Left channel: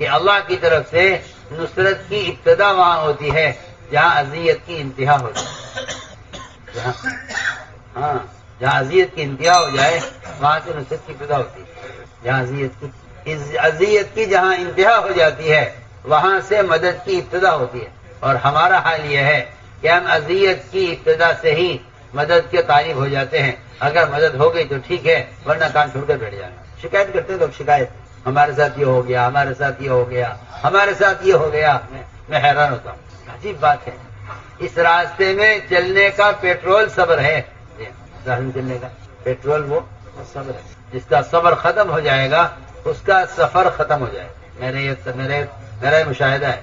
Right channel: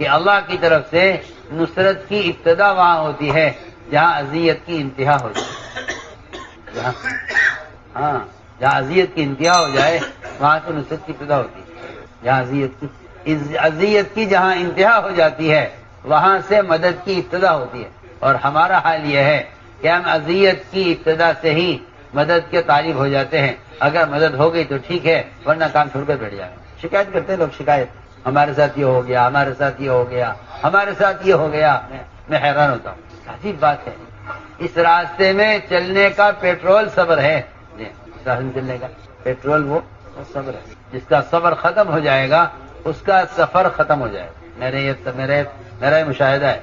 کہ اللہ کی طرف سے نصرت کی ابتدا وہاں ہوتی ہے جہاں اذیت کی انتہا ہو جائے. جہاں اذیت کی انتہا ہو جائے وہاں سے نصرت کی ابتدا ہوتی ہے. جہاں اذیت کی جہاں انتہا ہو جاتی ہے وہاں سے مدد کی ابتدا ہوتی ہے. اور ہمارا حال یہ ہے کہ ہم اذیت کی ابتدا سے ہی مدد کے طالب ہو جاتے ہیں. اگر مدد ہو گئی تو ٹھیک ہے، ورنہ کام چھوڑ کر بیٹھ جائیں. شکایت کرتے ہیں لوگ، شکایت، ہمارے ساتھ یہ ہو گیا، ہمارے ساتھ یہ ہو گیا، ہمارے ساتھ یہ ہو گیا. میں حیران ہوتا ہوں، عجیب بات ہے. اس راستے میں چلنے کا پیٹرول صبر ہے. چلنے کا پیٹرول وہ صبر ہے. جس کا صبر ختم ہو جائے گا اس کا سفر ختم ہو جائے گا. میرا یہ مشاہدہ ہے.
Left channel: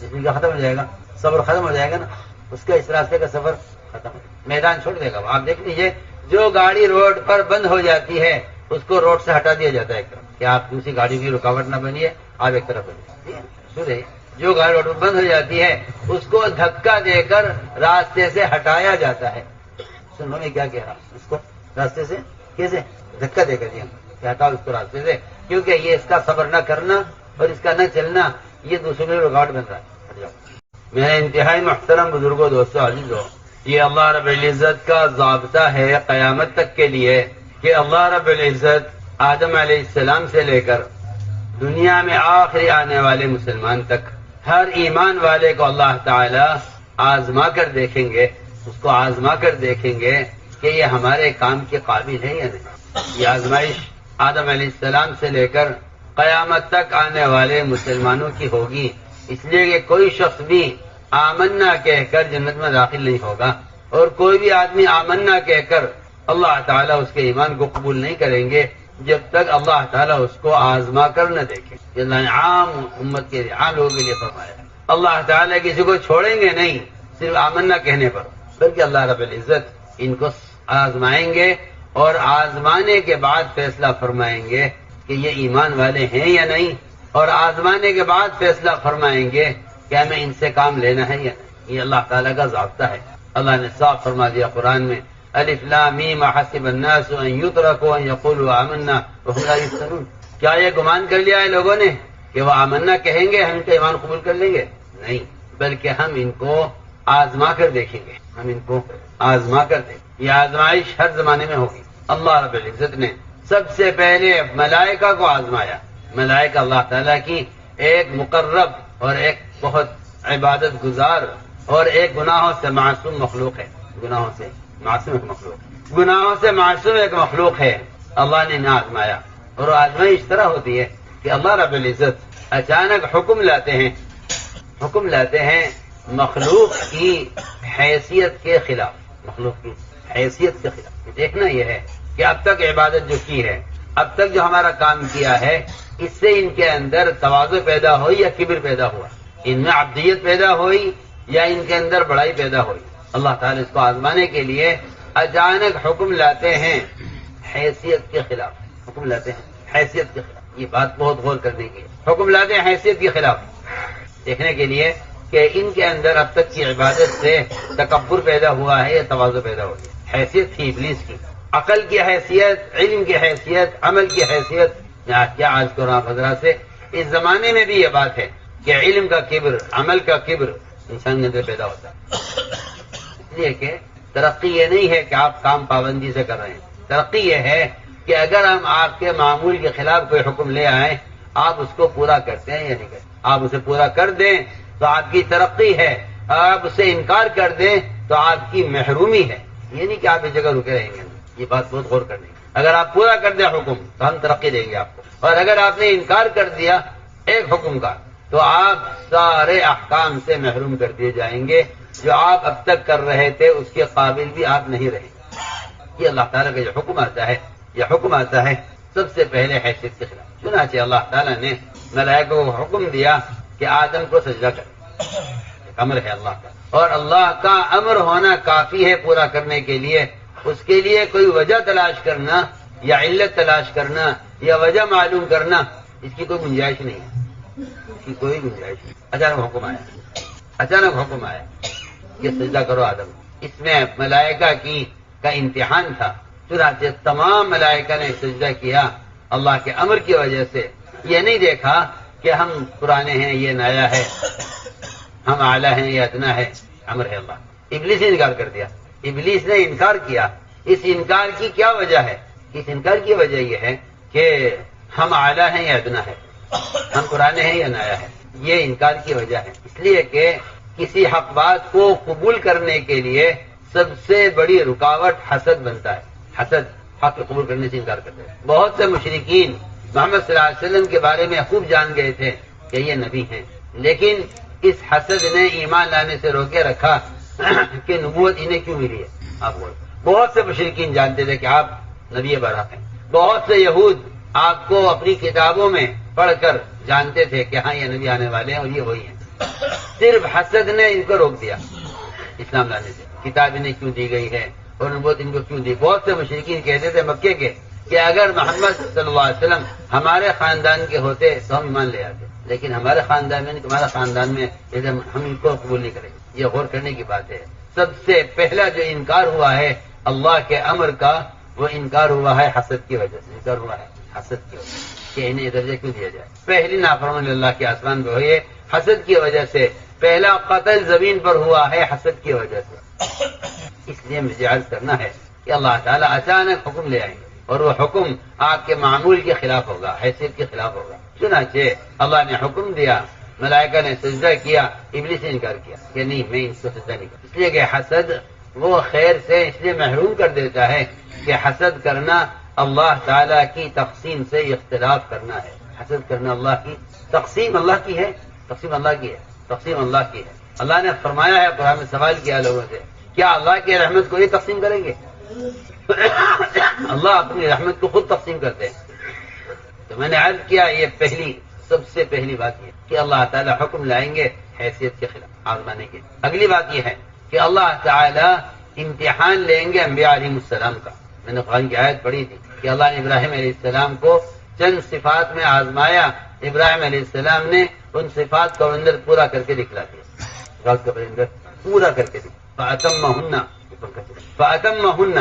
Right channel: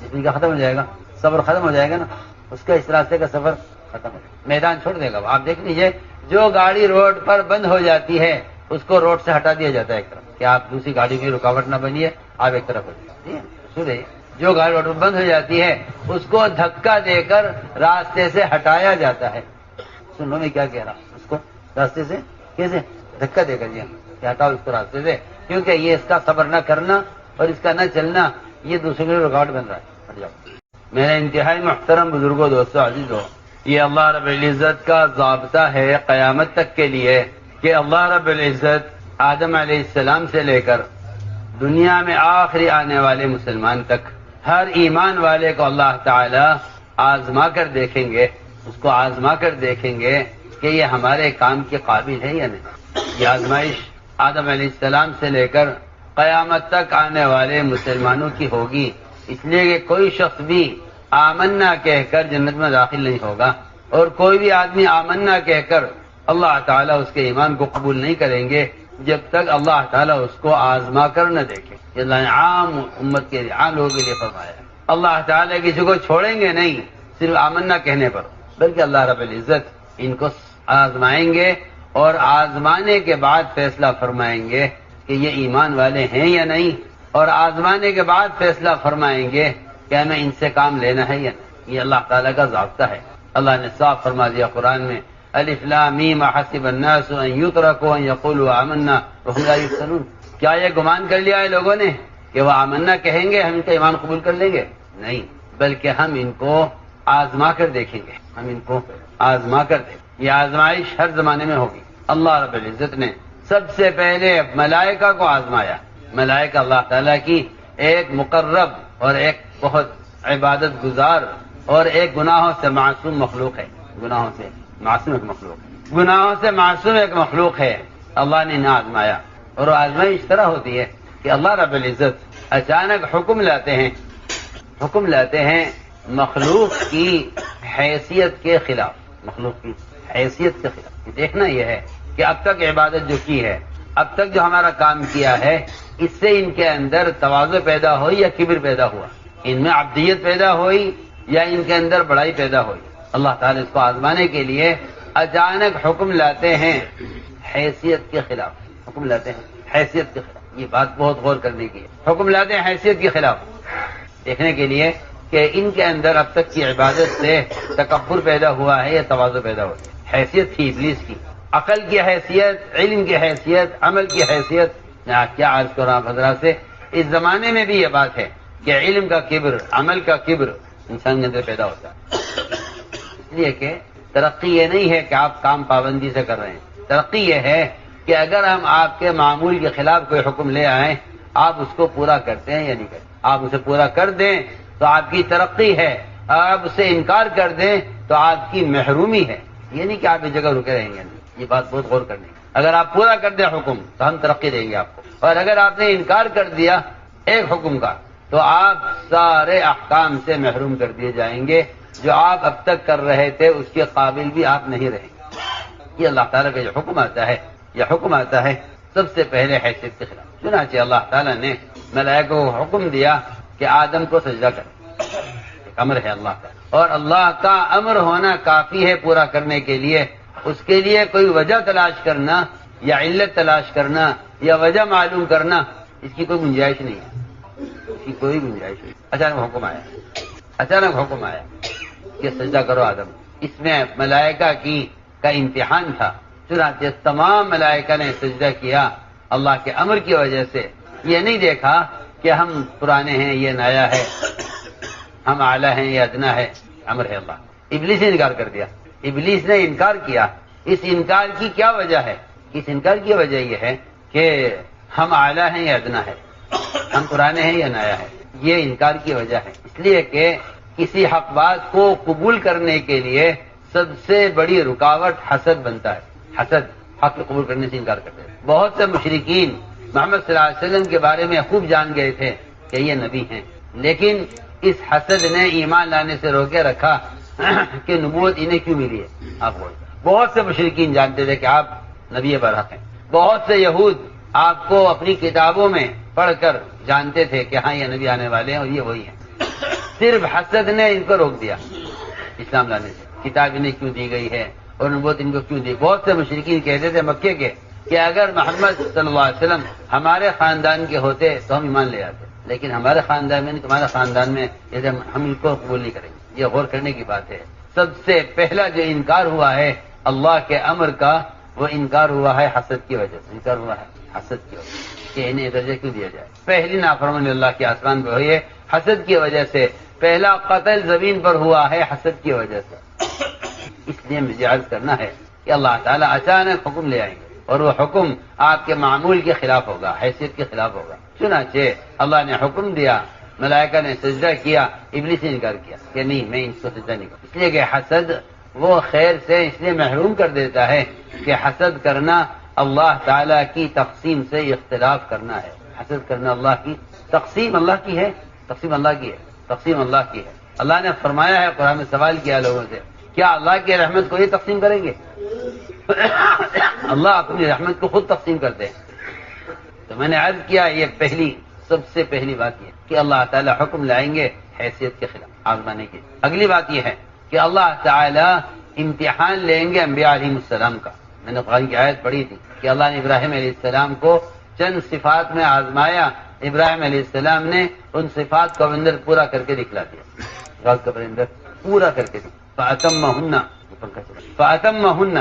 جس کا ختم ہو جائے گا، صبر ختم ہو جائے گا نا، اس کا اس راستے کا سفر ختم ہو جائے گا. میدان چھوڑ دے گا. آپ دیکھ لیجیے، جو گاڑی روڈ پر بند ہو جاتی ہے اس کو روڈ سے ہٹا دیا جاتا ہے ایک طرف، کہ آپ دوسری گاڑی کی رکاوٹ نہ بنیے، آپ ایک طرف بنیے. جو گاڑی روڈ پر بند ہو جاتی ہے اس کو دھکا دے کر راستے سے ہٹایا جاتا ہے. سنو میں کیا کہہ رہا ہوں، اس کو راستے سے کیسے دھکا دے کر دیا، ہٹاؤ اس کو راستے سے، کیونکہ یہ اس کا صبر نہ کرنا اور اس کا نہ چلنا یہ دوسروں کے رکاوٹ بن رہا ہے. میرے انتہائی محترم بزرگوں، دوستوں، عزیزوں، یہ اللہ رب العزت کا ضابطہ ہے قیامت تک کے لیے کہ اللہ رب العزت آدم علیہ السلام سے لے کر دنیا میں آخری آنے والے مسلمان تک ہر ایمان والے کو اللہ تعالی آزما کر دیکھیں گے. اس کو آزما کر دیکھیں گے کہ یہ ہمارے کام کے قابل ہے یا نہیں. یہ آزمائش آدم علیہ السلام سے لے کر قیامت تک آنے والے مسلمانوں کی ہوگی. اس لیے کہ کوئی شخص بھی آمنا کہہ کر جنت میں داخل نہیں ہوگا، اور کوئی بھی آدمی آمنا کہہ کر اللہ تعالیٰ اس کے ایمان کو قبول نہیں کریں گے جب تک اللہ تعالیٰ اس کو آزما کر نہ دیکھے. یہ اللہ نے عام امت کے لیے، عام لوگوں کے لیے فرمایا. اللہ تعالیٰ کسی کو چھوڑیں گے نہیں صرف آمنا کہنے پر، بلکہ اللہ رب العزت ان کو آزمائیں گے اور آزمانے کے بعد فیصلہ فرمائیں گے کہ یہ ایمان والے ہیں یا نہیں، اور آزمانے کے بعد فیصلہ فرمائیں گے کہ ہمیں ان سے کام لینا ہے یا نہیں. یہ اللہ تعالیٰ کا ضابطہ ہے. اللہ نے صاف فرما دیا قرآن میں، الف لام میم حسب الناس ان یترکوا ان یقولوا آمنا وهم لا یفتنون. کیا یہ گمان کر لیا ہے لوگوں نے کہ وہ آمنا کہیں گے ہم ان کا ایمان قبول کر لیں گے؟ نہیں، بلکہ ہم ان کو آزما کر دیکھیں گے. ہم ان کو آزما کر دیں. یہ آزمائش ہر زمانے میں ہوگی. اللہ رب العزت نے سب سے پہلے ملائکہ کو آزمایا. ملائکہ اللہ تعالیٰ کی ایک مقرب اور ایک بہت عبادت گزار اور ایک گناہوں سے معصوم مخلوق ہے. گناہوں سے معصوم ایک مخلوق ہے. گناہوں سے معصوم ایک مخلوق ہے. اللہ نے نہ آزمایا. اور آزمائی اس طرح ہوتی ہے کہ اللہ رب العزت اچانک حکم لاتے ہیں مخلوق کی حیثیت کے خلاف. مخلوق کی حیثیت کے خلاف. دیکھنا یہ ہے کہ اب تک عبادت جو کی ہے، اب تک جو ہمارا کام کیا ہے، اس سے ان کے اندر تواضع پیدا ہوئی یا کبر پیدا ہوا، ان میں عبدیت پیدا ہوئی یا ان کے اندر بڑائی پیدا ہوئی. اللہ تعالیٰ اس کو آزمانے کے لیے اچانک حکم لاتے ہیں حیثیت کے خلاف. حکم لاتے ہیں حیثیت کے خلاف. یہ بات بہت غور کرنے کی ہے. حکم لاتے ہیں حیثیت کے خلاف، دیکھنے کے لیے کہ ان کے اندر اب تک کی عبادت سے تکبر پیدا ہوا ہے یا تواضع پیدا ہوا ہے. حیثیت تھی ابلیس کی، عقل کی حیثیت، علم کی حیثیت، عمل کی حیثیت. کیا آج کو رام حضرات سے اس زمانے میں بھی یہ بات ہے کہ علم کا کبر، عمل کا کبر انسان کے اندر پیدا ہوتا ہے. اس لیے کہ ترقی یہ نہیں ہے کہ آپ کام پابندی سے کر رہے ہیں. ترقی یہ ہے کہ اگر ہم آپ کے معمول کے خلاف کوئی حکم لے آئیں، آپ اس کو پورا کرتے ہیں یا نہیں کرتے. آپ اسے پورا کر دیں تو آپ کی ترقی ہے، آپ اسے انکار کر دیں تو آپ کی محرومی ہے. یہ نہیں کہ آپ اس جگہ رکے رہیں گے. یہ بات بہت غور کرنی ہے. اگر آپ پورا کر دیں حکم تو ہم ترقی دیں گے آپ کو، اور اگر آپ نے انکار کر دیا ایک حکم کا تو آپ سارے احکام سے محروم کر دیے جائیں گے. جو آپ اب تک کر رہے تھے اس کے قابل بھی آپ نہیں رہیں گے. یہ اللہ تعالیٰ کا جو حکم آتا ہے سب سے پہلے حیثیت کے خلاف. چنانچہ اللہ تعالیٰ نے ملائکہ کو حکم دیا کہ آدم کو سجدہ کریں. امر ہے اللہ کا، اور اللہ کا امر ہونا کافی ہے پورا کرنے کے لیے. اس کے لیے کوئی وجہ تلاش کرنا یا علت تلاش کرنا یا وجہ معلوم کرنا، اس کی کوئی گنجائش نہیں ہے. اس کی کوئی گنجائش نہیں. اچانک حکم آیا کہ سجدہ کرو آدم. اس میں ملائکہ کا امتحان تھا. چنانچہ تمام ملائکہ نے سجدہ کیا اللہ کے امر کی وجہ سے. یہ نہیں دیکھا کہ ہم پرانے ہیں یہ نایا ہے، ہم اعلیٰ ہیں یہ ادنا ہے، امر ہے اللہ۔ ابلیس نے انکار کر دیا، ابلیس نے انکار کیا۔ اس انکار کی کیا وجہ ہے؟ اس انکار کی وجہ یہ ہے کہ ہم اعلیٰ ہیں یا ادنا ہے، ہم پرانے ہیں یا نایا ہے، یہ انکار کی وجہ ہے۔ اس لیے کہ کسی حق بات کو قبول کرنے کے لیے سب سے بڑی رکاوٹ حسد بنتا ہے۔ حسد حق کو قبول کرنے سے انکار کرتے ہیں۔ بہت سے مشرکین محمد صلی اللہ علیہ وسلم کے بارے میں خوب جان گئے تھے کہ یہ نبی ہیں، لیکن اس حسد نے ایمان لانے سے روکے رکھا کہ نبوت انہیں کیوں ملی ہے۔ آپ بہت سے مشرکین جانتے تھے کہ آپ نبی برحق ہیں، بہت سے یہود آپ کو اپنی کتابوں میں پڑھ کر جانتے تھے کہ ہاں یہ نبی آنے والے ہیں اور یہ وہی ہیں۔ صرف حسد نے ان کو روک دیا اسلام لانے سے۔ کتاب انہیں کیوں دی گئی ہے اور نبوت ان کو کیوں دی؟ بہت سے مشرکین کہتے تھے مکے کے کہ اگر محمد صلی اللہ علیہ وسلم ہمارے خاندان کے ہوتے تو ہم ایمان لے آتے، لیکن ہمارے خاندان میں تمہارے خاندان میں ہم ان کو قبول نہیں کریں گے۔ یہ غور کرنے کی بات ہے۔ سب سے پہلا جو انکار ہوا ہے اللہ کے امر کا، وہ انکار ہوا ہے حسد کی وجہ سے۔ انکار ہوا ہے حسد کی وجہ سے کہ انہیں درجہ کیوں دیا جائے۔ پہلی نافرمانی اللہ کے آسمان پہ ہوئی ہے حسد کی وجہ سے۔ پہلا قتل زمین پر ہوا ہے حسد کی وجہ سے۔ اس لیے مجھے عرض کرنا ہے کہ اللہ تعالیٰ اچانک حکم لے آئیں گے اور وہ حکم آپ کے معمول کے خلاف ہوگا، حیثیت کے خلاف ہوگا۔ چنانچہ اللہ نے حکم دیا، ملائکہ نے سجدہ کیا، ابلیس نے انکار کیا کہ نہیں میں ان کو سجدہ نہیں کروں۔ اس لیے کہ حسد وہ خیر سے اس لیے محروم کر دیتا ہے کہ حسد کرنا اللہ تعالیٰ کی تقسیم سے اختلاف کرنا ہے۔ حسد کرنا اللہ کی تقسیم، اللہ کی ہے، تقسیم اللہ کی ہے، تقسیم اللہ کی ہے۔ اللہ نے فرمایا ہے، قرآن میں سوال کیا لوگوں سے، کیا اللہ کی رحمت کو یہ تقسیم کریں گے؟ اللہ اپنی رحمت کو خود تقسیم کرتے ہیں۔ تو میں نے عرض کیا یہ پہلی سب سے پہلی بات یہ کہ اللہ تعالیٰ حکم لائیں گے حیثیت کے خلاف آزمانے کی۔ اگلی بات یہ ہے کہ اللہ تعالیٰ امتحان لیں گے انبیاء علیہ السلام کا۔ میں نے قرآن کی آیت پڑھی تھی کہ اللہ نے ابراہیم علیہ السلام کو چند صفات میں آزمایا، ابراہیم علیہ السلام نے ان صفات کو اندر پورا کر کے دکھلا دیا، رات کے اندر پورا کر کے دکھلا۔ فَأَتَمَّهُنَّ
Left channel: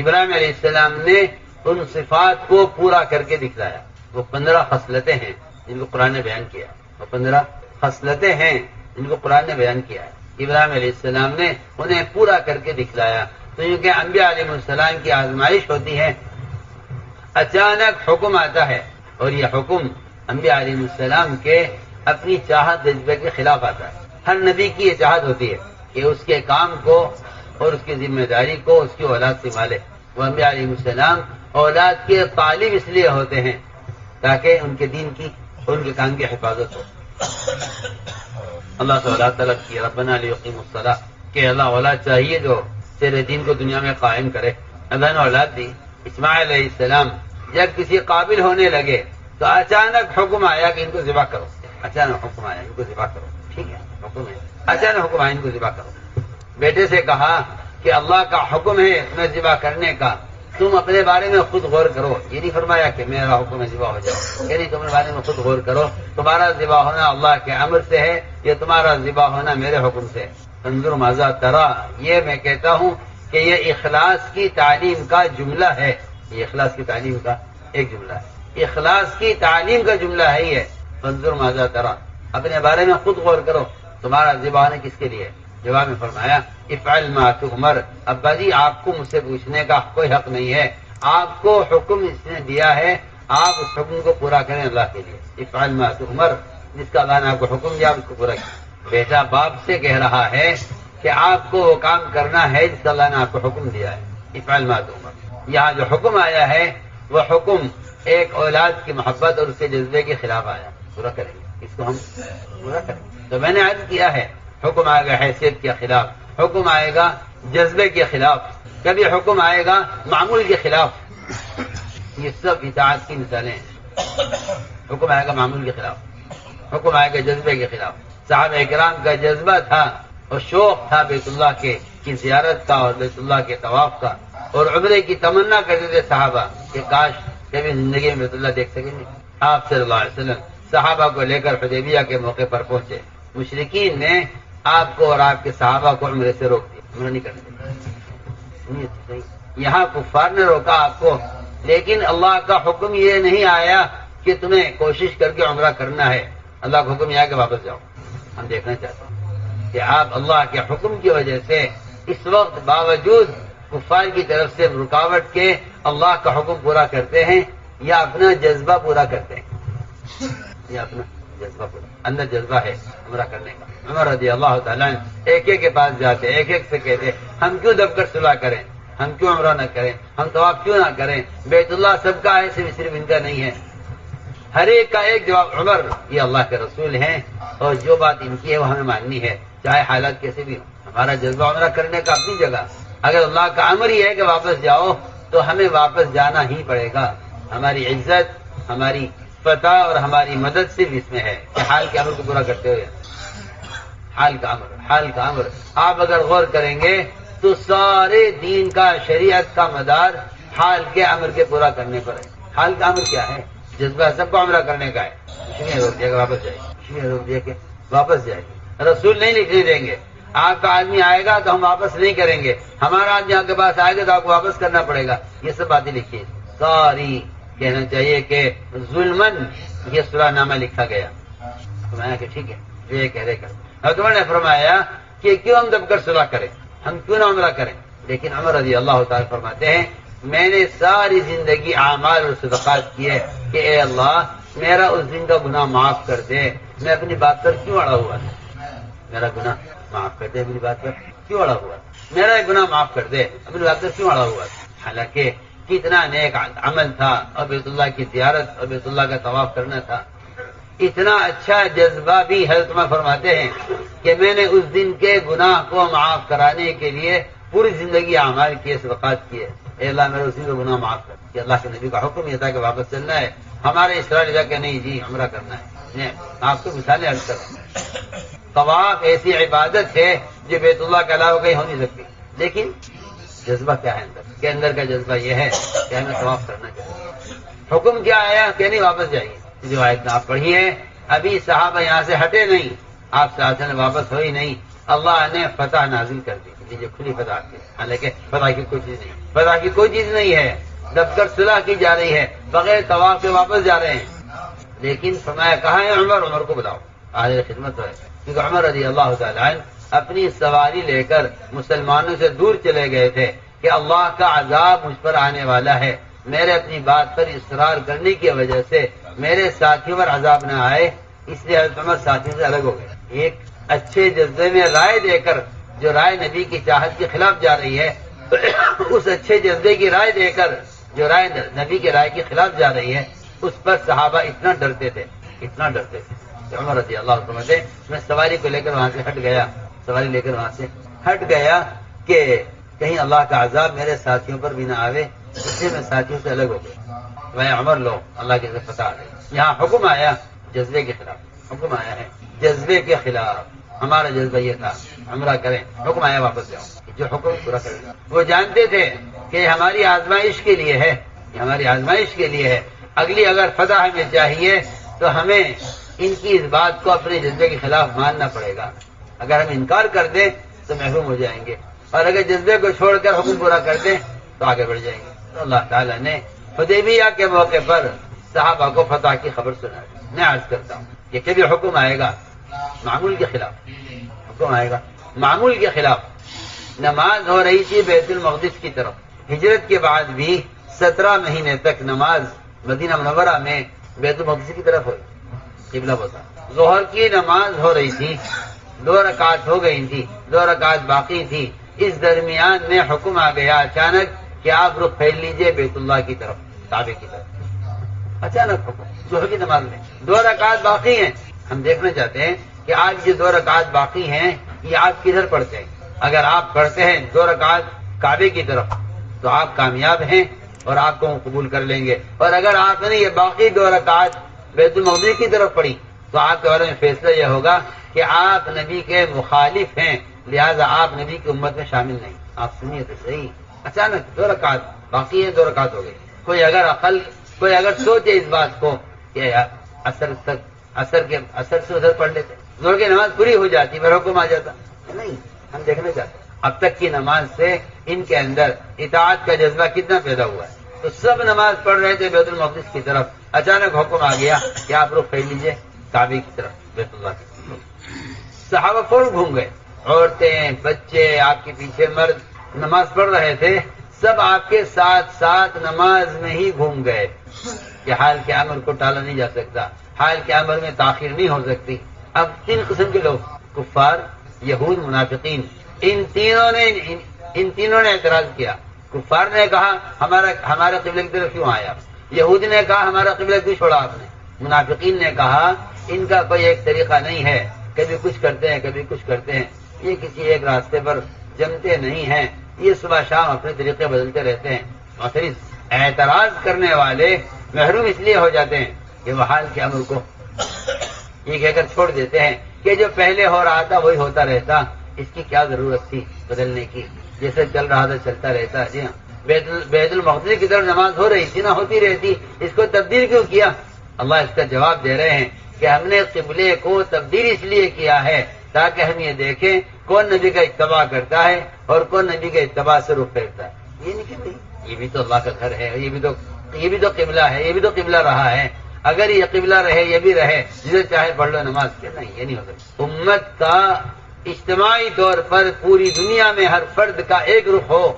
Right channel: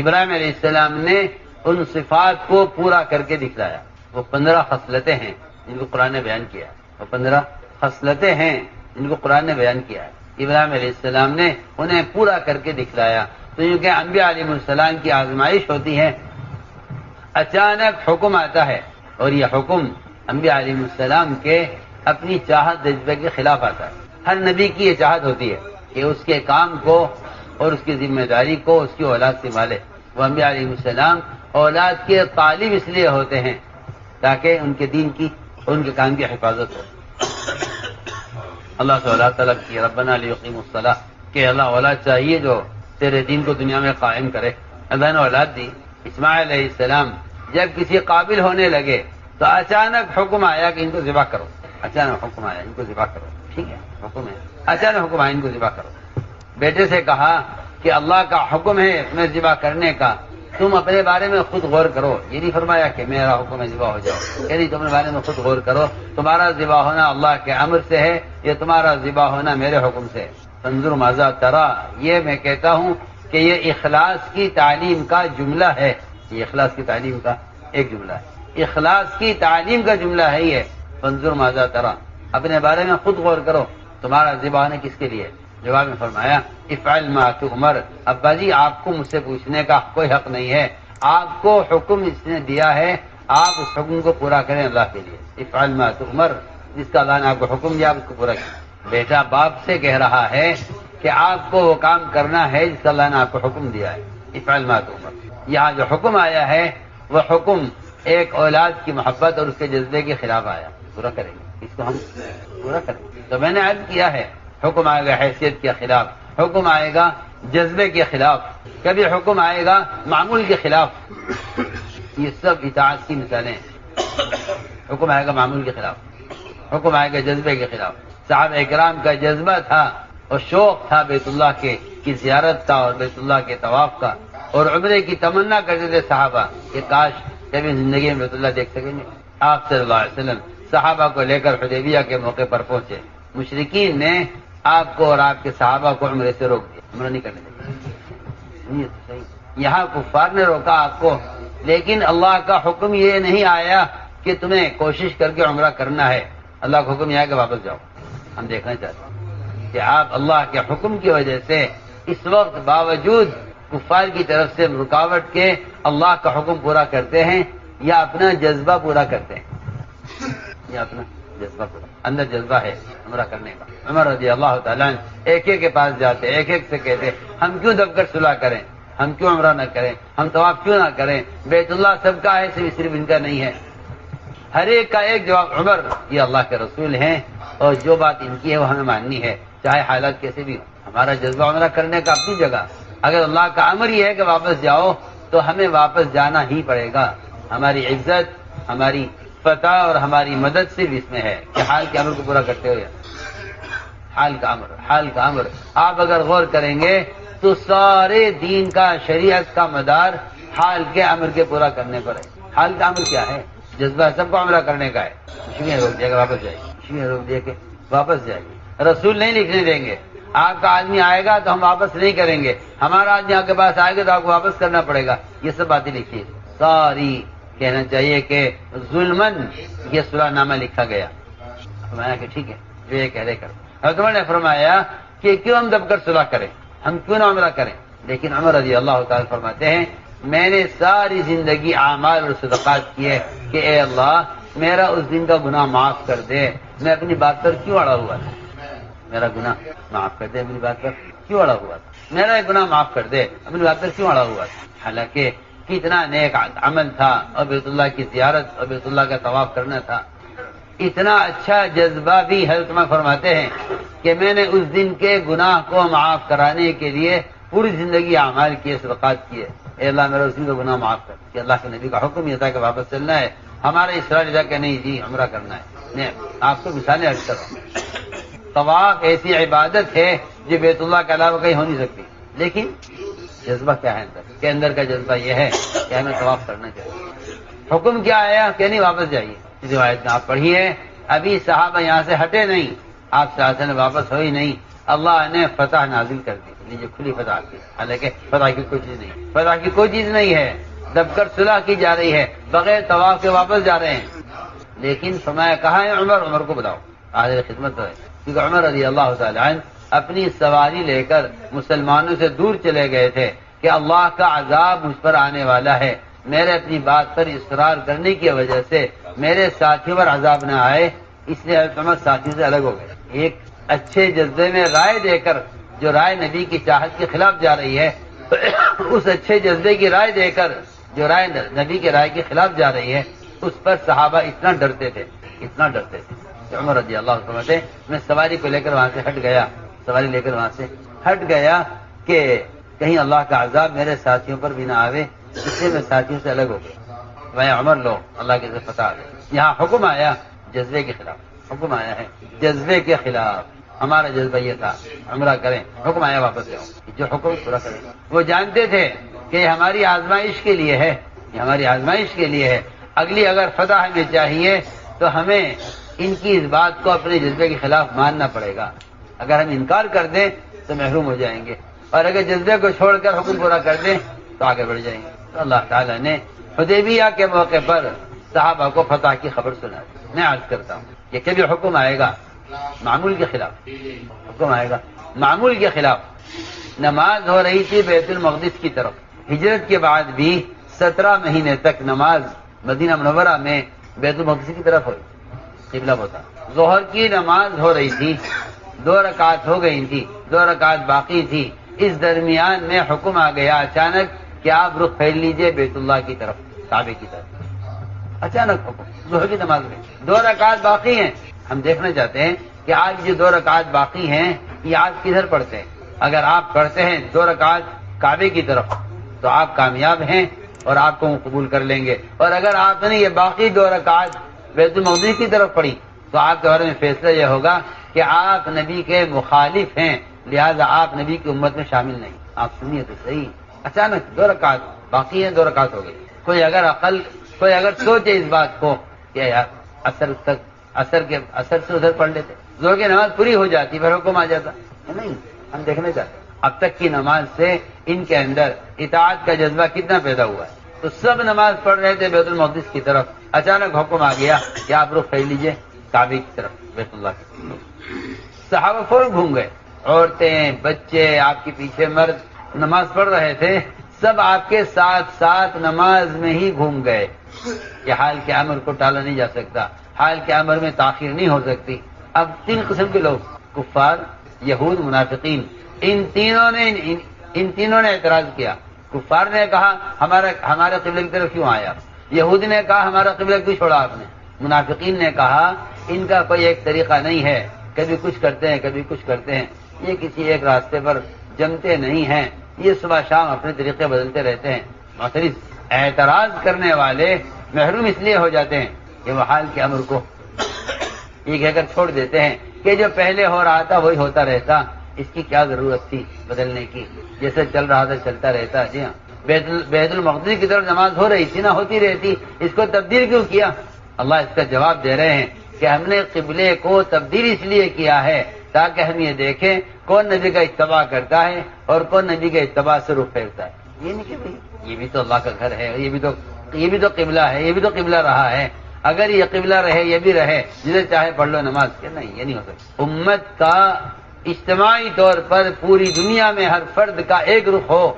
ابراہیم علیہ السلام نے ان صفات کو پورا کر کے دکھلایا۔ وہ 15 خصلتیں ہیں جن کو قرآن نے بیان کیا، وہ 15 خصلتیں ہیں جن کو قرآن نے بیان کیا ہے۔ ابراہیم علیہ السلام نے انہیں پورا کر کے دکھلایا۔ تو کیونکہ انبیاء علیہ السلام کی آزمائش ہوتی ہے، اچانک حکم آتا ہے اور یہ حکم انبیاء علیہ السلام کے اپنی چاہت جذبے کے خلاف آتا ہے۔ ہر نبی کی یہ چاہت ہوتی ہے کہ اس کے کام کو اور اس کی ذمہ داری کو اس کی اولاد سنبھالے۔ وہ انبیاء علیہ السلام اولاد کے طالب اس لیے ہوتے ہیں تاکہ ان کے دین کی اور ان کے کام کی حفاظت ہو۔ اللہ سے اولاد طلب کی، ربنا لیقیموا الصلاۃ، کہ اللہ اولاد چاہیے جو تیرے دین کو دنیا میں قائم کرے۔ اللہ نے اولاد دی۔ اسماعیل علیہ السلام جب کسی قابل ہونے لگے تو اچانک حکم آیا کہ ان کو ذبح کرو۔ اچانک حکم آیا ان کو ذبح کرو، ٹھیک ہے حکم ہے، اچانک حکم آیا ان کو ذبح کرو۔ بیٹے سے کہا کہ اللہ کا حکم ہے تمہیں ذبح کرنے کا، تم اپنے بارے میں خود غور کرو۔ یہ نہیں فرمایا کہ میرا حکم ہے ذبح ہو جاؤ، یعنی تم اپنے بارے میں خود غور کرو، تمہارا ذبح ہونا اللہ کے امر سے ہے، یہ تمہارا ذبح ہونا میرے حکم سے۔ انظر ماذا ترى، یہ میں کہتا ہوں کہ یہ اخلاص کی تعلیم کا جملہ ہے، یہ اخلاص کی تعلیم کا ایک جملہ ہے، اخلاص کی تعلیم کا جملہ ہے یہ۔ انظر ماذا ترى، اپنے بارے میں خود غور کرو، تمہارا ذبح ہونا کس کے لیے؟ جواب میں فرمایا افعل ما تؤمر، ابا جی آپ کو مجھ سے پوچھنے کا کوئی حق نہیں ہے، آپ کو حکم اس نے دیا ہے، آپ اس حکم کو پورا کریں اللہ کے لیے۔ افعل ما تؤمر، جس کا اللہ نے آپ کو حکم دیا آپ اس کو پورا کریں۔ بیٹا باپ سے کہہ رہا ہے کہ آپ کو وہ کام کرنا ہے جس کا اللہ نے آپ کو حکم دیا ہے۔ افعل ما تؤمر، یہاں جو حکم آیا ہے وہ حکم ایک اولاد کی محبت اور اس کے جذبے کے خلاف آیا، پورا کریں گے اس کو، ہم پورا کریں گے۔ تو میں نے عرض کیا ہے حکم آئے گا حیثیت کے خلاف، حکم آئے گا جذبے کے خلاف، کبھی حکم آئے گا معمول کے خلاف۔ یہ سب اطاعت کی مثالیں ہیں۔ حکم آئے گا معمول کے خلاف، حکم آئے گا جذبے کے خلاف۔ صحابہ اکرام کا جذبہ تھا اور شوق تھا بیت اللہ کی زیارت کا اور بیت اللہ کے طواف کا، اور عمرے کی تمنا کرتے تھے صحابہ کہ کاش کبھی زندگی میں بیت اللہ دیکھ سکیں گے۔ آپ صلی اللہ علیہ وسلم صحابہ کو لے کر حدیبیہ کے موقع پر پہنچے، مشرکین نے آپ کو اور آپ کے صحابہ کو عمرے سے روک دیا، عمرہ نہیں کرنے دیا۔ یہاں کفار نے روکا آپ کو، لیکن اللہ کا حکم یہ نہیں آیا کہ تمہیں کوشش کر کے عمرہ کرنا ہے، اللہ کا حکم یہ ہے کہ واپس جاؤ. ہم دیکھنا چاہتے ہیں کہ آپ اللہ کے حکم کی وجہ سے اس وقت باوجود کفار کی طرف سے رکاوٹ کے اللہ کا حکم پورا کرتے ہیں یا اپنا جذبہ پورا کرتے ہیں. یا اپنا جذبہ پورا, اندر جذبہ ہے عمرہ کرنے کا. عمر رضی اللہ تعالیٰ ایک ایک کے پاس جاتے, ایک ایک سے کہتے ہم کیوں دب کر صلح کریں, ہم کیوں عمرہ نہ کریں, ہم طواف کیوں نہ کریں, بیت اللہ سب کا ہے صرف ان کا نہیں ہے. ہر ایک کا ایک جواب, عمر یہ اللہ کے رسول ہیں اور جو بات ان کی ہے وہ ہمیں ماننی ہے چاہے حالات کیسے بھی ہو. ہمارا جذبہ عمرہ کرنے کا اپنی جگہ, اگر اللہ کا امر ہی ہے کہ واپس جاؤ تو ہمیں واپس جانا ہی پڑے گا. ہماری عزت, ہماری فتح اور ہماری مدد صرف اس میں ہے کہ حال کے امر کو پورا کرتے ہو. یا حال کا امر آپ اگر غور کریں گے تو سارے دین کا, شریعت کا مدار حال کے امر کے پورا کرنے پر ہے. حال کا امر کیا ہے؟ جذبہ سب کو عمرہ کرنے کا ہے. اسی میں روک دیا کہ واپس جائے, اسی میں روک دیا کہ واپس جائے. رسول نہیں لکھنے دیں گے آپ کا آدمی آئے گا تو ہم واپس نہیں کریں گے, ہمارا آدمی آپ کے پاس آئے گا تو آپ کو واپس کرنا پڑے گا. یہ سب باتیں لکھی ساری, کہنا چاہیے کہ ظلمن یہ صلح نامہ لکھا گیا. فرمایا کہ ٹھیک ہے جو یہ کہہ رہے کر. حضرت نے فرمایا کہ کیوں ہم دب کر صلح کریں, ہم کیوں نہ عمرہ کریں. لیکن عمر رضی اللہ تعالیٰ فرماتے ہیں میں نے ساری زندگی اعمال اور صدقات کیے کہ اے اللہ میرا اس دن کا گناہ معاف کر دے. میں اپنی بات پر کیوں اڑا ہوا تھا, میرا گناہ معاف کر دے, اپنی بات پر کیوں اڑا ہوا تھا, میرا ایک گناہ معاف کر دے, اپنی بات پر کیوں اڑا ہوا تھا. حالانکہ کتنا نیک عمل تھا اور بیت اللہ کی زیارت اور بیت اللہ کا طواف کرنا تھا. اتنا اچھا جذبہ بھی حضرت عمر فرماتے ہیں کہ میں نے اس دن کے گناہ کو معاف کرانے کے لیے پوری زندگی اعمال کیے, صدقات کیے. اے اللہ میرا اس دن کا گناہ معاف کر. کہ اللہ کے نبی کا حکم یہ تھا کہ واپس چلنا ہے, ہمارے اسرار تھا کہ نہیں جی عمرہ کرنا ہے. نہیں, آپ کو مثالیں عرض کر رہا ہوں. طواف ایسی عبادت ہے جو بیت اللہ کے علاوہ کہیں ہو نہیں سکتی. لیکن جذبہ کیا ہے اندر, کہ اندر کا جذبہ یہ ہے کہ ہمیں طواف کرنا چاہیے. حکم کیا آیا کہ نہیں واپس جائیے. روایت آپ پڑھیے, ابھی صحابہ یہاں سے ہٹے نہیں, آپ سے نے واپس ہوئی نہیں, اللہ نے فتح نازل کر دی. جو کھلی فتح کی, حالانکہ فتح کی کوئی چیز نہیں, فتح کی کوئی چیز نہیں ہے. دب کر صلح کی جا رہی ہے, بغیر طواف کے واپس جا رہے ہیں. لیکن فرمایا کہاں ہے عمر, عمر کو بتاؤ, حاضر خدمت ہے. کیونکہ عمر رضی اللہ تعالیٰ عنہ اپنی سواری لے کر مسلمانوں سے دور چلے گئے تھے کہ اللہ کا عذاب مجھ پر آنے والا ہے. میرے اپنی بات پر اصرار کرنے کی وجہ سے میرے ساتھیوں پر عذاب نہ آئے, اس لیے حضرت عمر ساتھی سے الگ ہو گئے. ایک اچھے جذبے میں رائے دے کر, جو رائے نبی کی چاہت کے خلاف جا رہی ہے, اس اچھے جذبے کی رائے دے کر جو رائے نبی کے رائے کے خلاف جا رہی ہے, اس پر صحابہ اتنا ڈرتے تھے, اتنا ڈرتے تھے. عمر رضی اللہ عنہ سے میں سواری کو لے کر وہاں سے ہٹ گیا, سواری لے کر وہاں سے ہٹ گیا کہ کہیں اللہ کا عذاب میرے ساتھیوں پر بھی نہ آوے, اس لیے میں ساتھیوں سے الگ ہو گیا. میں عمر لو اللہ کے پتہ آ گئے. یہاں حکم آیا جذبے کے خلاف, حکم آیا ہے جذبے کے خلاف. ہمارا جذبہ یہ تھا عمرہ کریں, حکم آیا واپس جاؤ, جو حکم پورا کریں. وہ جانتے تھے کہ یہ ہماری آزمائش کے لیے ہے, یہ ہماری آزمائش کے لیے ہے. اگلی اگر فتح ہمیں چاہیے تو ہمیں ان کی اس بات کو اپنے جذبے کے خلاف ماننا پڑے گا. اگر ہم انکار کر دیں تو محروم ہو جائیں گے, اور اگر جذبے کو چھوڑ کر حکم پورا کر دیں تو آگے بڑھ جائیں گے. تو اللہ تعالیٰ نے حدیبیہ کے موقع پر صحابہ کو فتح کی خبر سنائی. میں عرض کرتا ہوں کہ کبھی حکم آئے گا معمول کے خلاف, حکم آئے گا معمول کے خلاف. نماز ہو رہی تھی بیت المقدس کی طرف, ہجرت کے بعد بھی 17 مہینے تک نماز مدینہ منورہ میں بیت المقدس کی طرف ہوئی, قبلہ ہوتا. ظہر کی نماز ہو رہی تھی, 2 رکعت ہو گئی تھی, 2 رکعت باقی تھی. اس درمیان میں حکم آ گیا اچانک کہ آپ رخ پھیر لیجئے بیت اللہ کی طرف, کعبے کی طرف. اچانک حکم, ظہر کی نماز میں 2 رکعت باقی ہیں. ہم دیکھنا چاہتے ہیں کہ آج جو 2 رکعت باقی ہیں یہ آپ کدھر پڑھتے ہیں. اگر آپ پڑھتے ہیں 2 رکعت کعبے کی طرف تو آپ کامیاب ہیں اور آپ کو قبول کر لیں گے. اور اگر آپ نے یہ باقی 2 رکعت بیت المقدس کی طرف پڑھی تو آپ کے بارے میں فیصلہ یہ ہوگا کہ آپ نبی کے مخالف ہیں, لہذا آپ نبی کی امت میں شامل نہیں. آپ سنیے تو صحیح, اچانک 2 رکعت باقی ہیں, 2 رکعت ہو گئی. کوئی اگر سوچے اس بات کو کہ اثر سے ادھر پڑھ لیتے, ظہر کی نماز پوری ہو جاتی, پھر حکم آ جاتا. نہیں, ہم دیکھنا چاہتے ہیں اب تک کی نماز سے ان کے اندر اطاعت کا جذبہ کتنا پیدا ہوا ہے. تو سب نماز پڑھ رہے تھے بیت المقدس کی طرف, اچانک حکم آ گیا کہ آپ رخ پھیر لیجئے کعبے کی طرف، بیت اللہ کی طرف۔ صحابہ فوراً گھوم گئے، عورتیں، بچے، آپ کے پیچھے مرد نماز پڑھ رہے تھے، سب آپ کے ساتھ ساتھ نماز میں ہی گھوم گئے کہ حال کے امر کو ٹالا نہیں جا سکتا، حال کے امر میں تاخیر نہیں ہو سکتی۔ اب تین قسم کے لوگ، کفار، یہود، منافقین، ان تینوں نے اعتراض کیا۔ کفار نے کہا ہمارے قبلے کی طرف کیوں آیا، یہودی نے کہا ہمارا قبلہ کیوں چھوڑا آپ نے، منافقین نے کہا ان کا کوئی ایک طریقہ نہیں ہے، کبھی کچھ کرتے ہیں کبھی کچھ کرتے ہیں، یہ کسی ایک راستے پر جمتے نہیں ہیں، یہ صبح شام اپنے طریقے بدلتے رہتے ہیں۔ معترض اعتراض کرنے والے محروم اس لیے ہو جاتے ہیں کہ وہ حال کے امر کو یہ کہہ کر چھوڑ دیتے ہیں کہ جو پہلے ہو رہا تھا وہی ہوتا رہتا، اس کی کیا ضرورت تھی بدلنے کی، جیسے چل رہا تھا چلتا رہتا۔ جی ہاں، بیت المقدس کی طرف نماز ہو رہی تھی نہ ہوتی رہتی، اس کو تبدیل کیوں کیا؟ اللہ اس کا جواب دے رہے ہیں کہ ہم نے قبلے کو تبدیل اس لیے کیا ہے تاکہ ہم یہ دیکھیں کون نبی کا اتباع کرتا ہے اور کون نبی کے اتباع سے رخ پھیرتا ہے۔ یہ نہیں کہ بھائی یہ بھی تو اللہ کا گھر ہے، یہ بھی تو قبلہ ہے، یہ بھی تو قبلہ رہا ہے، اگر یہ قبلہ رہے یہ بھی رہے، جسے چاہے پڑھ لو نماز کے، نہیں یہ نہیں ہو سکتا۔ امت کا اجتماعی طور پر پوری دنیا میں ہر فرد کا ایک رخ ہو،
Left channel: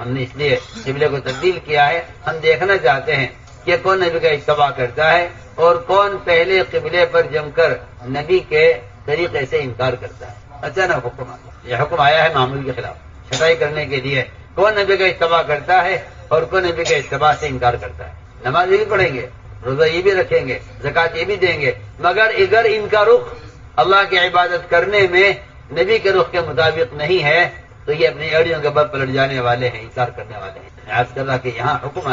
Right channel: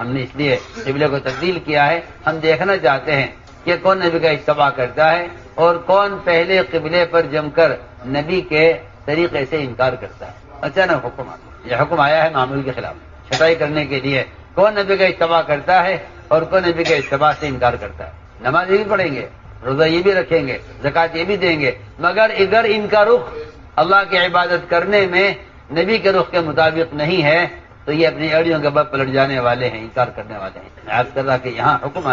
ہم نے اس لیے قبلے کو تبدیل کیا ہے۔ ہم دیکھنا چاہتے ہیں کہ کون نبی کا اتباع کرتا ہے اور کون پہلے قبلے پر جم کر نبی کے طریقے سے انکار کرتا ہے۔ اچانک حکم آتا، یہ حکم آیا ہے معمول کے خلاف چھٹائی کرنے کے لیے، کون نبی کا اتباع کرتا ہے اور کون نبی کے اتباع سے انکار کرتا ہے۔ نماز یہ بھی پڑھیں گے، روزہ یہ بھی رکھیں گے، زکوٰۃ یہ بھی دیں گے، مگر اگر ان کا رخ اللہ کی عبادت کرنے میں نبی کے رخ کے مطابق نہیں ہے تو یہ اپنی ایڑیوں کے بل پلٹ جانے والے ہیں، انکار کرنے والے ہیں۔ عرض کر رہا کہ یہاں حکم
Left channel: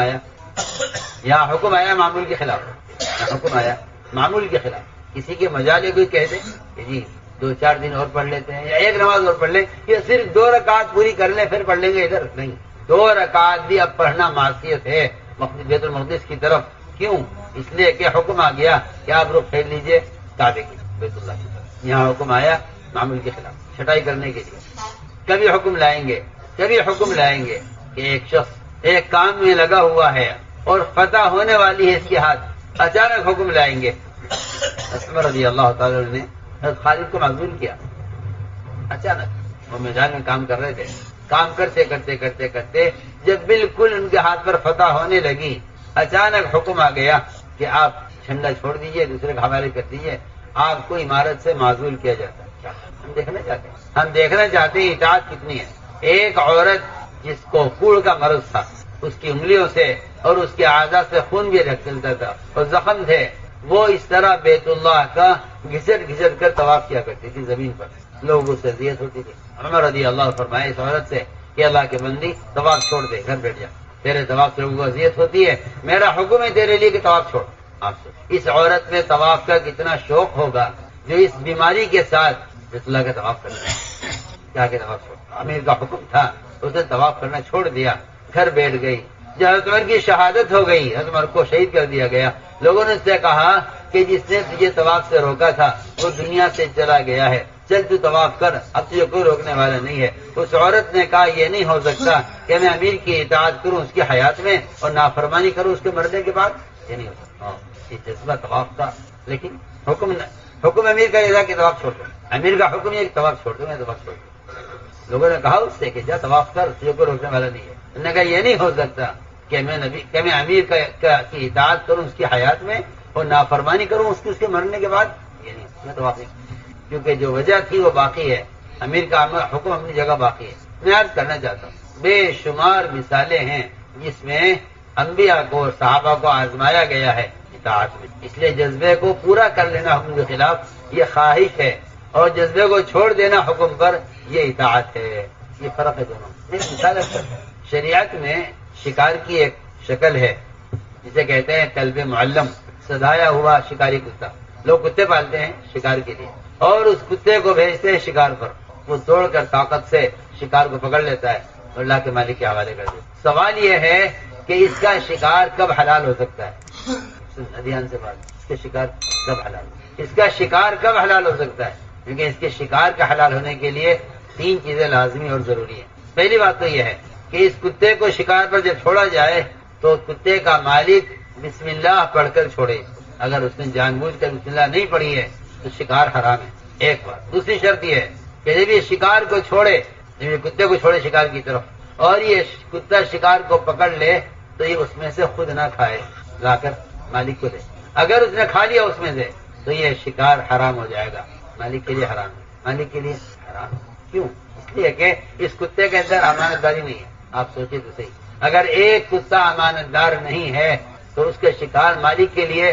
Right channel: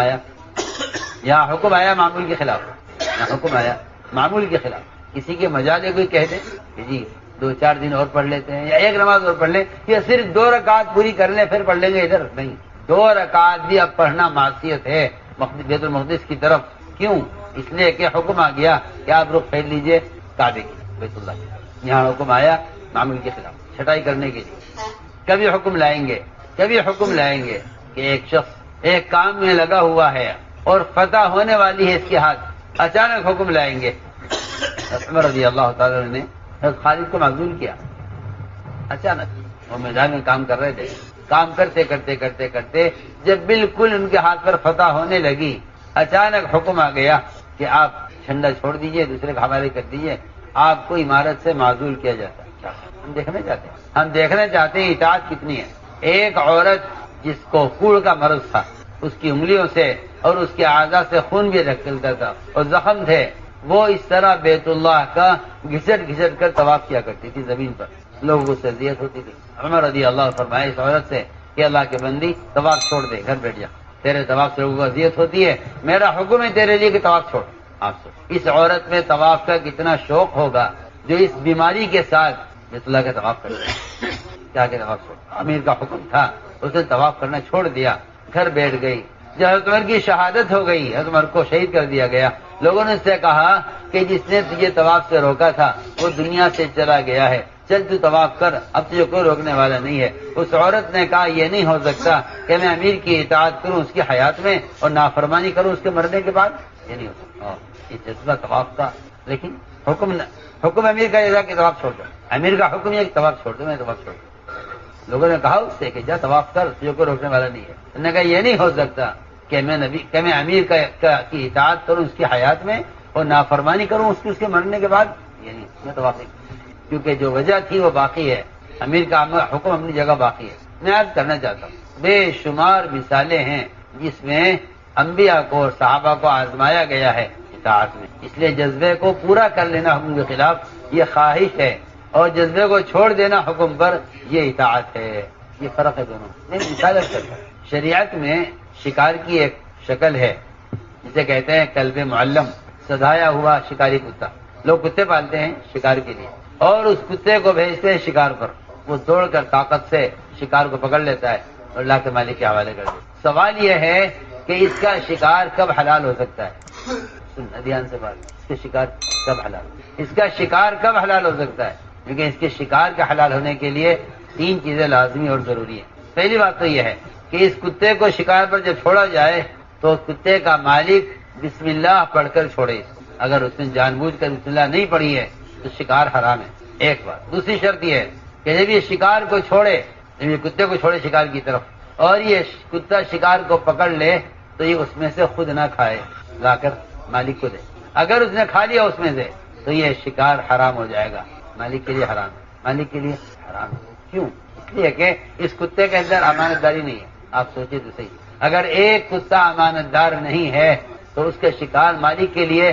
آیا معمول کے خلاف، یہاں حکم آیا معمول کے خلاف۔ کسی کے مجالے کوئی کہہ دے کہ جی 2-4 دن اور پڑھ لیتے ہیں یا ایک نماز اور پڑھ لیں، یا صرف 2 رکعت پوری کر لیں پھر پڑھ لیں گے، ادھر نہیں، 2 رکعت بھی اب پڑھنا معصیت ہے بیت المقدس کی طرف۔ کیوں؟ اس لیے کہ حکم آ گیا کہ آپ رخ پھیر لیجئے کعبے کی، بیت اللہ کی طرف۔ یہاں حکم آیا معمول کے خلاف چھٹائی کرنے کے لیے۔ کبھی حکم لائیں گے کہ ایک شخص ایک کام میں لگا ہوا ہے اور فتح ہونے والی ہے اس کے ہاتھ، اچانک حکم لائیں گے۔ عمر رضی اللہ تعالی نے حضرت خالد کو معذور کیا، اچانک وہ میدان میں کام کر رہے تھے، کام کرتے کرتے جب بالکل ان کے ہاتھ پر فتح ہونے لگی، اچانک حکم آ گیا کہ آپ جھنڈا چھوڑ دیجئے، دوسرے کے حوالے کر دیجئے، آپ کو عمارت سے معزول کیا جاتا ہے۔ ہم دیکھنا چاہتے ہیں اطاعت کتنی ہے۔ ایک عورت جس کو کوڑ کا مرض تھا، اس کی انگلیوں سے اور اس کے اعضاء سے خون بھی نکلتا تھا اور زخم تھے، وہ اس طرح بیت اللہ کا گھسٹ کر طواف کیا کرتی تھی زمین پر، لوگوں کو اذیت ہوتی تھی۔ عمر رضی اللہ فرمائے اس عورت سے کہ اللہ کے بندی طواف چھوڑ دے، گھر بیٹھ جا، تیرے طواف سے لوگوں کو اذیت ہوتی ہے، میرا حکم ہے تیرے لیے کہ طواف چھوڑ۔ آپ سے اس عورت میں طواف کا کتنا شوق ہوگا جو اس بیماری کے ساتھ بیت اللہ کا طواف کرتا ہے، کیا کہ طواف چھوڑ۔ امیر کا حکم تھا، اس نے طواف کرنا چھوڑ دیا، گھر بیٹھ گئی۔ جب حضرت عمر کی شہادت ہو گئی، حضرت عمر کو شہید کر دیا گیا، لوگوں نے اس سے کہا کہ جس نے تجھے طواف سے روکا تھا وہ دنیا سے چلا گیا ہے، چل تو طواف کر، اب تجھے کوئی روکنے والا نہیں ہے۔ اس عورت نے کہا یہ نہیں ہو سکتا کہ میں امیر کی اطاعت کروں اس کی حیات میں اور نافرمانی کروں اس کے مرنے کے بعد، یہ نہیں ہو سکتا۔ یہ جذبہ طواف کا، لیکن حکم امیر کا یہ تھا کہ طواف چھوڑ دو، امیر کا حکم یہ کہ طواف چھوڑ دو، میں طواف چھوڑ دوں۔ لوگوں نے کہا اس سے کہ جا طواف کر، تجھے کوئی روکنے والا نہیں ہے۔ انہوں نے کہا یہ نہیں ہو سکتا کہ میں امیر کی اطاعت کروں اس کی حیات میں اور نافرمانی کروں اس کے مرنے کے بعد، یہ نہیں، میں طواف نہیں، کیونکہ جو وجہ تھی وہ باقی ہے، امیر کا حکم اپنی جگہ باقی ہے۔ میں عرض کرنا چاہتا ہوں بے شمار مثالیں ہیں جس میں انبیاء کو اور صحابہ کو آزمایا گیا ہے اطاعت میں، اس لیے جذبے کو پورا کر لینا حکم کے خلاف یہ خواہش ہے اور جذبے کو چھوڑ دینا حکم پر یہ اطاعت ہے، یہ فرق ہے دونوں۔ مثال شریعت میں شکار کی ایک شکل ہے جسے کہتے ہیں کلب معلم، سدھایا ہوا شکاری کتا۔ لوگ کتے پالتے ہیں شکار کے لیے اور اس کتے کو بھیجتے ہیں شکار پر، وہ دوڑ کر طاقت سے شکار کو پکڑ لیتا ہے اور اللہ کے مالک کے حوالے کر دیتا ہے۔ سوال یہ ہے کہ اس کا شکار کب حلال ہو سکتا ہے؟ دھیان سے بات، اس کا شکار کب حلال ہو سکتا ہے؟ کیونکہ اس کے شکار کا حلال ہونے کے لیے 3 چیزیں لازمی اور ضروری ہیں۔ پہلی بات تو یہ ہے کہ اس کتے کو شکار پر جب چھوڑا جائے تو کتے کا مالک بسم اللہ پڑھ کر چھوڑے، اگر اس نے جان بوجھ کر بسم اللہ نہیں پڑھی ہے تو شکار حرام ہے، ایک بات۔ دوسری شرط یہ ہے کہ جب یہ شکار کو چھوڑے، جب یہ کتے کو چھوڑے شکار کی طرف اور یہ کتا شکار کو پکڑ لے تو یہ اس میں سے خود نہ کھائے، لا کر مالک کو دے۔ اگر اس نے کھا لیا اس میں سے تو یہ شکار حرام ہو جائے گا، مالک کے لیے حرام ہے، مالک کے لیے حرام ہے۔ کیوں؟ اس لیے کہ اس کتے کے اندر امانت داری نہیں ہے۔ آپ سوچیں تو صحیح، اگر ایک کتا امانت دار نہیں ہے تو اس کے شکار مالک کے لیے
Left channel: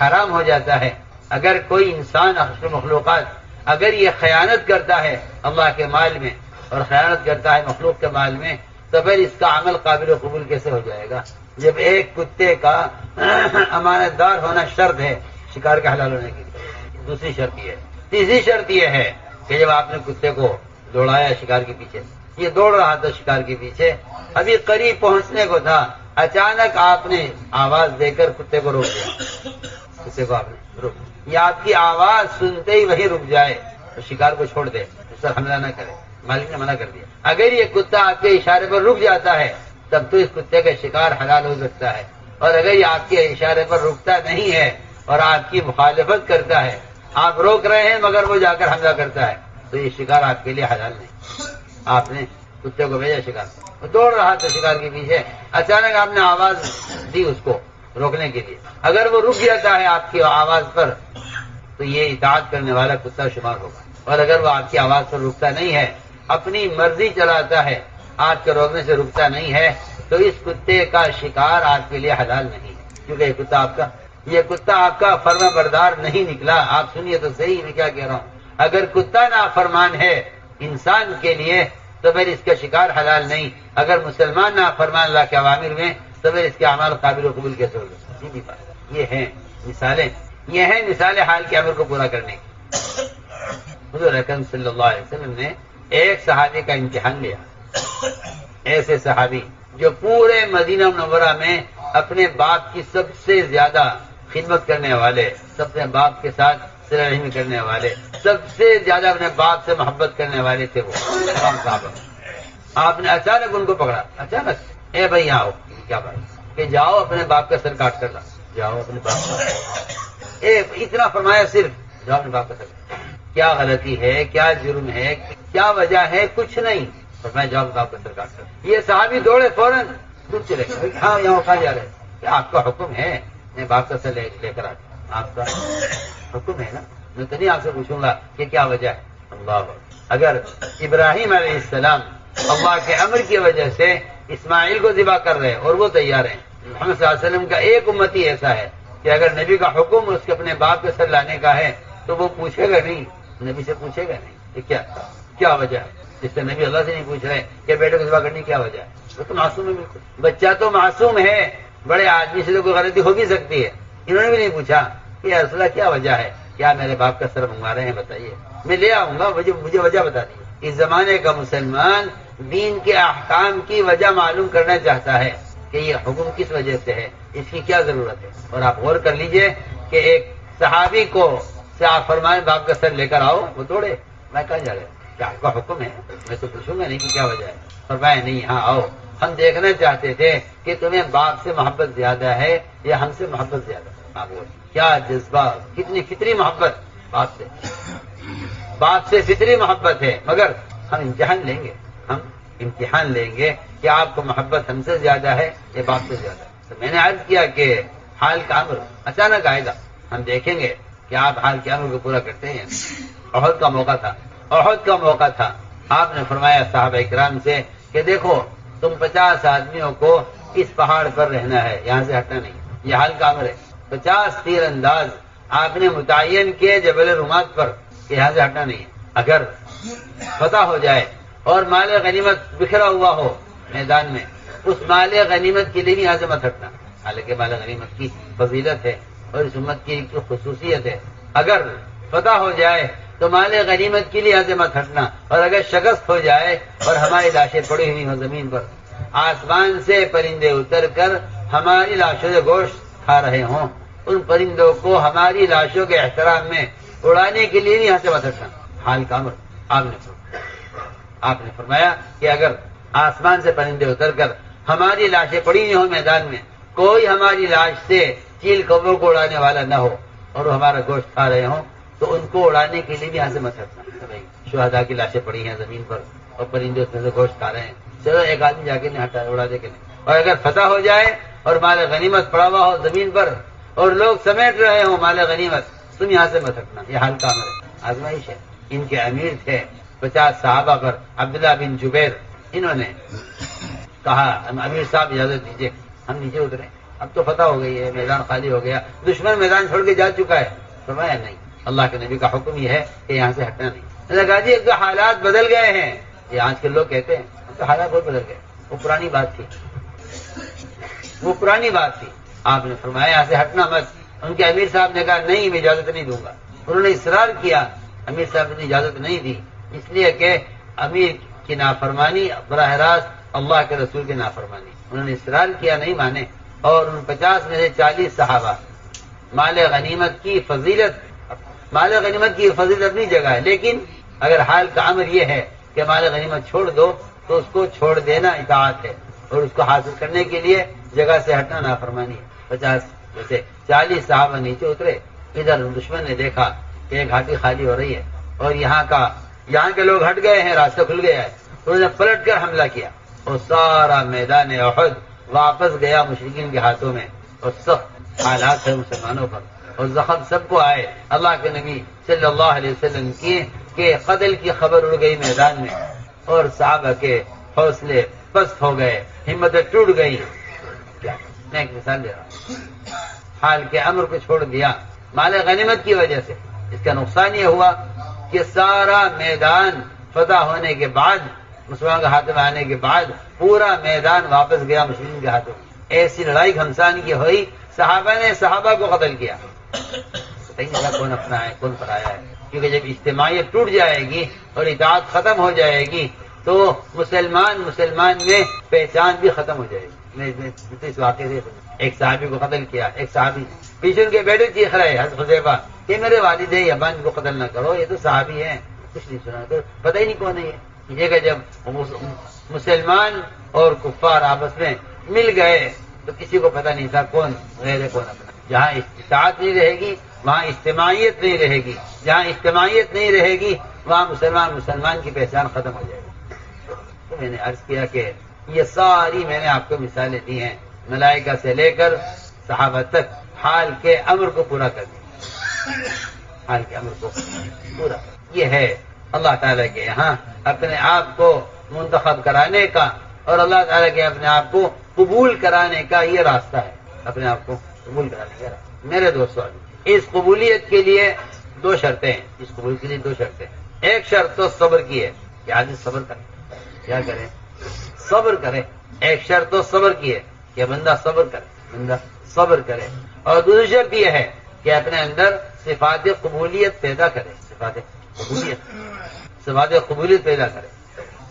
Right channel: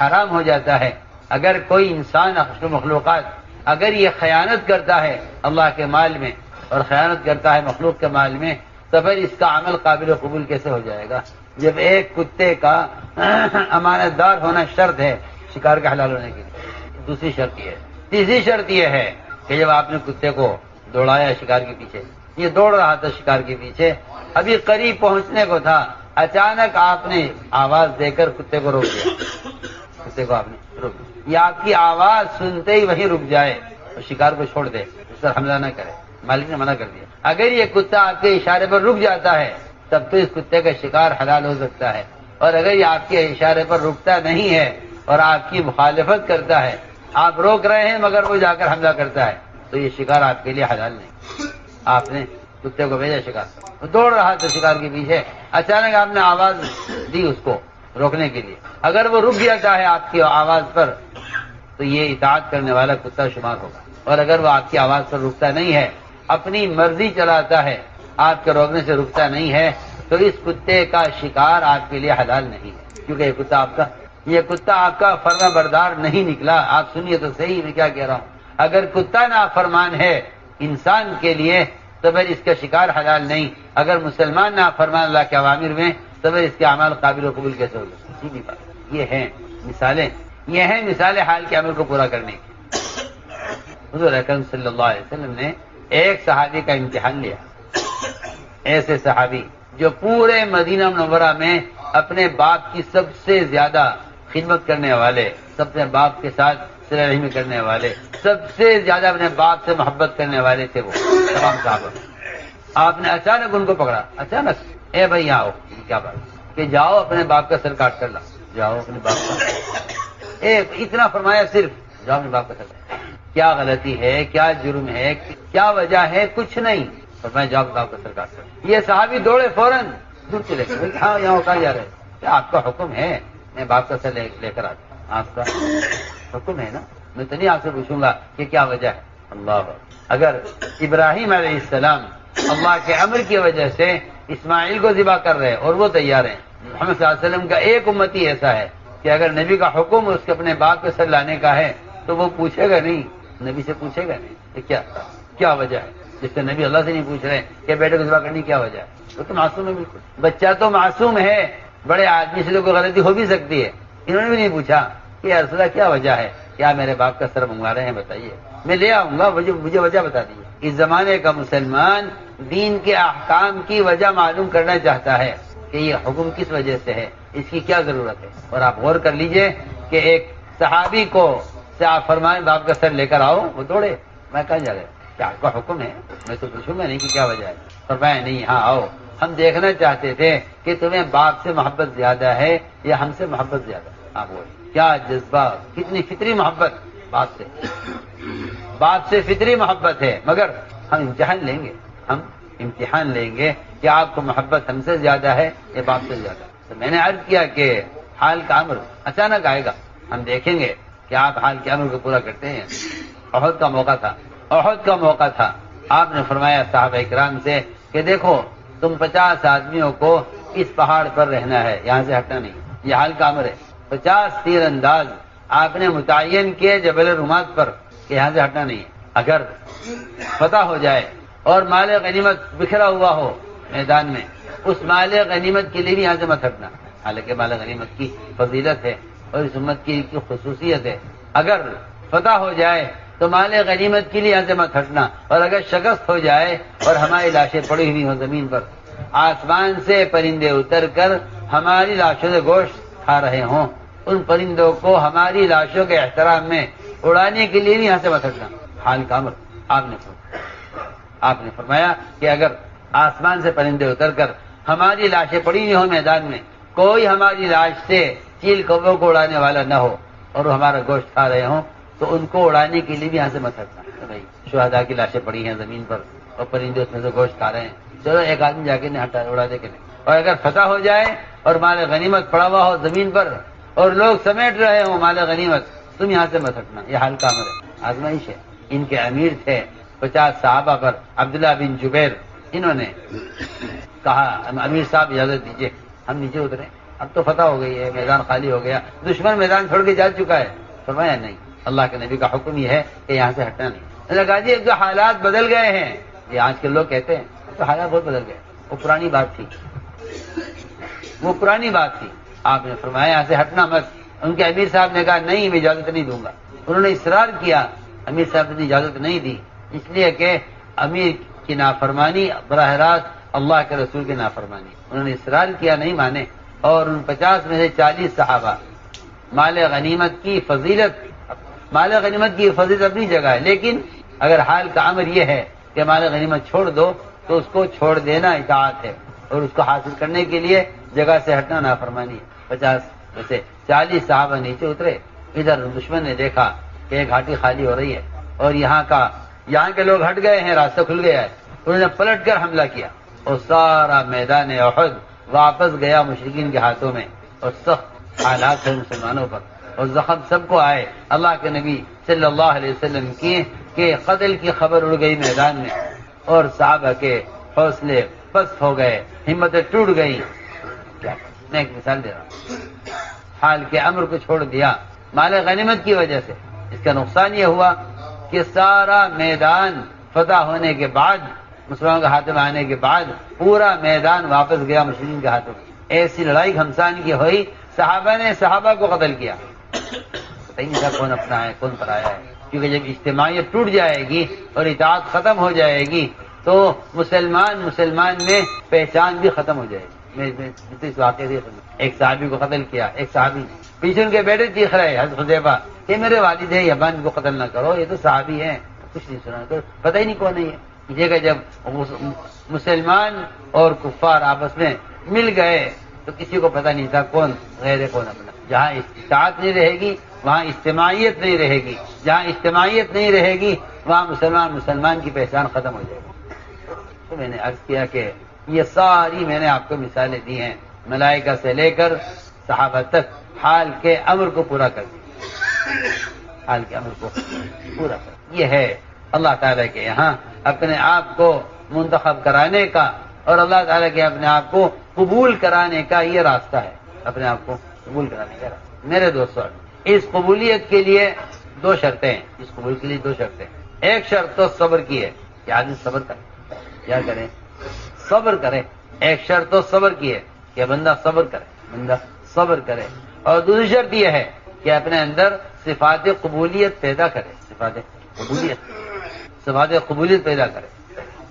حرام ہو جاتا ہے۔ اگر کوئی انسان اشرف مخلوقات اگر یہ خیانت کرتا ہے اللہ کے مال میں اور خیانت کرتا ہے مخلوق کے مال میں تو پھر اس کا عمل قابل قبول کیسے ہو جائے گا؟ جب ایک کتے کا امانت دار ہونا شرط ہے شکار کا حلال ہونے کے لیے۔ دوسری شرط یہ ہے۔ تیسری شرط یہ ہے کہ جب آپ نے کتے کو دوڑایا شکار کے پیچھے، یہ دوڑ رہا تھا شکار کے پیچھے، ابھی قریب پہنچنے کو تھا، اچانک آپ نے آواز دے کر کتے کو روک دیا، کتے کو آپ نے روک دیا، یہ آپ کی آواز سنتے ہی وہی رک جائے اور شکار کو چھوڑ دے، اس پر حملہ نہ کرے، مالک نے منع کر دیا۔ اگر یہ کتا آپ کے اشارے پر رک جاتا ہے تب تو اس کتے کا شکار حلال ہو سکتا ہے، اور اگر یہ آپ کے اشارے پر رکتا نہیں ہے اور آپ کی مخالفت کرتا ہے، آپ روک رہے ہیں مگر وہ جا کر حملہ کرتا ہے تو یہ شکار آپ کے لیے حلال نہیں۔ آپ نے کتے کو بھیجا شکار، وہ دوڑ رہا تھا شکار کے پیچھے، اچانک آپ نے آواز دی اس کو روکنے کے لیے، اگر وہ رک جاتا ہے آپ کی آواز پر تو یہ اطاعت کرنے والا کتا شمار ہوگا، اور اگر وہ آپ کی آواز پر رکتا نہیں ہے، اپنی مرضی چلاتا ہے، آپ کے روکنے سے رکتا نہیں ہے تو اس کتے کا شکار آپ کے لیے حلال نہیں ہے، کیونکہ یہ کتا آپ کا فرما بردار نہیں نکلا۔ آپ سنیے تو صحیح میں کیا کہہ رہا ہوں، اگر کتا نافرمان ہے انسان کے لیے تو پھر اس کا شکار حلال نہیں، اگر مسلمان نافرمان اللہ کے اوامر میں تو پھر اس کے اعمال قابل قبول کیسے ہوگا؟ سیدھی بات۔ یہ ہیں مثالیں، یہ ہیں مثالیں حال کے امر کو پورا کرنے کی۔ حضور اکرم صلی اللہ علیہ وسلم نے ایک صحابی کا امتحان لیا، ایسے صحابی جو پورے مدینہ منورہ میں اپنے باپ کی سب سے زیادہ خدمت کرنے والے، سب سے باپ کے ساتھ صلہ رحمی کرنے والے، سب سے زیادہ اپنے باپ سے محبت کرنے والے تھے وہ تمام صحابہ۔ آپ نے اچانک ان کو پکڑا، اچانک، اے بھائی آؤ، کیا بات کہ جاؤ اپنے باپ کا سر کاٹ کر لاؤ، جاؤ اپنے باپ کا، اتنا فرمایا صرف، جاؤ اپنے باپ کا سر۔ کیا غلطی ہے، کیا جرم ہے، کیا وجہ ہے؟ کچھ نہیں، فرمایا جاؤ باپ کا سر کاٹ کر۔ یہ صحابی دوڑے فوراً دور چلے گئے، ہاں یہاں اٹھا جا رہے، کیا آپ کا حکم ہے میں باپ کا سر لے کر آتا ہوں؟ آپ کا حکم ہے نا، میں تو نہیں آپ سے پوچھوں گا کہ کیا وجہ ہے۔ اللہ، اگر ابراہیم علیہ السلام اللہ کے امر کی وجہ سے اسماعیل کو ذبح کر رہے اور وہ تیار ہیں، محمد صلی اللہ علیہ وسلم کا ایک امتی ایسا ہے کہ اگر نبی کا حکم اس کے اپنے باپ کے سر لانے کا ہے تو وہ پوچھے گا نہیں، نبی سے پوچھے گا نہیں کہ کیا وجہ ہے، جس سے نبی اللہ سے نہیں پوچھ رہے کہ بیٹے کو ذبح کرنے کی کیا وجہ ہے۔ وہ تو معصوم ہے، بالکل بچہ تو معصوم ہے، بڑے آدمی سے تو کوئی غلطی ہو بھی سکتی ہے، انہوں نے بھی نہیں پوچھا کہ یا رسول اللہ کیا وجہ ہے، کیا میرے باپ کا سر منگوا رہے ہیں، بتائیے میں لے آؤں گا، مجھے وجہ بتا دیجیے۔ اس زمانے کا مسلمان دین کے احکام کی وجہ معلوم کرنا چاہتا ہے کہ یہ حکم کس وجہ سے ہے، اس کی کیا ضرورت ہے۔ اور آپ غور کر لیجئے کہ ایک صحابی کو سے آپ فرمائیں باپ کا سر لے کر آؤ، وہ دوڑے، میں کہاں جا رہے کیا آپ کا حکم ہے، میں تو پوچھوں گا نہیں کہ کیا وجہ ہے، فرمائے نہیں ہاں آؤ، ہم دیکھنا چاہتے تھے کہ تمہیں باپ سے محبت زیادہ ہے یا ہم سے محبت زیادہ۔ آپ بولے کیا جذبہ، کتنی فطری محبت باپ سے فطری محبت ہے، مگر ہم امتحان لیں گے کہ آپ کو محبت ہم سے زیادہ ہے یا باپ سے زیادہ۔ تو میں نے عرض کیا کہ حال کا امر اچانک آئے گا، ہم دیکھیں گے کہ آپ حال کے امر کو پورا کرتے ہیں۔ احد کا موقع تھا، آپ نے فرمایا صحابہ کرام سے کہ دیکھو تم 50 آدمیوں کو اس پہاڑ پر رہنا ہے، یہاں سے ہٹنا نہیں، یہ حال کا امر ہے۔ 50 تیر انداز آپ نے متعین کیے جبل رومات پر کہ یہاں سے ہٹنا نہیں ہے، اگر فتح ہو جائے اور مال غنیمت بکھرا ہوا ہو میدان میں، اس مال غنیمت کے لیے بھی یہاں سے مت ہٹنا، حالانکہ مال غنیمت کی فضیلت ہے اور اس امت کی خصوصیت ہے۔ اگر فتح ہو جائے تو مال غنیمت کے لیے یہاں سے مت ہٹنا، اور اگر شکست ہو جائے اور ہماری لاشیں پڑی ہوئی ہوں زمین پر، آسمان سے پرندے اتر کر ہماری لاشوں سے گوشت کھا رہے ہوں، ان پرندوں کو ہماری لاشوں کے احترام میں اڑانے کے لیے بھی یہاں سے مت ہٹنا، حال کا امر آپ نے فرمایا کہ اگر آسمان سے پرندے اتر کر ہماری لاشیں پڑی ہوئی ہوں میدان میں، کوئی ہماری لاش سے چیل کبوں کو اڑانے والا نہ ہو اور وہ ہمارا گوشت کھا رہے ہوں تو ان کو اڑانے کے لیے بھی یہاں سے مت ہٹنا. بھائی شہداء کی لاشیں پڑی ہیں زمین پر اور پرندے اس میں سے گوشت کھا رہے ہیں, چلو ایک آدمی جا کے نہیں ہٹا اڑا دے کے نہیں. اور اگر فتح ہو جائے اور مال غنیمت پڑا ہوا ہو زمین پر اور لوگ سمیٹ رہے ہوں مال غنیمت, تم یہاں سے مت ہٹنا. یہ حال کا عمل ہے, آزمائش ہے. ان کے امیر تھے 50 صحابہ پر, عبداللہ بن جبیر. انہوں نے کہا امیر صاحب اجازت دیجیے ہم نیچے اتریں, اب تو فتح ہو گئی ہے, میدان خالی ہو گیا, دشمن میدان چھوڑ کے جا چکا ہے. فرمایا نہیں, اللہ کے نبی کا حکم یہ ہے کہ یہاں سے ہٹنا نہیں. نے کہا جی اب تو حالات بدل گئے ہیں. یہ آج کل لوگ کہتے ہیں تو حالات بہت بدل گئے, وہ پرانی بات تھی, وہ پرانی بات تھی. آپ نے فرمایا یہاں سے ہٹنا مت. ان کے امیر صاحب نے کہا نہیں میں اجازت نہیں دوں گا. انہوں نے اصرار کیا, امیر صاحب نے اجازت نہیں دی, اس لیے کہ امیر کی نافرمانی براہ راست اللہ کے رسول کی نافرمانی. انہوں نے اصرار کیا, نہیں مانے, اور ان 50 میں سے 40 صحابہ. مال غنیمت کی فضیلت, مال غنیمت کی فضیلت اپنی جگہ ہے, لیکن اگر حال کا امر یہ ہے کہ مال غنیمت چھوڑ دو تو اس کو چھوڑ دینا اطاعت ہے, اور اس کو حاصل کرنے کے لیے جگہ سے ہٹنا نافرمانی ہے. 50 میں سے 40 صحابہ نیچے اترے. ادھر دشمن نے دیکھا کہ ایک گھاٹی خالی ہو رہی ہے اور یہاں کے لوگ ہٹ گئے ہیں, راستہ کھل گیا ہے. انہوں نے پلٹ کر حملہ کیا اور سارا میدان احد واپس گیا مشرکین کے ہاتھوں میں, اور سخت حالات ہے مسلمانوں پر, اور زخم سب کو آئے. اللہ کے نبی صلی اللہ علیہ وسلم کی کہ قتل کی خبر اڑ گئی میدان میں, اور صحابہ کے حوصلے پست ہو گئے, ہمتیں ٹوٹ گئی. میں ایک مثال دے رہا ہوں, حال کے امر کو چھوڑ دیا مال غنیمت کی وجہ سے. اس کا نقصان یہ ہوا کہ سارا میدان فتح ہونے کے بعد, مسلمانوں کے ہاتھ میں آنے کے بعد پورا میدان واپس گیا مسلمین کے ہاتھوں میں. ایسی لڑائی گھمسان کی ہوئی, صحابہ نے صحابہ کو قتل کیا. پتہ ہی نہیں تھا کون اپنا ہے کون پرایا ہے, کیونکہ جب اجتماعیت ٹوٹ جائے گی اور اطاعت ختم ہو جائے گی تو مسلمان میں پہچان بھی ختم ہو جائے گی. اس واقعے سے ایک صحابی کو قتل کیا, ایک صحابی پیچھے ان کے بیٹے چیخ رہے حضرت حذیفہ کہ میرے والد ہیں یبان کو قتل نہ کرو, یہ تو صحابی ہیں, کچھ نہیں سنا, تو پتہ ہی نہیں کون ہے یہ. کہ جب مسلمان اور کفار آپس میں مل گئے تو کسی کو پتہ نہیں تھا کون غیر ہے کون اپنا. جہاں اطاعت نہیں رہے گی وہاں اجتماعیت نہیں رہے گی, جہاں اجتماعیت نہیں رہے گی وہاں مسلمان کی پہچان ختم ہو جائے گی. تو میں نے عرض کیا کہ یہ ساری میں نے آپ کو مثالیں دی ہیں, ملائکہ سے لے کر صحابہ تک حال کے امر کو پورا کر دیا, حال کے امر کو پورا کر. یہ ہے اللہ تعالیٰ کے یہاں اپنے آپ کو منتخب کرانے کا اور اللہ تعالیٰ کے اپنے آپ کو قبول کرانے کا یہ راستہ ہے, اپنے آپ کو قبول کرانے کا راستہ. میرے دوستوں, اس قبولیت کے لیے 2 شرطیں ہیں. اس قبول کے لیے 2 شرطیں. ایک شرط تو صبر کی ہے کہ آدمی صبر کرے, کیا کرے, صبر کرے. ایک شرط تو صبر کی ہے کہ بندہ صبر کرے, اور دوسری شرط یہ ہے کہ اپنے اندر صفات قبولیت پیدا کرے, صفات قبولیت پیدا کرے.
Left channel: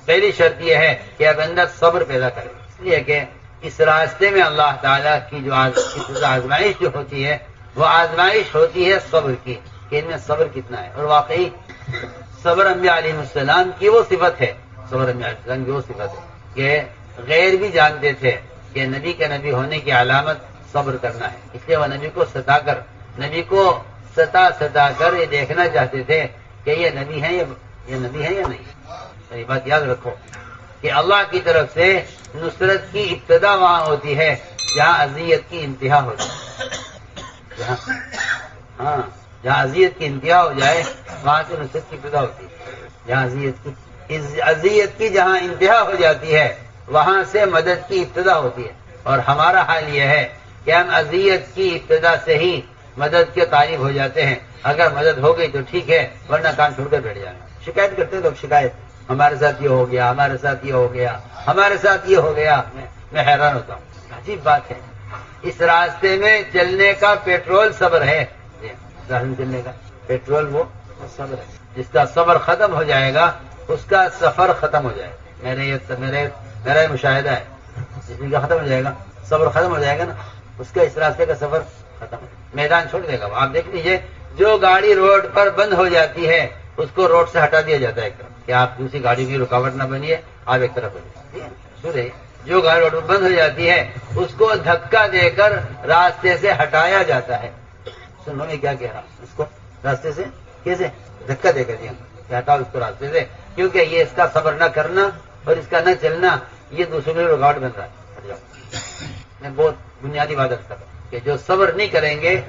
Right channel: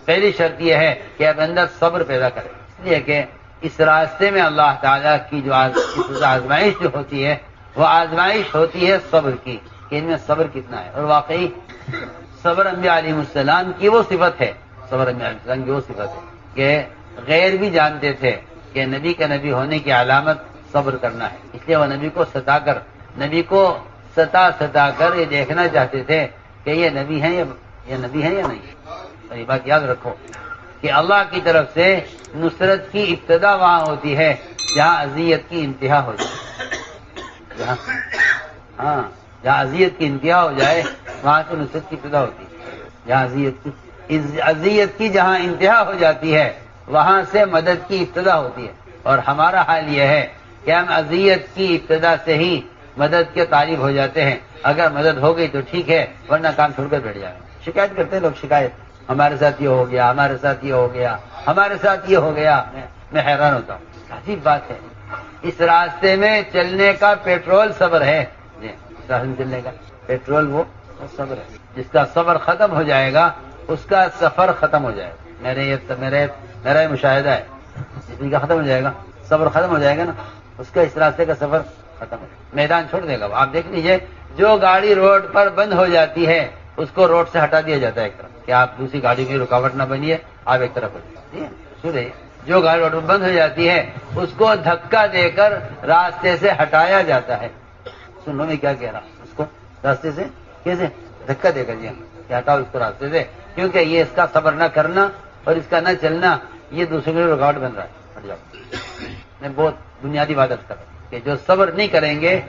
پہلی شرط یہ ہے کہ اپنے اندر صبر پیدا کرے, اس لیے کہ اس راستے میں اللہ تعالیٰ کی جو آزمائش جو ہوتی ہے وہ آزمائش ہوتی ہے صبر کی, کہ ان میں صبر کتنا ہے. اور واقعی صبر انبیاء علیہ السلام کی وہ صفت ہے, صبر انبیاء علیہ السلام کی وہ صفت ہے کہ غیر بھی جانتے تھے کہ نبی کے نبی ہونے کی علامت صبر کرنا ہے. اس لیے وہ نبی کو ستا کر یہ دیکھنا چاہتے تھے کہ یہ نبی ہے یا نہیں. تو یہ بات یاد رکھو کہ اللہ کی طرف سے نصرت کی ابتدا وہاں ہوتی ہے جہاں اذیت کی انتہا ہو جائے. جہاں اذیت کی انتہا ہو جائے وہاں سے نصرت کی ابتدا ہوتی ہے. جہاں اذیت کی جہاں انتہا ہو جاتی ہے وہاں سے مدد کی ابتدا ہوتی ہے. اور ہمارا حال یہ ہے کہ ہم اذیت کی ابتدا سے ہی مدد کے طالب ہو جاتے ہیں. اگر مدد ہو گئی تو ٹھیک ہے, ورنہ کام چھوڑ کر بیٹھ جائیں. شکایت کرتے ہیں لوگ, شکایت, ہمارے ساتھ یہ ہو گیا, ہمارے ساتھ یہ ہو گیا, ہمارے ساتھ یہ ہو گیا. میں حیران ہوتا ہوں, عجیب بات ہے. اس راستے میں چلنے کا پیٹرول صبر ہے, چلنے کا پیٹرول وہ صبر ہے. جس کا صبر ختم ہو جائے گا اس کا سفر ختم ہو جائے گا. میرا یہ مشاہدہ ہے, جس کا ختم ہو جائے گا صبر ختم ہو جائے گا نا, اس کا اس راستے کا سفر ختم ہو جائے گا, میدان چھوڑ دے گا. آپ دیکھ لیجئے جو گاڑی روڈ پر بند ہو جاتی ہے اس کو روڈ سے ہٹا دیا جاتا ہے ایک طرف, کہ آپ دوسری گاڑی کی رکاوٹ نہ بنیے, آپ ایک طرف ہو جائیے. جو گاڑی بند ہو جاتی ہے اس کو دھکا دے کر راستے سے ہٹایا جاتا ہے. سنو میں کیا کہہ رہا ہوں، اس کو راستے سے کیسے دھکا دے کر دیا کہ ہٹاؤ اس کو راستے سے، کیونکہ یہ اس کا صبر نہ کرنا اور اس کا نہ چلنا یہ دوسروں کے لیے رکاوٹ بن رہا ہے. ہٹ جاؤ. میں بہت بنیادی بات کر رہا ہوں کہ جو صبر نہیں کریں گے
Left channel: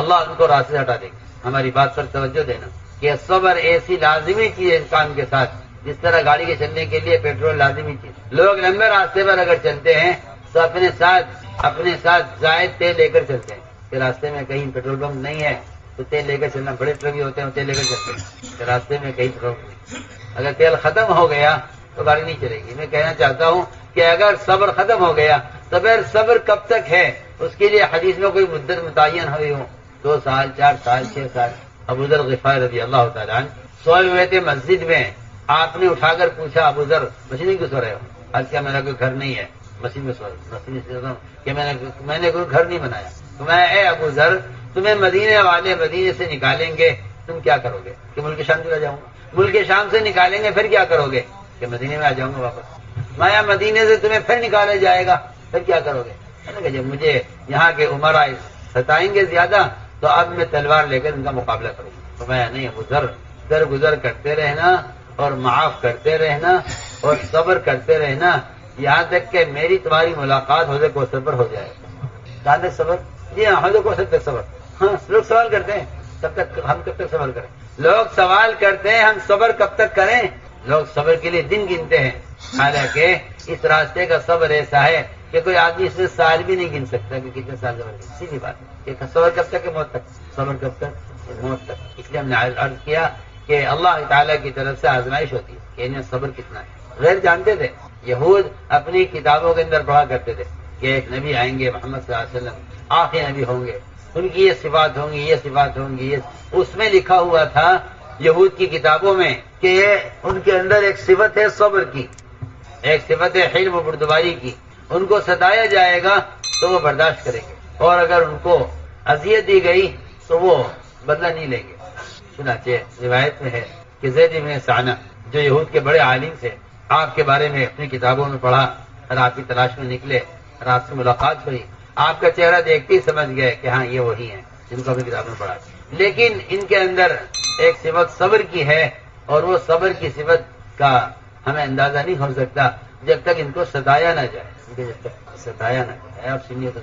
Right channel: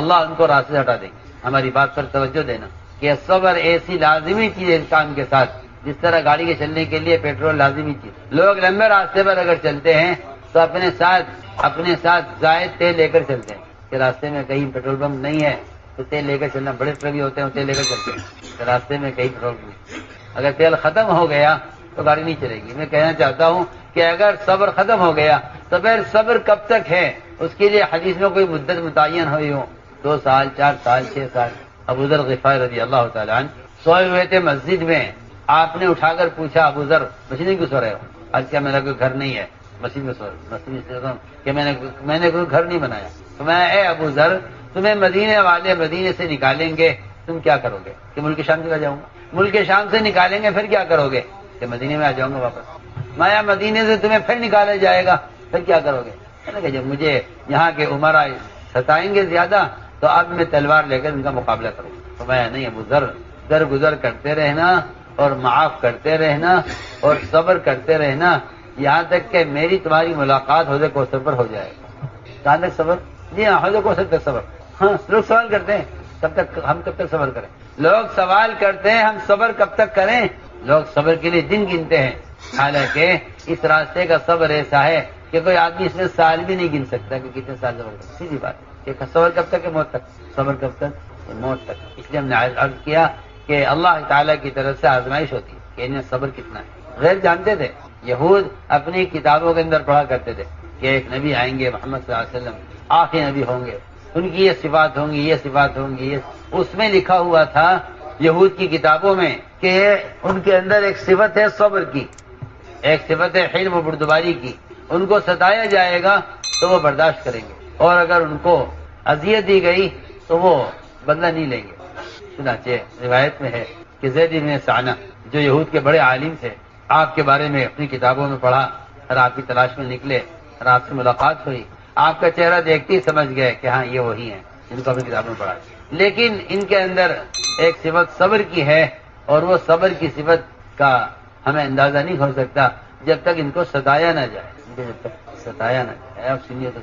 اللہ ان کو راستے سے ہٹا دے گا. ہماری بات پر توجہ دینا کہ صبر ایسی لازمی چیز ہے انسان کے ساتھ، جس طرح گاڑی کے چلنے کے لیے پیٹرول لازمی چیز. لوگ لمبے راستے پر اگر چلتے ہیں تو اپنے ساتھ زائد تیل لے کر چلتے ہیں کہ راستے میں کہیں پیٹرول پمپ نہیں ہے تو تیل لے کر چلنا. بڑے ٹرک بھی ہوتے ہیں تیل لے کر چلتے ہیں کہ راستے میں کہیں پیٹرول پمپ نہیں. اگر تیل ختم ہو گیا تو گاڑی نہیں چلے گی. میں کہنا چاہتا ہوں کہ اگر صبر ختم ہو گیا تو پھر صبر کب تک ہے؟ اس کے لیے حدیث میں کوئی مدت متعین ہوئی ہو، 2 سال 4 سال 6 سال. ابو ذر غفاری رضی اللہ تعالیٰ عنہ سوئے ہوئے تھے مسجد میں. آپ نے اٹھا کر پوچھا ابو ذر مسجد میں کیوں سو رہے ہو؟ آج کیا میرا کوئی گھر نہیں ہے مسجد میں سو رہے. مسجد میں کہ میں نے کوئی گھر نہیں بنایا. تو میں اے ابو ذر تمہیں مدینے والے مدینے سے نکالیں گے تم کیا کرو گے؟ کہ ملک شام چلا جاؤں گا. ملک شام سے نکالیں گے پھر کیا کرو گے؟ کہ مدینے میں آ جاؤں گا واپس. میں مدینے سے تمہیں پھر نکالا جائے گا پھر کیا کرو گے؟ کہ جب مجھے یہاں کے عمرا ستائیں گے زیادہ تو اب میں تلوار لے کر ان کا مقابلہ کروں. تو میں نہیں ابو ذر درگزر کرتے رہنا اور معاف کرتے رہنا اور صبر کرتے رہنا یہاں تک کہ میری تمہاری ملاقات حوض کوثر پر ہو جائے. کہاں تک صبر؟ جی ہاں حوض کوثر تک صبر. ہاں لوگ سوال کرتے ہیں تب تک ہم کب تک صبر کریں؟ لوگ سوال کرتے ہیں ہم صبر کب تک کریں؟ لوگ صبر کے لیے دن گنتے ہیں. حالانکہ اس راستے کا صبر ایسا ہے کہ کوئی آدمی اس میں سال بھی نہیں گن سکتا کہ کتنے سال صبر کرے. سیدھی بات ہے کہ صبر کب تک ہے؟ موت تک. صبر کب تک؟ موت تک. اس لیے ہم نے عرض کیا کہ اللہ تعالیٰ کی طرف سے آزمائش ہوتی ہے کہ ان میں صبر کتنا ہے. غیر جانتے تھے. یہود اپنی کتابوں کے اندر پڑھا کرتے تھے کہ ایک نبی آئیں گے محمد صلی اللہ علیہ وسلم آخری نبی ہوں گے، ان کی یہ صفات ہوں گی یہ صفات ہوں گی. اس میں لکھا ہوا تھا یہود کی کتابوں میں کہ ان کے اندر ایک صفت ہے صبر کی، ایک صفت ہے حلم و بردباری کی. ان کو ستایا جائے گا تو وہ برداشت کریں گے اور اگر ان کو اذیت دی گئی تو وہ بدلہ نہیں لیں گے. چنانچہ روایت میں ہے کہ زید بن ثعلبہ جو یہود کے بڑے عالم تھے آپ کے بارے میں اپنی کتابوں میں پڑھا اور آپ کی تلاش میں نکلے اور آپ سے ملاقات ہوئی. آپ کا چہرہ دیکھتے ہی سمجھ گئے کہ ہاں یہ وہی ہیں جن کو اپنی کتابوں میں پڑھا. لیکن ان کے اندر ایک صفت صبر کی ہے اور وہ صبر کی صفت کا ہمیں اندازہ نہیں ہو سکتا جب تک ان کو ستایا نہ جائے. جب تک ستایا نہ جائے. آپ سنیے تو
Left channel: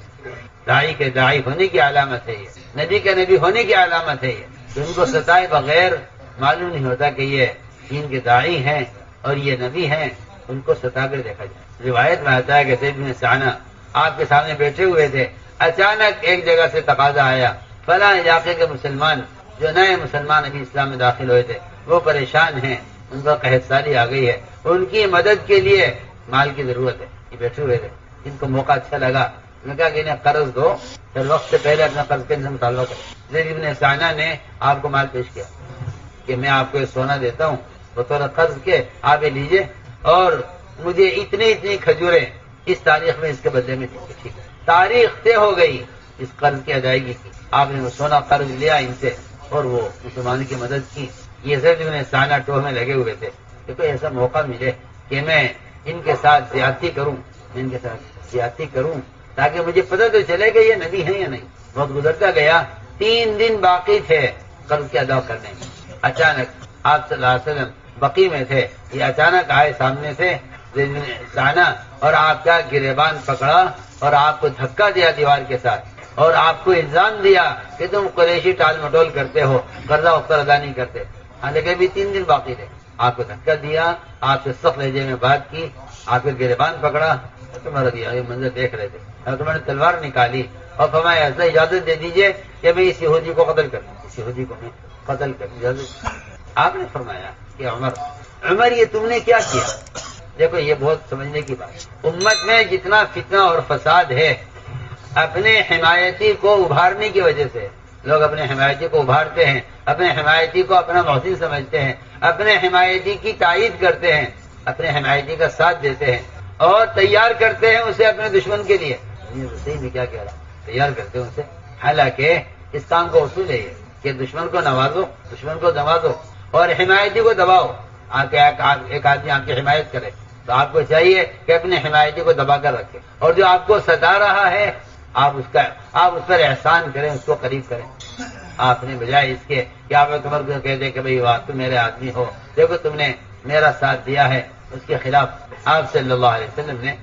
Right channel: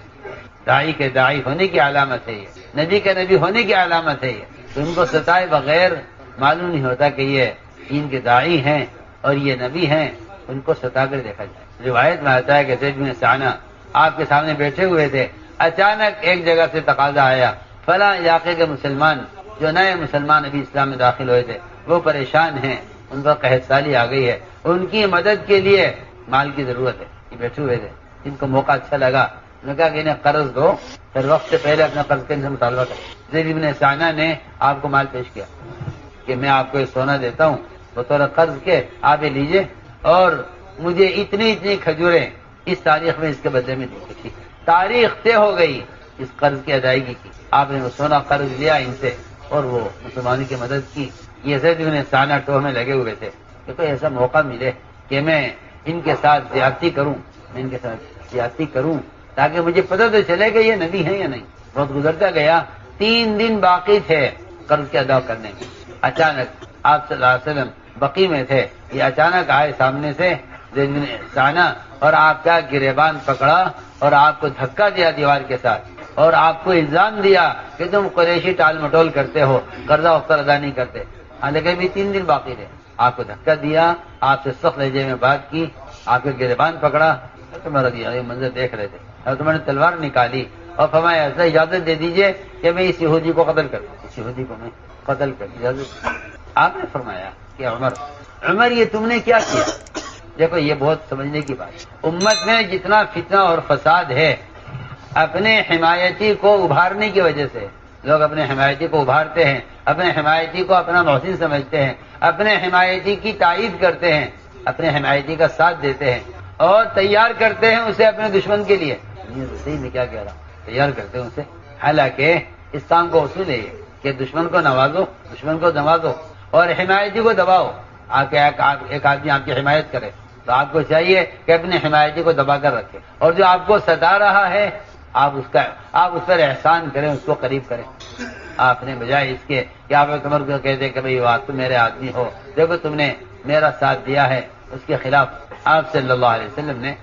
داعی کے داعی ہونے کی علامت ہے یہ، نبی کے نبی ہونے کی علامت ہے یہ. تو ان کو ستائے بغیر معلوم نہیں ہوتا کہ یہ دین کے داعی ہیں اور یہ نبی ہیں. ان کو ستا کر دیکھا جائے. روایت میں آتا ہے کہ زید بن ثعلبہ آپ کے سامنے بیٹھے ہوئے تھے. اچانک ایک جگہ سے تقاضا آیا فلاں علاقے کے مسلمان جو نئے مسلمان ابھی اسلام میں داخل ہوئے تھے وہ پریشان ہیں، ان کا قحط سالی آ گئی ہے، ان کی مدد کے لیے مال کی ضرورت ہے. یہ بیٹھے ہوئے تھے. ان کو موقع اچھا لگا. انہوں نے کہا کہ انہیں قرض دو پھر وقت سے پہلے اپنا قرض کا ان سے مطالبہ کرو. زید بن ثعلبہ نے آپ کو مال پیش کیا کہ میں آپ کو یہ سونا دیتا ہوں تو تھوڑا قرض کے آپ یہ لیجیے اور مجھے اتنی کھجوریں اس تاریخ میں اس کے بدلے میں دی. تاریخ طے ہو گئی اس قرض کی ادائیگی کی. آپ نے وہ سونا قرض لیا ان سے اور وہ مسلمانوں کی مدد کی. یہ زید بن ثعلبہ ٹوہ میں لگے ہوئے تھے کہ کوئی ایسا موقع ملے کہ میں ان کے ساتھ زیادتی کروں تاکہ مجھے پتہ تو چلے کہ یہ نبی ہیں یا نہیں. بہت گزرتا گیا. 3 دن باقی تھے قرض کے ادا کرنے میں. اچانک آپ صلی اللہ علیہ وسلم بقی میں تھے. یہ اچانک آئے سامنے سے زید بن ثعلبہ اور آپ کا گریبان پکڑا اور آپ کو دھکا دیا دیوار کے ساتھ اور آپ کو الزام دیا کہ تم قریشی ٹال مٹول کرتے ہو، قرضہ وقت ادا نہیں کرتے. حالانکہ بھی 3 دن باقی تھے. آپ کو دھکا دیا، آپ سے سخت لہجے میں بات کی، آپ کے گریبان پکڑا. تمہارا دیا یہ منظر دیکھ رہے تھے اور تمہوں نے تلوار نکالی اور فرمایا ایسا اجازت دے دیجیے کہ میں اس یہودی کو قتل کر دوں. اس یہودی کو میں قتل کر اجازت. آپ نے فرمایا کہ عمر یہ تم نے کیا کیا؟ دیکھو یہ بہت سمجھنے کی بات. امت میں جتنا فتنہ اور فساد ہے اپنے حمایتی کو ابھارنے کی وجہ سے لوگ اپنے حمایتی کو ابھارتے ہیں، اپنے حمایتی کو اپنا محسن سمجھتے ہیں، اپنے حمایتی کی تائید کرتے ہیں، اپنے حمایتی کا ساتھ دیتے ہیں اور تیار کرتے ہیں اسے اپنے دشمن کے لیے. صحیح میں کیا کہہ رہا ہوں؟ تیار کرتے ہیں اسے. حالانکہ اس کام کو اصول ہے کہ دشمن کو نوازو اور حمایتی کو دباؤ. ایک آدمی آپ کی حمایت کرے تو آپ کو چاہیے کہ اپنے حمایتی کو دبا کر رکھیں، اور جو آپ کو ستا رہا ہے آپ اس پر احسان کریں، اس کو قریب کریں۔ آپ نے بجائے اس کے کہ آپ عمر کو کہتے کہ بھئی تم میرے آدمی ہو، دیکھو تم نے میرا ساتھ دیا ہے، اس کے خلاف آپ صلی اللہ علیہ وسلم نے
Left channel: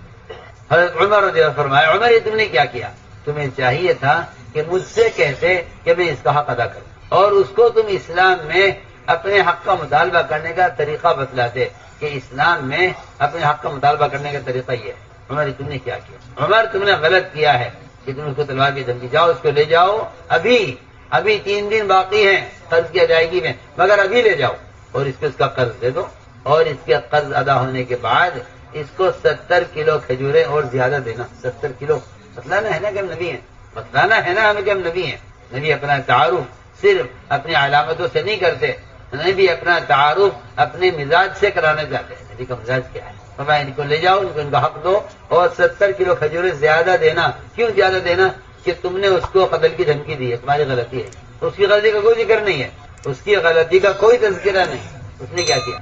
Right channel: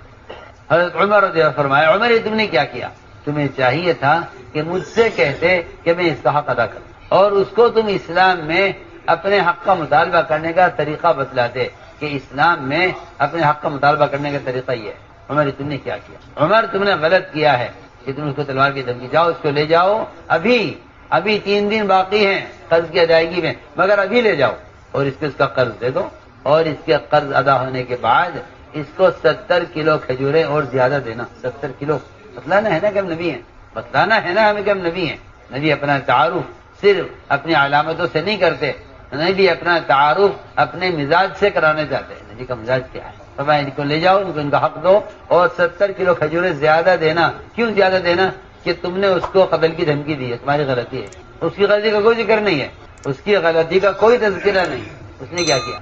حضرت عمر رضی اللہ عنہ فرمایا، عمر یہ تم نے کیا کیا؟ تمہیں چاہیے تھا کہ مجھ سے کہتے کہ میں اس کا حق ادا کروں، اور اس کو تم اسلام میں اپنے حق کا مطالبہ کرنے کا طریقہ بتلاتے کہ اسلام میں اپنے حق کا مطالبہ کرنے کا طریقہ یہ ہے۔ عمر تم نے کیا کیا؟ عمر تم نے غلط کیا ہے کہ تم اس کو تلوار کی دھمکی، جاؤ اس کو لے جاؤ، ابھی 3 دن باقی ہیں قرض کی ادائیگی میں، مگر ابھی لے جاؤ اور اس کا قرض دے دو، اور اس کے قرض ادا ہونے کے بعد اس کو 70 کلو کھجوریں اور زیادہ دینا۔ 70 کلو بتلانا ہے نا کہ ہم نبی ہیں، بتلانا ہے نا ہمیں کہ ہم نبی ہیں۔ نبی اپنا تعارف صرف اپنی علامتوں سے نہیں کرتے، نبی اپنا تعارف اپنے مزاج سے کرانا چاہتے ہیں۔ نبی کا مزاج کیا ہے؟ فرمایا ان کو لے جاؤ، ان کو ان کا حق دو، اور 70 کلو کھجوریں زیادہ دینا۔ کیوں زیادہ دینا؟ کہ تم نے اس کو قتل کی دھمکی دی ہے، تمہاری غلطی ہے، اس کی غلطی کا کوئی ذکر نہیں ہے، اس کی غلطی کا کوئی تذکرہ نہیں، اس نے کیا کیا؟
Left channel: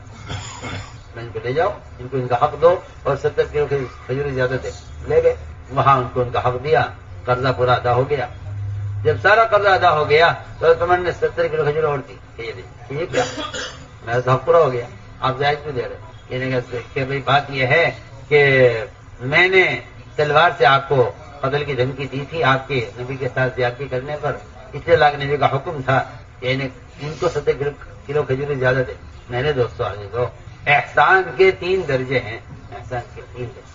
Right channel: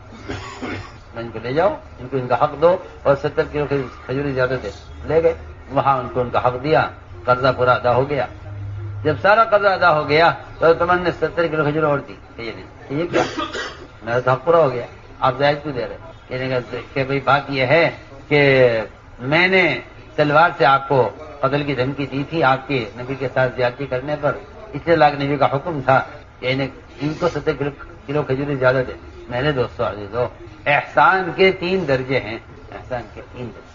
ان کو لے جاؤ، ان کو ان کا حق دو، اور 70 کلو کھجوریں زیادہ دے۔ لے گئے وہاں، ان کو ان کا حق دیا، قرضہ پورا ادا ہو گیا۔ جب سارا قرضہ ادا ہو گیا تو تمہارے نے 70 کلو کھجوریں اور دی، یہ کیا؟ میرا تو حق پورا ہو گیا، آپ زائد کیوں دے رہے؟ کہ بھائی بات یہ ہے کہ میں نے تلوار سے آپ کو قتل کی دھمکی دی تھی آپ کے نبی کے ساتھ زیادتی کرنے پر، اس لیے اللہ کے نبی کا حکم تھا کہ ان کو 70 کلو کھجوریں زیادہ دے۔ میرے دوستو عزیزو، احسان کے 3 درجے ہیں،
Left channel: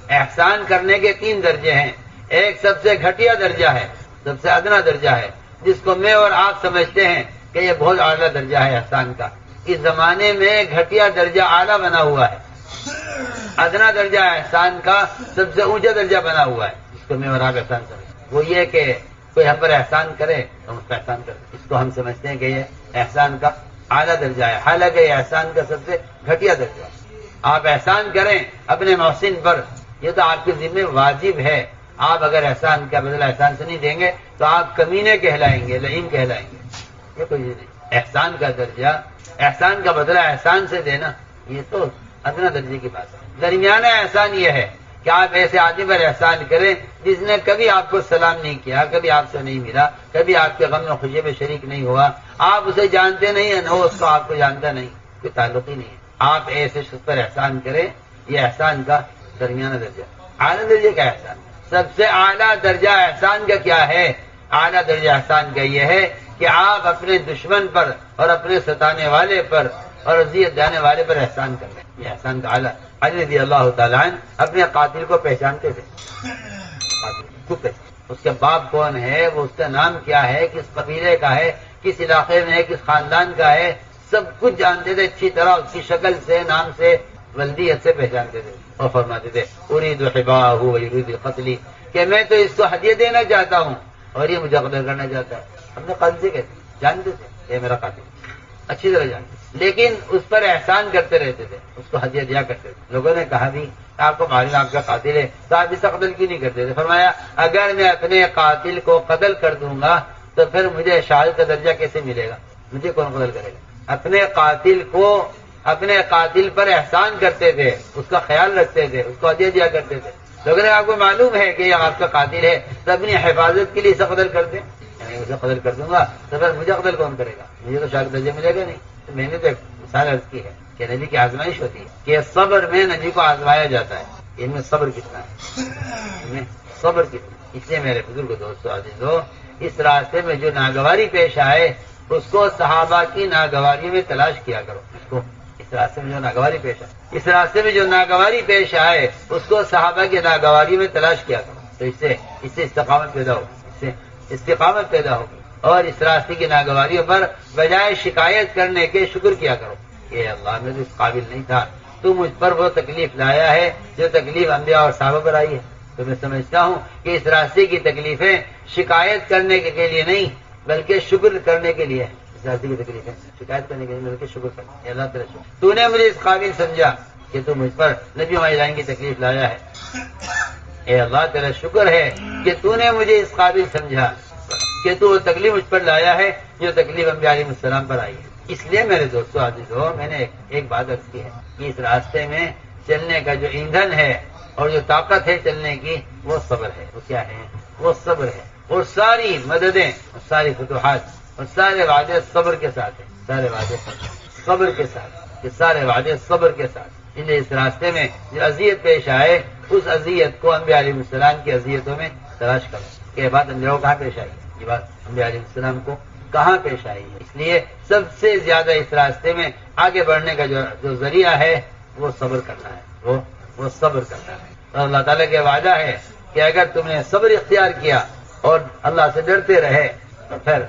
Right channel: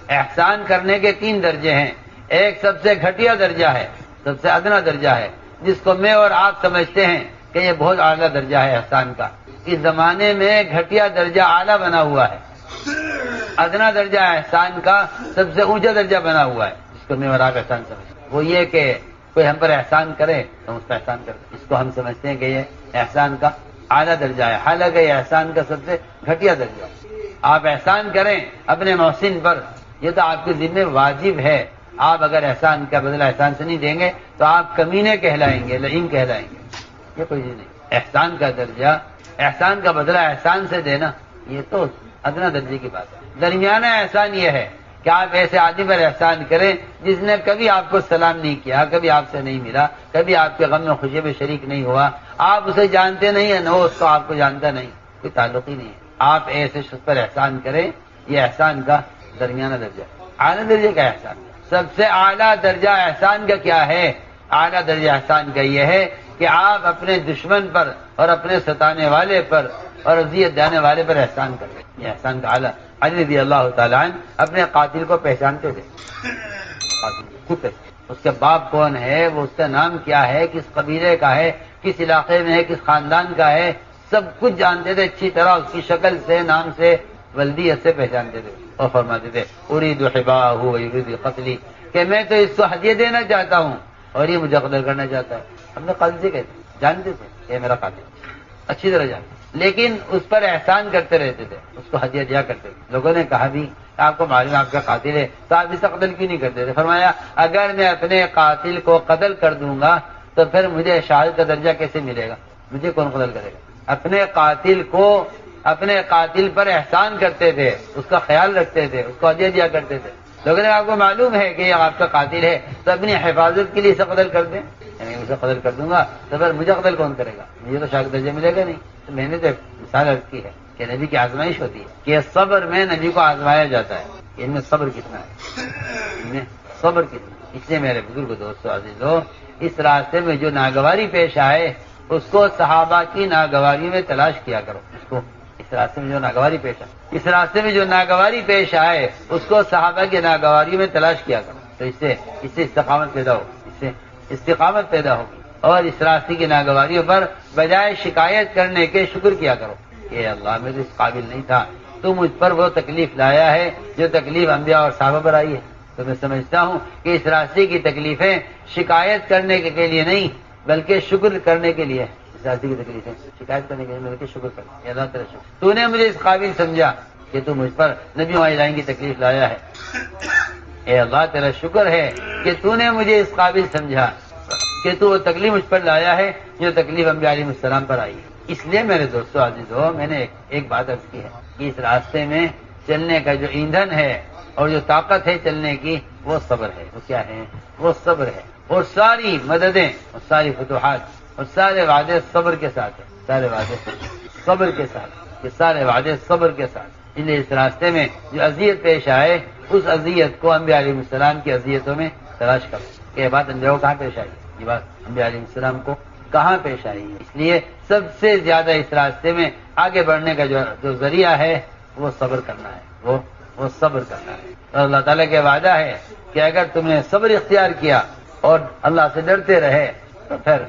احسان کرنے کے 3 درجے ہیں۔ ایک سب سے گھٹیا درجہ ہے، سب سے ادنا درجہ ہے، جس کو میں اور آپ سمجھتے ہیں کہ یہ بہت اعلیٰ درجہ ہے احسان کا۔ اس زمانے میں گھٹیا درجہ اعلیٰ بنا ہوا ہے، ادنا درجہ احسان کا سب سے اونچا درجہ بنا ہوا ہے، جس کو میں اور آپ احسان سمجھتے ہیں۔ وہ یہ کہ کوئی ہم پر احسان کرے تو ہم اس پر احسان کریں، اس کو ہم سمجھتے ہیں کہ یہ احسان کا اعلیٰ درجہ ہے، حالانکہ یہ احسان کا سب سے گھٹیا درجہ ہے۔ آپ احسان کریں اپنے محسن پر، یہ تو آپ کے ذمہ واجب ہے۔ آپ اگر احسان کا بدلہ احسان سے نہیں دیں گے تو آپ کمینے کہلائیں گے، لعین کہلائیں گے، یہ کوئی نہیں۔ احسان کا درجہ، احسان کا بدلہ احسان سے دینا، یہ تو ادنا درجے کی بات ہے۔ درمیانہ احسان یہ ہے کہ آپ ایسے آدمی پر احسان کریں جس نے کبھی آپ کو سلام نہیں کیا، کبھی آپ سے نہیں ملا، کبھی آپ کے غم میں خوشی میں شریک نہیں ہوا، آپ اسے جانتے نہیں ہیں، نہ اس کو آپ کو جانتا نہیں، کوئی تعلق ہی نہیں ہے۔ آپ ایسے شخص پر احسان کریں، یہ احسان کا درمیانہ درجہ۔ اعلیٰ درجے کا احسان، سب سے اعلیٰ درجہ احسان کا کیا ہے؟ اعلیٰ درجہ احسان کا یہ ہے کہ آپ اپنے دشمن پر اور اپنے ستانے والے پر اور اذیت دینے والے پر احسان کر لیں، یہ احسان کا اعلیٰ۔ علی رضی اللہ تعالیٰ عنہ اپنے قاتل کو پہچانتے تھے، اس کے باپ کون ہے، وہ اس کا نام کیا ہے، کس قبیلے کا ہے، کس علاقے میں ہے، کس خاندان کا ہے، سب کچھ جانتے تھے اچھی طرح، اس کی شکل سے، نام سے، ولدیت سے پہچانتے تھے، اور فرماتے تھے اريد حباہ ويريد قتلی، کہ میں تو اس کو ہدیہ دینا چاہتا ہوں اور یہ مجھے قتل کرنا چاہتا ہے۔ ہم نے قاتل سے کہتے جانتے تھے یہ میرا قاتل، اچھی طرح جانتے، لیکن اس پر احسان کرتے رہتے تھے، اس کو ہدیہ دیا کرتے تھے۔ لوگوں نے کہا بھی آپ کو معلوم آپ کا قاتل ہے تو آپ اسے قتل کیوں نہیں کرتے تھے؟ فرمایا اگر میں اپنے قاتل کو قتل کر دوں گا تو پھر مجھے شہادت کا درجہ کیسے ملے گا؟ مجھے کون قتل کرے گا؟ اپنے قاتل کو، اپنے قاتل پر احسان کرتے تھے، اس کا خیال رکھتے تھے، اس کو ہدیہ دیا کرتے تھے۔ لوگوں نے آپ کو معلوم ہے کہ یہ آپ کا قاتل ہے تو اپنی حفاظت کے لیے اسے قتل کر دیں، یعنی اسے قتل کر دوں گا تو پھر مجھے قتل کون کرے گا؟ مجھے تو شہادت درجہ ملے گا نہیں۔ تو میں نے تو مثال عرض کی ہے کہ نبی کی آزمائش ہوتی ہے کہ صبر میں نبی کو آزمایا جاتا ہے، ان میں صبر کتنا ہے، ان میں صبر کتنا ہے۔ اس لیے میرے بزرگ دوستو عزیزو، اس راستے میں جو ناگواری پیش آئے اس کو صحابہ کی ناگواری میں تلاش کیا کرو، اس راستے میں جو ناگواری پیش آئے، اس راستے میں جو ناگواری پیش آئے اس کو صحابہ کی ناگواری میں تلاش کیا کرو، تو اس سے استقامت پیدا ہوگی، اس سے استقامت پیدا ہوگی۔ اور اس راستے کی ناگواریوں پر بجائے شکایت کرنے کے شکر کیا کرو کہ اللہ میں تو اس قابل نہیں تھا، تو مجھ پر وہ تکلیف لایا ہے جو تکلیف انبیاء اور صحابہ پر آئی ہے۔ تو میں سمجھتا ہوں کہ اس راستے کی تکلیفیں شکایت کرنے کے لیے نہیں بلکہ شکر کرنے کے لیے، اس راستے کی تکلیفیں شکایت کرنے کے لیے بلکہ شکر کرنے۔ اللہ تعالیٰ شکر، تو نے مجھے اس قابل سمجھا کہ تو مجھ پر نبیوں علیہ کی تکلیف لایا ہے، اے اللہ تیرا شکر ہے کہ تو نے مجھے اس قابل سمجھا کہ تو وہ تکلیف مجھ پر لایا ہے جو تکلیف انبیاء علیہ السلام پر آئی ہے۔ اس لیے میرے دوستو عزیزو، میں نے ایک بات عرض کی ہے کہ اس راستے میں چلنے کا جو ایندھن ہے اور جو طاقت ہے چلنے کی، وہ صبر ہے۔ وہ کیا ہے؟ وہ صبر ہے۔ اور ساری مددیں اور ساری فتوحات اور سارے وعدے صبر کے ساتھ ہیں، سارے وعدے صبر کے ساتھ، یہ سارے وعدے صبر کے ساتھ۔ اس لیے اس راستے میں جو اذیت پیش آئے، اس اذیت کو انبیاء علیہ السلام کی اذیتوں میں تلاش کرو کہ یہ بات انبیاء کو کہاں پیش آئی ہے، یہ بات انبیاء علیہ السلام کو کہاں پیش آئی ہے۔ اس لیے سب سے زیادہ اس راستے میں آگے بڑھنے کا جو ذریعہ ہے وہ صبر کرنا ہے، وہ صبر کرنا ہے۔ اور اللہ تعالیٰ کے وعدہ ہے کہ اگر تم نے صبر اختیار کیا اور اللہ سے ڈرتے رہے تو پھر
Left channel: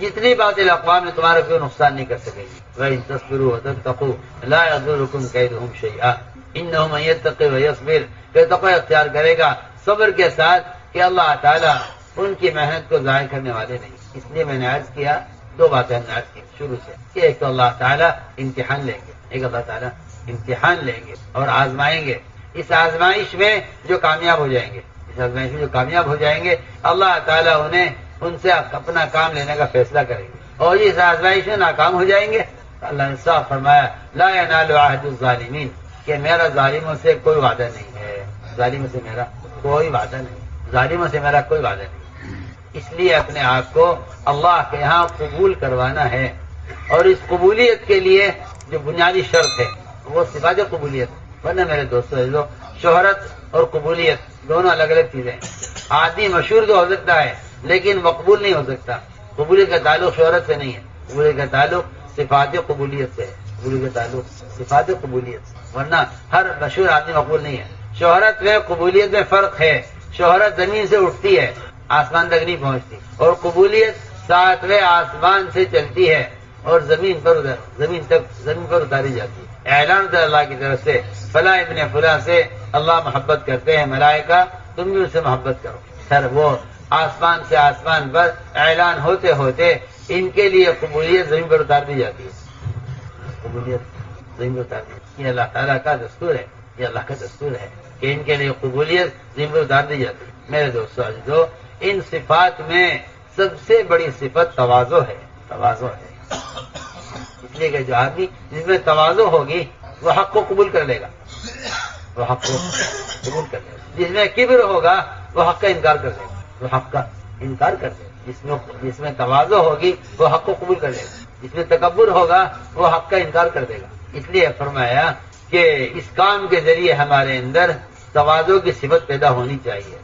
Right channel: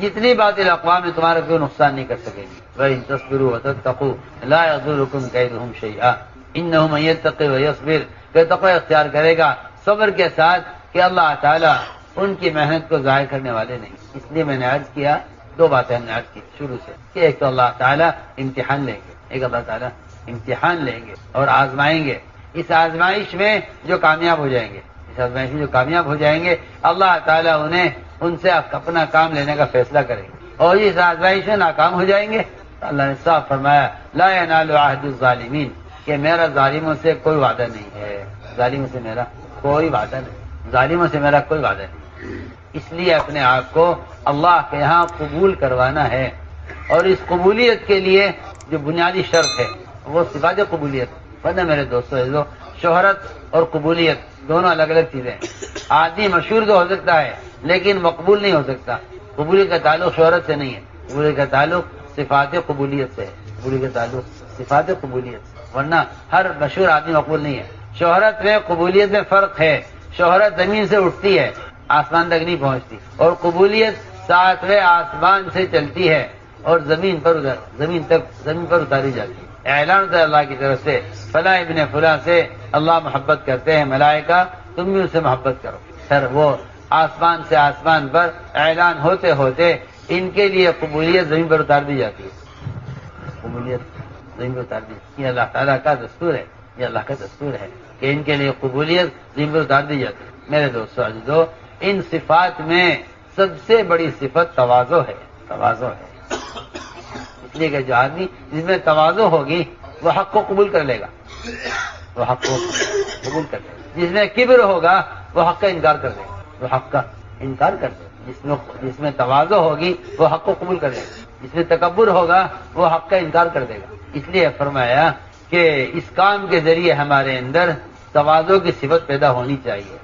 جتنی باطل اقوام میں تمہارا کوئی نقصان نہیں کر سکے گی۔ وَإِن تَصْبِرُوا وَتَتَّقُوا لَا يَضُرُّكُمْ كَيْدُهُمْ شَيْئًا إِنَّهُ مَن يَتَّقِ وَيَصْبِرْ، کہ تقوی اختیار کرے گا صبر کے ساتھ کہ اللہ تعالیٰ ان کی محنت کو ضائع کرنے والے نہیں۔ اس لیے میں نے عرض کیا، دو باتیں ہم نے عرض کی شروع سے کہ ایک تو اللہ تعالیٰ امتحان لیں گے، ایک اللہ تعالیٰ امتحان لیں گے اور آزمائیں گے۔ اس آزمائش میں جو کامیاب ہو جائیں گے، اس آزمائش میں جو کامیاب ہو جائیں گے، اللہ تعالیٰ انہیں ان سے اپنا کام لینے کا فیصلہ کریں گے۔ اور اس آزمائش میں ناکام ہو جائیں گے تو اللہ نے صاف فرمایا لا ینال عہد الظالمین، کہ میرا ظالموں سے کوئی وعدہ نہیں ہے، ظالموں سے میرا کوئی وعدہ نہیں، ظالموں سے میرا کوئی وعدہ نہیں۔ اس لیے اپنے آپ کو اللہ کے یہاں قبول کروانا ہے، اور اس قبولیت کے لیے جو بنیادی شرط ہے وہ صفات قبولیت۔ ورنہ میرے دوستو، شہرت اور قبولیت دونوں الگ الگ چیزیں ہیں۔ آدمی مشہور تو ہو سکتا ہے لیکن مقبول نہیں ہو سکتا۔ قبولیت کا تعلق شہرت سے نہیں ہے، قبولیت کا تعلق صفات قبولیت سے ہے، قبولیت کا تعلق صفات قبولیت سے۔ ورنہ ہر مشہور آدمی مقبول نہیں ہے۔ شہرت میں قبولیت میں فرق ہے، شہرت زمین سے اٹھتی ہے، آسمان تک نہیں پہنچتی، اور قبولیت ساتویں آسمان سے چلتی ہے اور زمین پر اتاری جاتی ہے۔ اعلان ہوتا ہے اللہ کی طرف سے، فلاں ابن فلاں سے اللہ محبت کرتے ہیں، ملائکہ تم بھی ان سے محبت کرو۔ سر وہ آسمان سے آسمان پر اعلان ہوتے ہوتے ان کے لیے قبولیت زمین پر اتار دی جاتی ہے، قبولیت زمین پر اتار دی جاتی ہے۔ یہ اللہ تعالیٰ کا دستور ہے، یہ اللہ کا دستور ہے کہ ان کے لیے قبولیت زمین پر اتار دی جاتی ہے۔ میرے دوستو عزیزو، ان صفات میں سب سے بڑی صفت تواضع ہے، تواضع ہے۔ اس لیے کہ جو آدمی جس میں تواضع ہوگی وہ حق کو قبول کر لے گا، وہ حق کو قبول کر لے گا۔ جس میں کبر ہوگا وہ حق کا انکار کر دے گا، وہ حق کا انکار کر دے گا۔ جس میں تواضع ہوگی وہ حق کو قبول کر لے گا، جس میں تکبر ہوگا وہ حق کا انکار کر دے گا۔ اس لیے فرمایا کہ اس کام کے ذریعے ہمارے اندر تواضع کی صفت پیدا ہونی چاہیے۔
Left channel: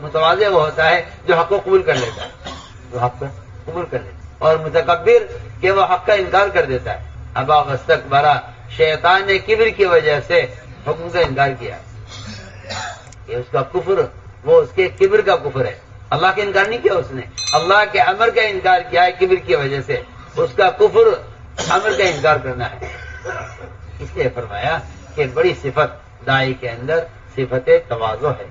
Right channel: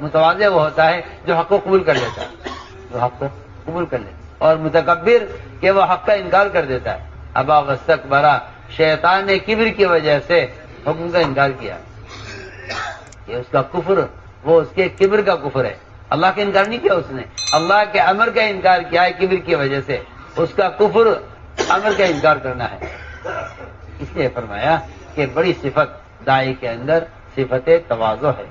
متواضع وہ ہوتا ہے جو حق کو قبول کر لیتا ہے، جو حق کو قبول کر لیتا ہے، اور متکبر کہ وہ حق کا انکار کر دیتا ہے۔ ابا واستکبر، شیطان نے کبر کی وجہ سے حکم کا انکار کیا، یہ اس کا کفر، وہ اس کے کبر کا کفر ہے۔ اللہ کا انکار نہیں کیا اس نے، اللہ کے امر کا انکار کیا ہے کبر کی وجہ سے، اس کا کفر امر کا انکار کرنا ہے۔ اس لیے فرمایا کہ بڑی صفت داعی کے اندر صفت تواضع ہے،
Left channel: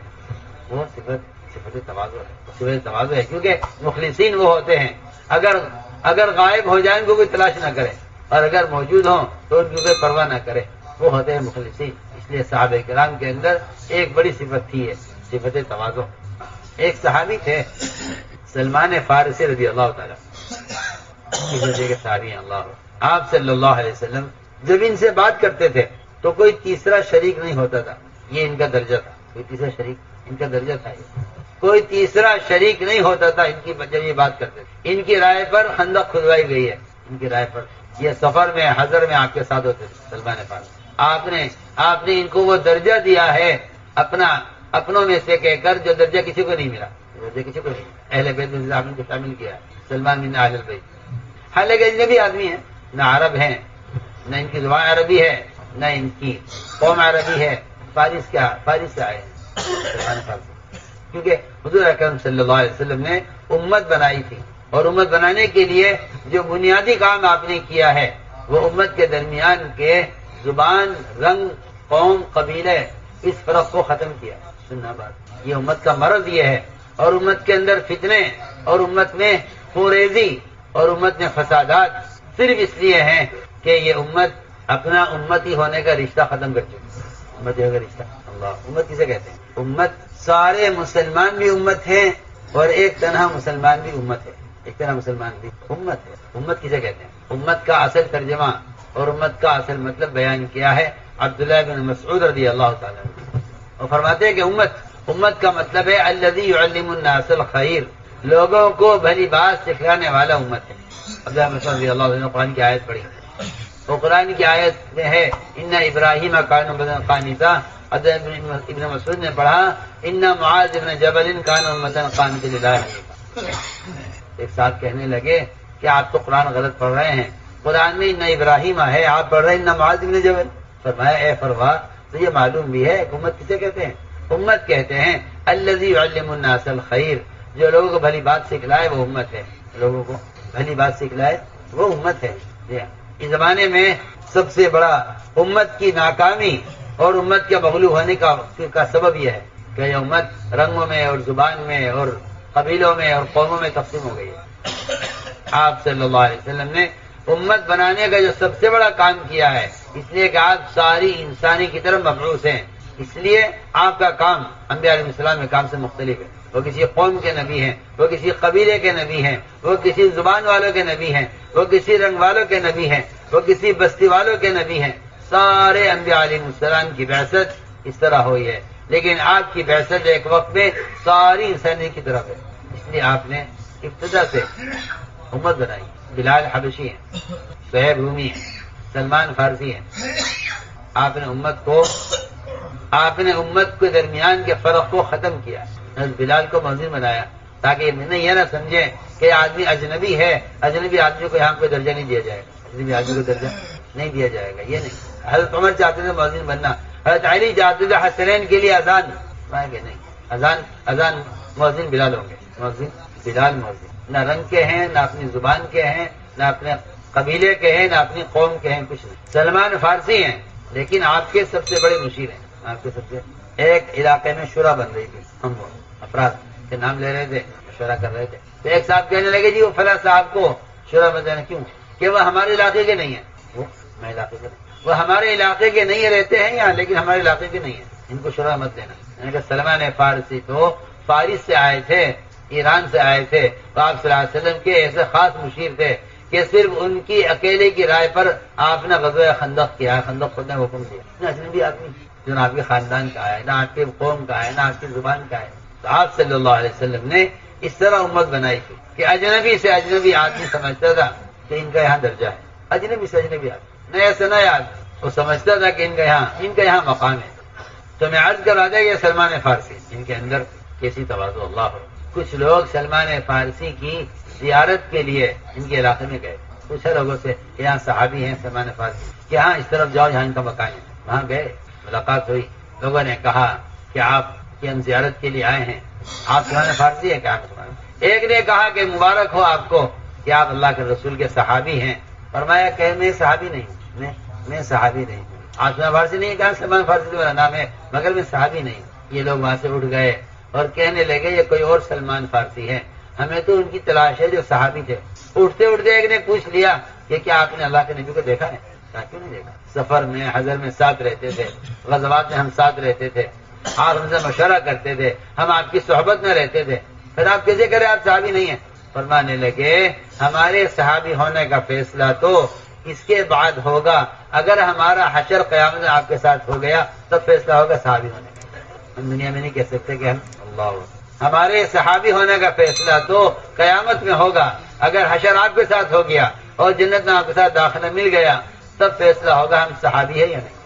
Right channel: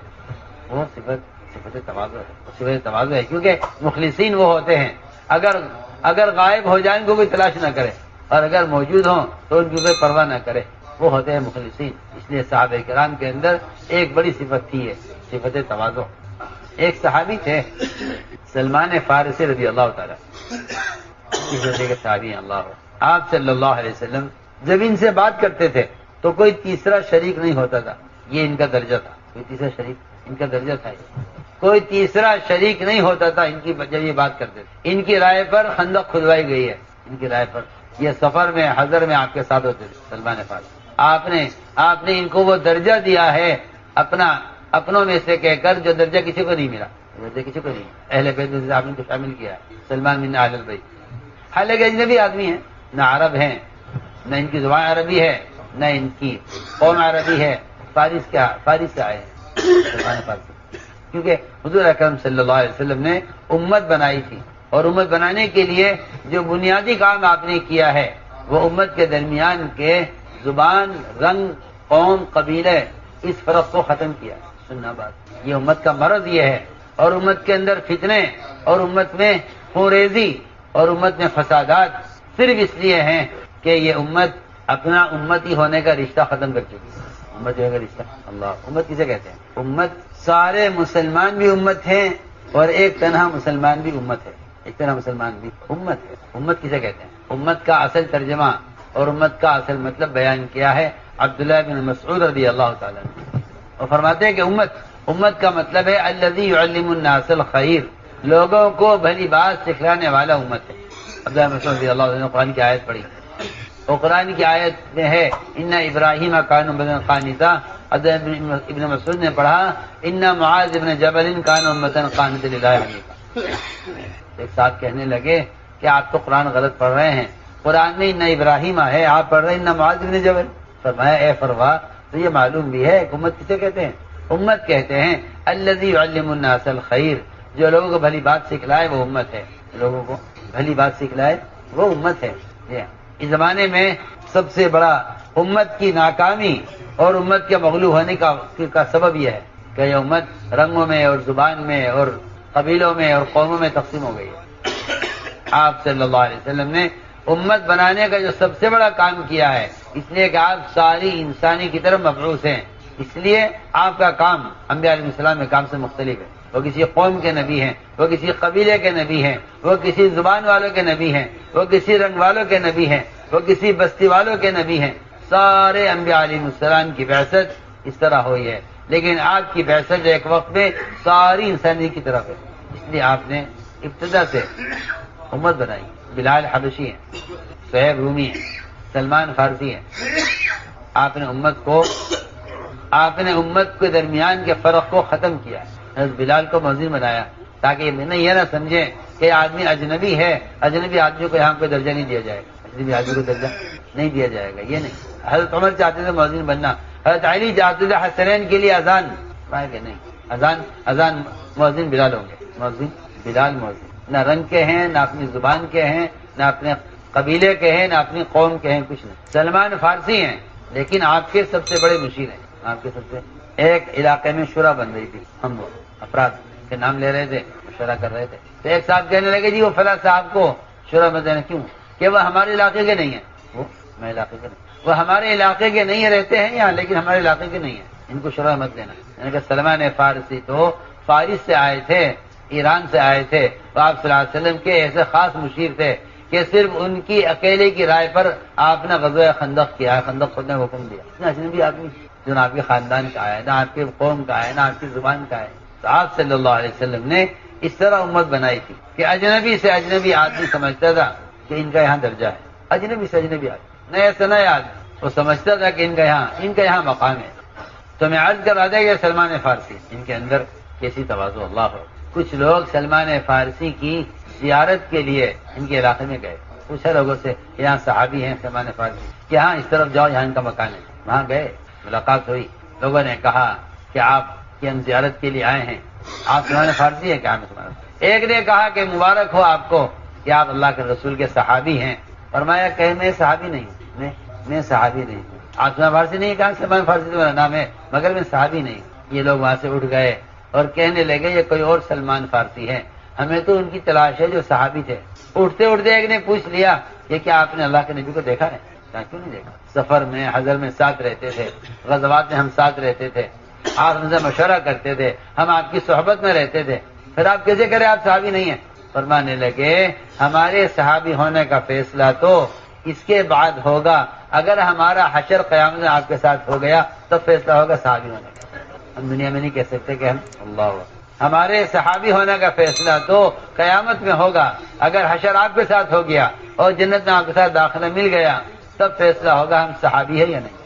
وہ صفت تواضع ہے، صفت تواضع ہے، کیونکہ مخلصین وہ ہوتے ہیں اگر غائب ہو جائیں تو کوئی تلاش نہ کرے، اور اگر موجود ہوں تو ان کی کوئی پرواہ نہ کرے، وہ ہوتے ہیں مخلصین۔ اس لیے صحابہ کرام کے اندر ایک بڑی صفت تھی ہے، صفت تواضع۔ ایک صحابی تھے سلمان فارسی رضی اللہ تعالیٰ، صحابی اللہ، آپ صلی اللہ علیہ وسلم جب ان سے بات کرتے تھے تو کوئی تیسرا شریک نہیں ہوتا تھا، یہ ان کا درجہ تھا، کوئی تیسرا شریک ان کا درجہ تھا، کوئی تیسرا شریک نہیں ہوتا تھا ان کی جب یہ بات کرتے تھے۔ ان کی رائے پر خندق کھدوائی گئی ہے، ان کی رائے پر یہ سفر میں حضر میں آپ کے ساتھ ہوتے تھے سلمان فارسی۔ آپ نے ان کو وہ درجہ دیا ہے اپنوں میں سے کہہ کر جو درجہ کسی کو نہیں ملا، درجہ کسی کو نہیں ملا۔ اہل بیت میں آپ نے شامل کیا سلمان بن اہل بیت، حالانکہ اجنبی آدمی ہیں، نہ عرب ہیں، نہ ان کی زبان عربی ہے، نہ ان کی قوم عربی ہے، فارس سے آئے ہیں سلمان فارسی، کیونکہ حضور اکرم صلی اللہ علیہ وسلم نے امت بنائی تھی، اور امت بنانے کے لیے جو بنیادی کام آپ نے کیا ہے وہ امت کے درمیان کے زبان، رنگ، قوم، قبیلے، اس فرق کو ختم کیا۔ سننا بات، یہ امت کا مرض یہ ہے، اور امت کے اندر فتنے، اور امت میں خونریزی، اور امت میں فسادات صرف اس لیے ہیں کہ یہ امت اپنا امتی ہونے کا رشتہ ختم کر چکی ہے۔ امت کا رشتہ، اللہ، امت کسے کہتے ہیں؟ امت سارے مسلمان بھی امت ہیں، اور ایک تنہا مسلمان بھی امت ہے، ایک تنہا مسلمان بھی امت ہے۔ امت کسے کہتے ہیں؟ امت کا اصل ترجمہ اور امت کا اصل مطلب بیان کیا ہے عبداللہ بن مسعود رضی اللہ تعالیٰ عنہ، اور فرماتے ہیں کہ امت کا مطلب ہے الذی یعلم الناس الخیر، لوگوں کو بھلی بات سکھلانے والا امت ہے۔ عبداللہ بن مسعود رضی اللہ عنہ نے قرآن کی آیت پڑھی، اور قرآن کی آیت میں ہے ان ابراہیم کان امۃ قانتا، ابن مسعود نے پڑھا ان معاذ بن جبل کان امۃ قانتا للہ حنیفا۔ ایک ساتھ کہنے لگے کہ آپ تو قرآن غلط پڑھ رہے ہیں، قرآن میں ان ابراہیم ہے، آپ پڑھ رہے ہیں ان معاذ بن جبل۔ فرمایا اے فروا، تو یہ معلوم بھی ہے کہ امت کسے کہتے ہیں؟ امت کہتے ہیں الذی یعلم الناس الخیر، جو لوگوں کو بھلی بات سکھلائے وہ امت ہے، لوگوں کو بھلی بات سکھلائے وہ امت ہے۔ اس زمانے میں سب سے بڑا امت کی ناکامی اور امت کے مغلوب ہونے کا سبب یہ ہے کہ یہ امت رنگوں میں اور زبان میں اور قبیلوں میں اور قوموں میں تقسیم ہو گئی ہے۔ آپ صلی اللہ علیہ وسلم نے امت بنانے کا جو سب سے بڑا کام کیا ہے، اس لیے کہ آپ ساری انسانی کی طرف مبعوث ہیں، اس لیے آپ کا کام انبیاء علیہ السلام کے کام سے مختلف ہے۔ وہ کسی قوم کے نبی ہیں، وہ کسی قبیلے کے نبی ہیں، وہ کسی زبان والوں کے نبی ہیں، وہ کسی رنگ والوں کے نبی ہیں، وہ کسی بستی والوں کے نبی ہیں۔ سارے انبیاء علیہ السلام کی بعثت اس طرح ہوئی ہے، لیکن آپ کی بعثت ایک وقت میں ساری انسانی کی طرف ہے، اس لیے آپ نے ابتدا سے امت بنائی۔ بلال حبشی ہیں، سہیب رومی ہیں، سلمان فارسی ہیں۔ آپ نے امت کے درمیان کے فرق کو ختم کیا، بلال کو مؤذن بنایا تاکہ یہ نہ سمجھیں کہ آدمی اجنبی ہے، اجنبی آدمی کو یہاں کوئی درجہ نہیں دیا جائے گا، اجنبی آدمی کو درجہ نہیں دیا جائے گا، یہ نہیں۔ حضرت عمر چاہتے تھے مؤذن بننا، حضرت علی چاہتے تھے حسنین کے لیے اذان، کہ نہیں، اذان مؤذن بلال ہوں گے، مؤذن بلال مؤذن، نہ رنگ کے ہیں، نہ اپنی زبان کے ہیں، نہ اپنے قبیلے کے ہیں، نہ اپنی قوم کے ہیں، کچھ نہیں۔ سلمان فارسی ہیں لیکن آپ کے سب سے بڑے مشیر ہیں، آپ کے سب سے۔ ایک علاقے میں شورا بن رہی تھی، ہم افراد کے نام لے رہے تھے، مشورہ کر رہے تھے، تو ایک صاحب کہنے لگے جی وہ فلاں صاحب کو شورا میں دینا کیوں، کہ وہ ہمارے علاقے کے نہیں ہیں، وہ ہمارے علاقے کے نہیں، وہ ہمارے علاقے کے نہیں رہتے ہیں یہاں لیکن ہمارے علاقے کے نہیں ہیں، ان کو شورا مت دینا۔ یعنی کہ سلمان فارسی تو فارس سے آئے تھے، ایران سے آئے تھے، تو آپ صلی اللہ علیہ وسلم کے ایسے خاص مشیر تھے کہ صرف ان کی اکیلے کی رائے پر آپ نے غزوہ خندق کیا، خندق خود نے حکم دیا۔ نہ اجنبی آدمی جو نہ آپ کے خاندان کا ہے، نہ آپ کے قوم کا ہے، نہ آپ کی زبان کا ہے، تو آپ صلی اللہ علیہ وسلم نے اس طرح امت بنائی تھی کہ اجنبی سے اجنبی آدمی سمجھتا تھا کہ ان کا یہاں درجہ ہے، اجنبی سے اجنبی آدمی، نئے سے نئے آدمی وہ سمجھتا تھا کہ ان کا یہاں مقام ہے۔ تو میں عرض کرا دیا کہ سلمان فارسی ان کے اندر کیسی تواضع اللہ ہو۔ کچھ لوگ سلمان فارسی کی زیارت کے لیے ان کے علاقے میں گئے، پوچھا لوگوں سے کہ یہاں صحابی ہیں سلمان فارسی، کہ ہاں اس طرف جاؤ یہاں ان کا مکان ہے، وہاں گئے، ملاقات ہوئی، لوگوں نے کہا کہ آپ کی ہم زیارت کے لیے آئے ہیں، آپ سلمان فارسی ہیں کیا؟ ایک نے کہا کہ مبارک ہو آپ کو کہ آپ اللہ کے رسول کے صحابی ہیں۔ فرمایا کہ میں صحابی نہیں ہوں، میں صحابی نہیں ہوں۔ آپ سلمان فارسی نہیں کہا، سلمان فارسی تو میرا نام ہے مگر میں صحابی نہیں ہوں۔ یہ لوگ وہاں سے اٹھ گئے اور کہنے لگے یہ کوئی اور سلمان فارسی ہے، ہمیں تو ان کی تلاش ہے جو صحابی تھے۔ اٹھتے اٹھتے ایک نے پوچھ لیا کہ کیا آپ نے اللہ کے نبی کو دیکھا ہے؟ کیوں نہیں دیکھا؟ سفر میں حضر میں ساتھ رہتے تھے، غزوات میں ہم ساتھ رہتے تھے، آپ ہم سے مشورہ کرتے تھے، ہم آپ کی صحبت میں رہتے تھے، پھر آپ کیسے کرے آپ صحابی نہیں ہیں؟ فرمانے لگے ہمارے صحابی ہونے کا فیصلہ تو اس کے بعد ہوگا، اگر ہمارا حشر قیامت میں آپ کے ساتھ ہو گیا تب فیصلہ ہوگا صحابی ہونے کا۔ ہم دنیا میں نہیں کہہ سکتے کہ ہمارے صحابی ہونے کا فیصلہ تو قیامت میں ہوگا، اگر حشر آپ کے ساتھ ہو گیا اور جنت میں آپ کے ساتھ داخلہ مل گیا تب فیصلہ ہوگا ہم صحابی ہے یا نہیں۔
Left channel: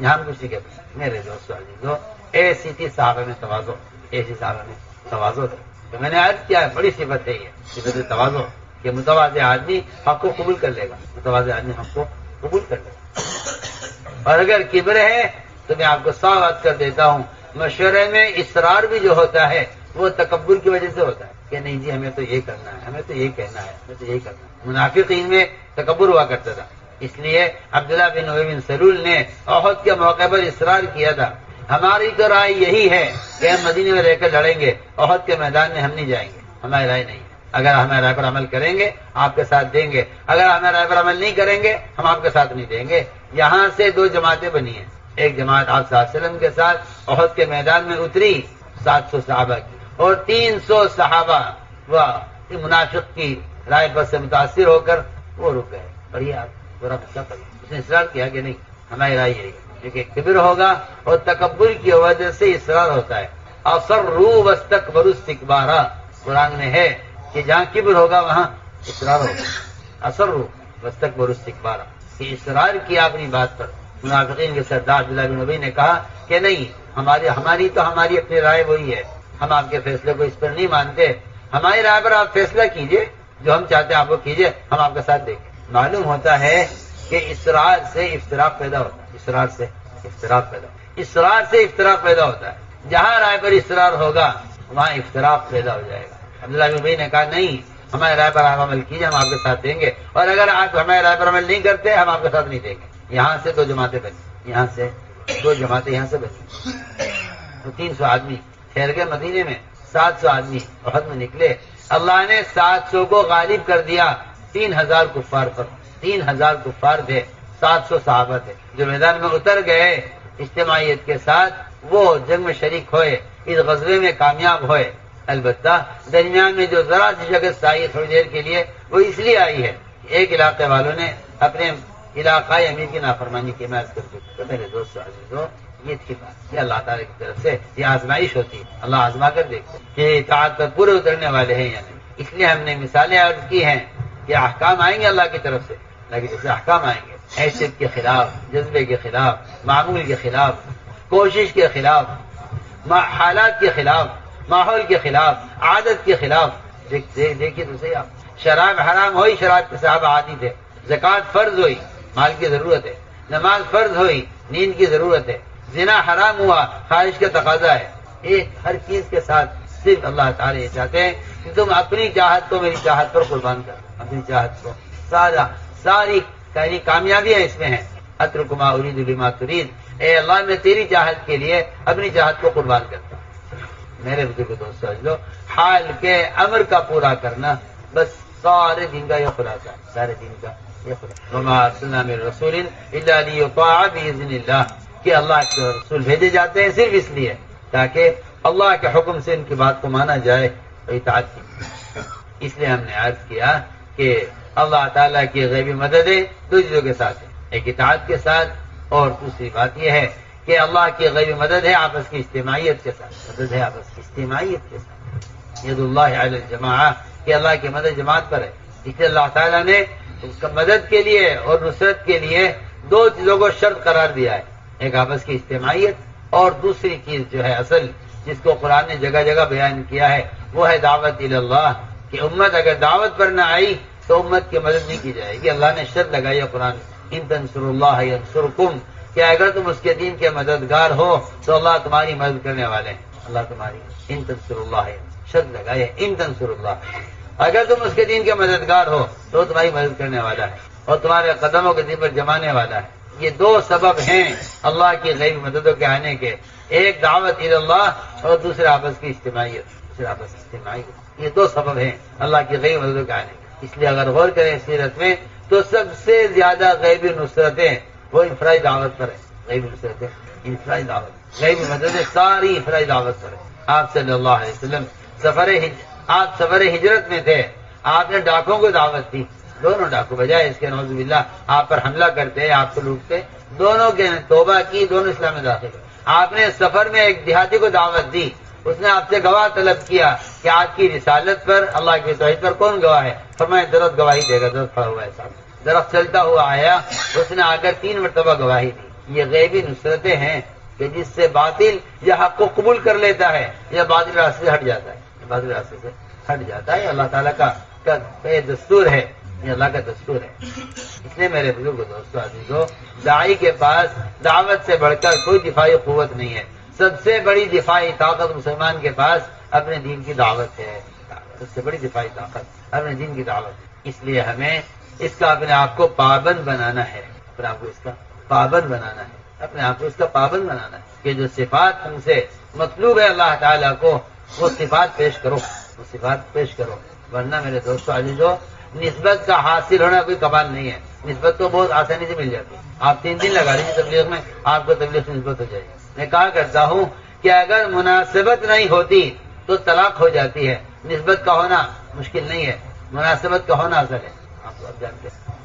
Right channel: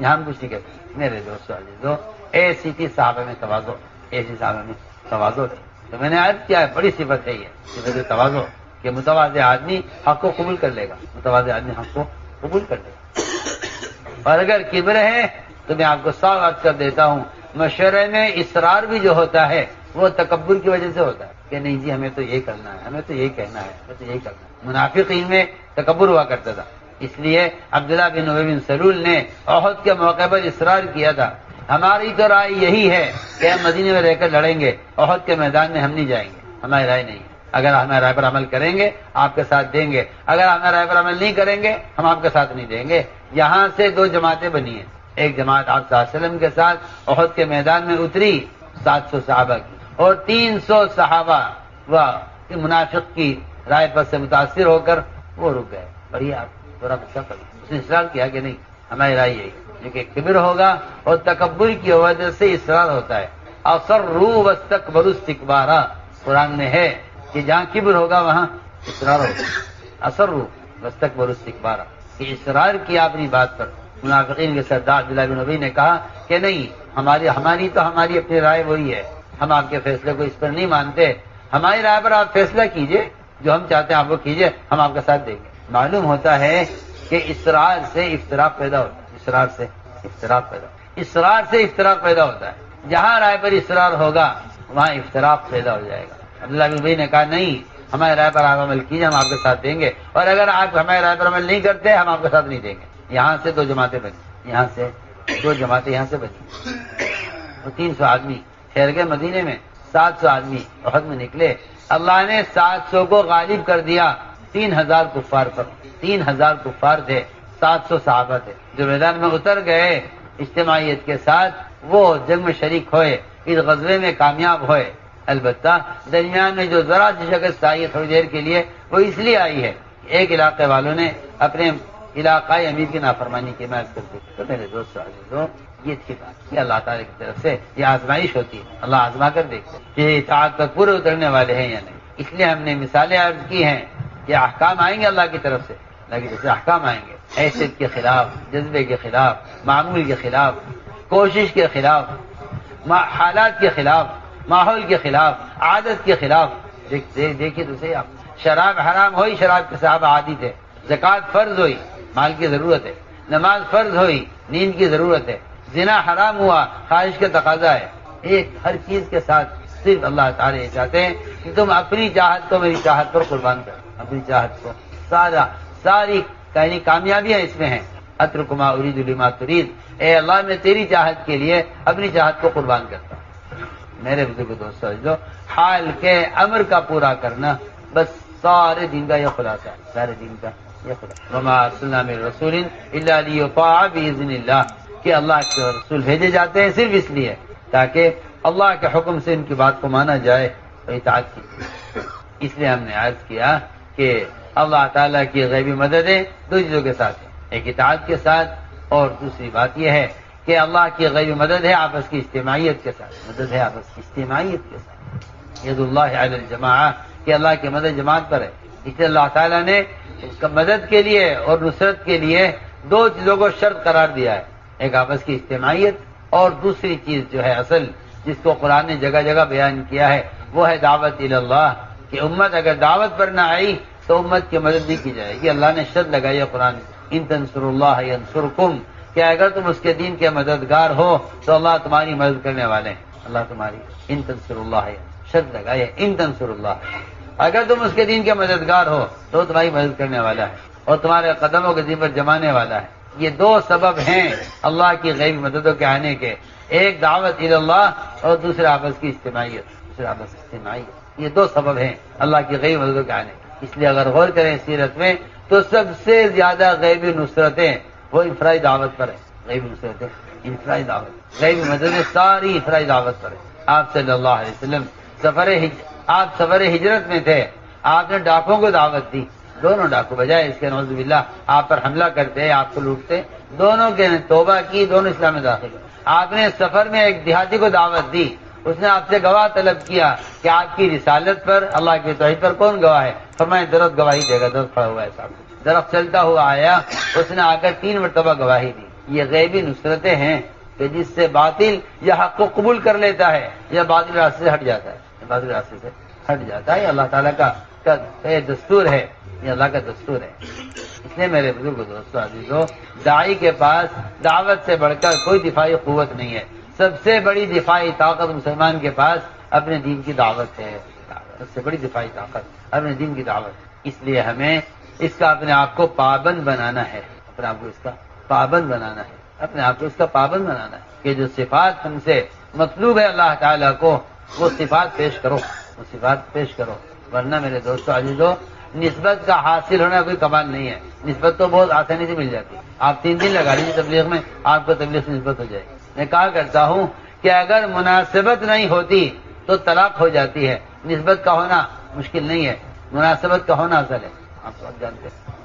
یہاں ہم کچھ نہیں کہتے۔ میرے دوستو عزیزو، ایسی تھی صحابہ میں تواضع، ایسی صحابہ میں تواضع تھی۔ تو میں نے عرض کیا ہے بڑی صفت ہے یہ صفت تواضع، کہ متواضع آدمی حق کو قبول کر لے گا، متواضع آدمی حق کو قبول کر لے گا۔ اور اگر کبر ہے تو میں آپ کو صاف بات کر دیتا ہوں، مشورے میں اصرار بھی جو ہوتا ہے وہ تکبر کی وجہ سے ہوتا ہے کہ نہیں جی ہمیں تو یہ کرنا ہے، ہمیں تو یہ کہنا ہے، ہمیں تو یہ کرنا ہے۔ منافقین میں تکبر ہوا کرتا تھا، اس لیے عبداللہ بن ابی بن سلول نے احد کے موقع پر اصرار کیا تھا، ہماری تو رائے یہی ہے کہ ہم مدینے میں رہ کر لڑیں گے، احد کے میدان میں ہم نہیں جائیں گے، ہماری رائے نہیں ہے، اگر ہمیں رائے پر عمل کریں گے آپ کے ساتھ دیں گے، اگر ہمیں رائے پر عمل نہیں کریں گے ہم آپ کے ساتھ نہیں دیں گے۔ یہاں سے دو جماعتیں بنی ہیں، ایک جماعت آپ صلی اللہ علیہ وسلم کے ساتھ احد کے میدان میں اتری 700 صحابہ کی، اور 300 صحابہ وہ منافق کی رائے پر سے متاثر ہو کر وہ رک گئے۔ اور یہ آپ ذرا بچہ پڑی، اس نے اصرار کیا کہ نہیں ہماری رائے یہی، لیکن کبر ہوگا اور تکبر کی وجہ سے اصرار ہوتا ہے. اصروا واستكبروا استكبارا قرآن میں ہے کہ جہاں کبر ہوگا وہاں اصرار ہوگا. اصروا واستكبروا استكبارا کہ اصرار کیا اپنی بات پر. منافقین کے سردار عبداللہ بن ابی نے کہا کہ نہیں، ہماری اپنی رائے وہی ہے، ہم آپ کے فیصلے کو اس پر نہیں مانتے، ہماری رائے پر آپ فیصلہ کیجئے، جو ہم چاہتے ہیں آپ وہ کیجئے، ہم آپ کا ساتھ دیں گے. معلوم ہوتا ہے کہ اصرار سے افتراق پیدا ہوتا ہے. اصرار سے افتراق پیدا ہوتا ہے. جہاں رائے پر اصرار ہوگا وہاں افتراق پیدا ہو جائے گا. عبداللہ بن ابی نے کہا نہیں، ہمارے رائے پر آپ عمل کیجیے، ہم آپ کے ساتھ دیں گے، اور اگر آپ ہمارے رائے پر عمل نہیں کرتے ہم آپ کے ساتھ نہیں دیں گے. یہاں سے 2 جماعتیں بنی، یہاں سے 300 آدمی ٹھہر گئے مدینے میں. 700 آدمی احد میں نکلے. اللہ نے 700 کو غالب کر دیا 3000 کفار پر. 3000 کفار تھے، 700 صحابہ تھے جو میدان میں اتر گئے اجتماعیت کے ساتھ. وہ جنگ میں شریک ہوئے، اس غزوے میں کامیاب ہوئے. البتہ درمیان میں جو ذرا سی شکست آئی تھوڑی دیر کے لیے، وہ اس لیے آئی ہے کہ ایک علاقے والوں نے اپنے علاقائی امیر کی نافرمانی کی. میں تو میرے دوست عزیزوں، یہ تھی بات، یہ اللہ تعالیٰ کی طرف سے یہ آزمائش ہوتی ہے. اللہ آزما کر دیکھتے کہ اطاعت پر پورے اترنے والے ہیں یا نہیں. اس لیے ہم نے مثالیں عرض کی ہیں کہ احکام آئیں گے اللہ کی طرف سے، اللہ کی طرف سے احکام آئیں گے حیثیت کے خلاف، جذبے کے خلاف، معمول کے خلاف، کوشش کے خلاف، حالات کے خلاف، ماحول کے خلاف، عادت کے خلاف. دیکھیے تو صحیح، آپ شراب حرام ہوئی، شراب کے صحابہ عادی تھے. زکوٰۃ فرض ہوئی، مال کی ضرورت ہے. نماز فرض ہوئی، نیند کی ضرورت ہے. زنا حرام ہوا، خواہش کا تقاضا ہے. ایک ہر چیز کے ساتھ صرف اللہ تعالیٰ یہ چاہتے ہیں کہ تم اپنی چاہت کو میری چاہت پر قربان کرو. اپنی چاہت کو ساری کامیابیاں اس میں ہیں. اترکما ارید لما ترید، اے اللہ میں تیری چاہت کے لیے اپنی چاہت کو قربان کرتا ہوں. میرے بزرگ دوست سمجھ لو، حال کے امر کا پورا کرنا بس سارے دین کا یہ خلاصہ ہے. سارے دین کا یہ خلاصہ. وما ارسلنا من رسول الا لیطاع باذن اللہ، کہ اللہ کے رسول بھیجے جاتے ہیں صرف اس لیے تاکہ اللہ کے حکم سے ان کی بات کو مانا جائے اور اطاعت کی. اس لیے ہم نے عرض کیا کہ اللہ تعالیٰ کی غیبی مددیں 2 چیزوں کے ساتھ ہیں، ایک اطاعت کے ساتھ، اور دوسری بات یہ ہے کہ اللہ کی غیبی مدد ہے آپس کی اجتماعیت کے ساتھ. مدد ہے آپس کی اجتماعیت کے ساتھ. ید اللہ علی الجماعہ، کہ اللہ کی مدد جماعت پر ہے. اس لیے اللہ تعالیٰ نے اس کا مدد کے لیے اور نصرت کے لیے 2 چیزوں کو شرط قرار دیا ہے، ایک آپس کی اجتماعیت، اور دوسری چیز جو ہے اصل جس کو قرآن نے جگہ جگہ بیان کیا ہے وہ ہے دعوت الی اللہ، کہ امت اگر دعوت پر نہ آئی تو امت کی مدد نہیں کی جائے گی. اللہ نے شرط لگائی ہے قرآن، ان تنصروا اللہ ینصرکم، کہ اگر تم اس کے دین کے مددگار ہو تو اللہ تمہاری مدد کرنے والے ہیں. اللہ تمہاری، ان تنصروا اللہ، شرط لگائی ہے ان تنصروا اللہ، اگر تم اس کے دین کے مددگار ہو تو تمہاری مدد کرنے والا ہے اور تمہارے قدموں کے دین پر جمانے والا ہے. یہ 2 سبب ہیں اللہ کی غیبی مددوں کے آنے کے، ایک دعوت الی اللہ اور دوسرا آپس کی اجتماعیت. یہ 2 سبب ہیں اللہ کی غیبی مددوں کے آنے کے. اس لیے اگر غور کریں سیرت میں تو سب سے زیادہ غیبی نصرتیں وہ انفرادی دعوت پر ہیں. غیبی نصرتیں انفرادی دعوت، غیبی مددیں ساری انفرادی دعوت پر ہیں. آپ صلی اللہ علیہ وسلم آپ سفر ہجرت میں تھے، آپ نے ڈاکوں کو دعوت دی. دونوں ڈاکو بجائے اس کے نعوذ باللہ آپ پر حملہ کرتے، آپ کو لوٹتے، دونوں کے توبہ کی، دونوں اسلام میں داخل ہوئے. آپ نے سفر میں ایک دیہاتی کو دعوت دی، اس نے آپ سے گواہ طلب کیا کہ آپ کی رسالت پر، اللہ کی توحید پر کون گواہ ہے؟ فرمایا درخت گواہی دے گا. درخت کھڑا ہوا ہے صاحب، درخت چلتا ہوا آیا، اس نے آ کر 3 مرتبہ گواہی دی. یہ غیبی نصرتیں ہیں کہ جس سے باطل یا حق کو قبول کر لیتا ہے یا باطل راستے سے ہٹ جاتا ہے. باطل راستے سے ہٹ جاتا ہے. اللہ تعالیٰ کا یہ دستور ہے، یہ اللہ کا دستور ہے. اس لیے میرے بزرگ دوستو عزیزو، داعی کے پاس دعوت سے بڑھ کر کوئی دفاعی قوت نہیں ہے. سب سے بڑی دفاعی طاقت مسلمان کے پاس اپنے دین کی دعوت ہے. سب سے بڑی دفاعی طاقت اپنے دین کی دعوت. اس لیے ہمیں اس کا اپنے آپ کو پابند بنانا ہے. اپنے آپ کو اس کا پابند بنانا ہے. اپنے آپ کو اس کا پابند بنانا ہے کہ جو صفات ہم سے مطلوب ہے اللہ تعالیٰ کو، وہ صفات پیش کرو، وہ صفات پیش کرو. ورنہ میرے دوستو عزیزو، نسبت کا حاصل ہونا کوئی کمال نہیں ہے. نسبت تو بہت آسانی سے مل جاتی ہے. آپ 3 دن لگا لیجیے تبلیغ میں، آپ کو تبلیغ سے نسبت ہو جائے گی. میں کہا کرتا ہوں کہ اگر مناسبت نہیں ہوتی تو طلاق ہو جاتی ہے. نسبت کا ہونا مشکل نہیں ہے، مناسبت کا ہونا اصل ہے. آپ کو جانتے ہیں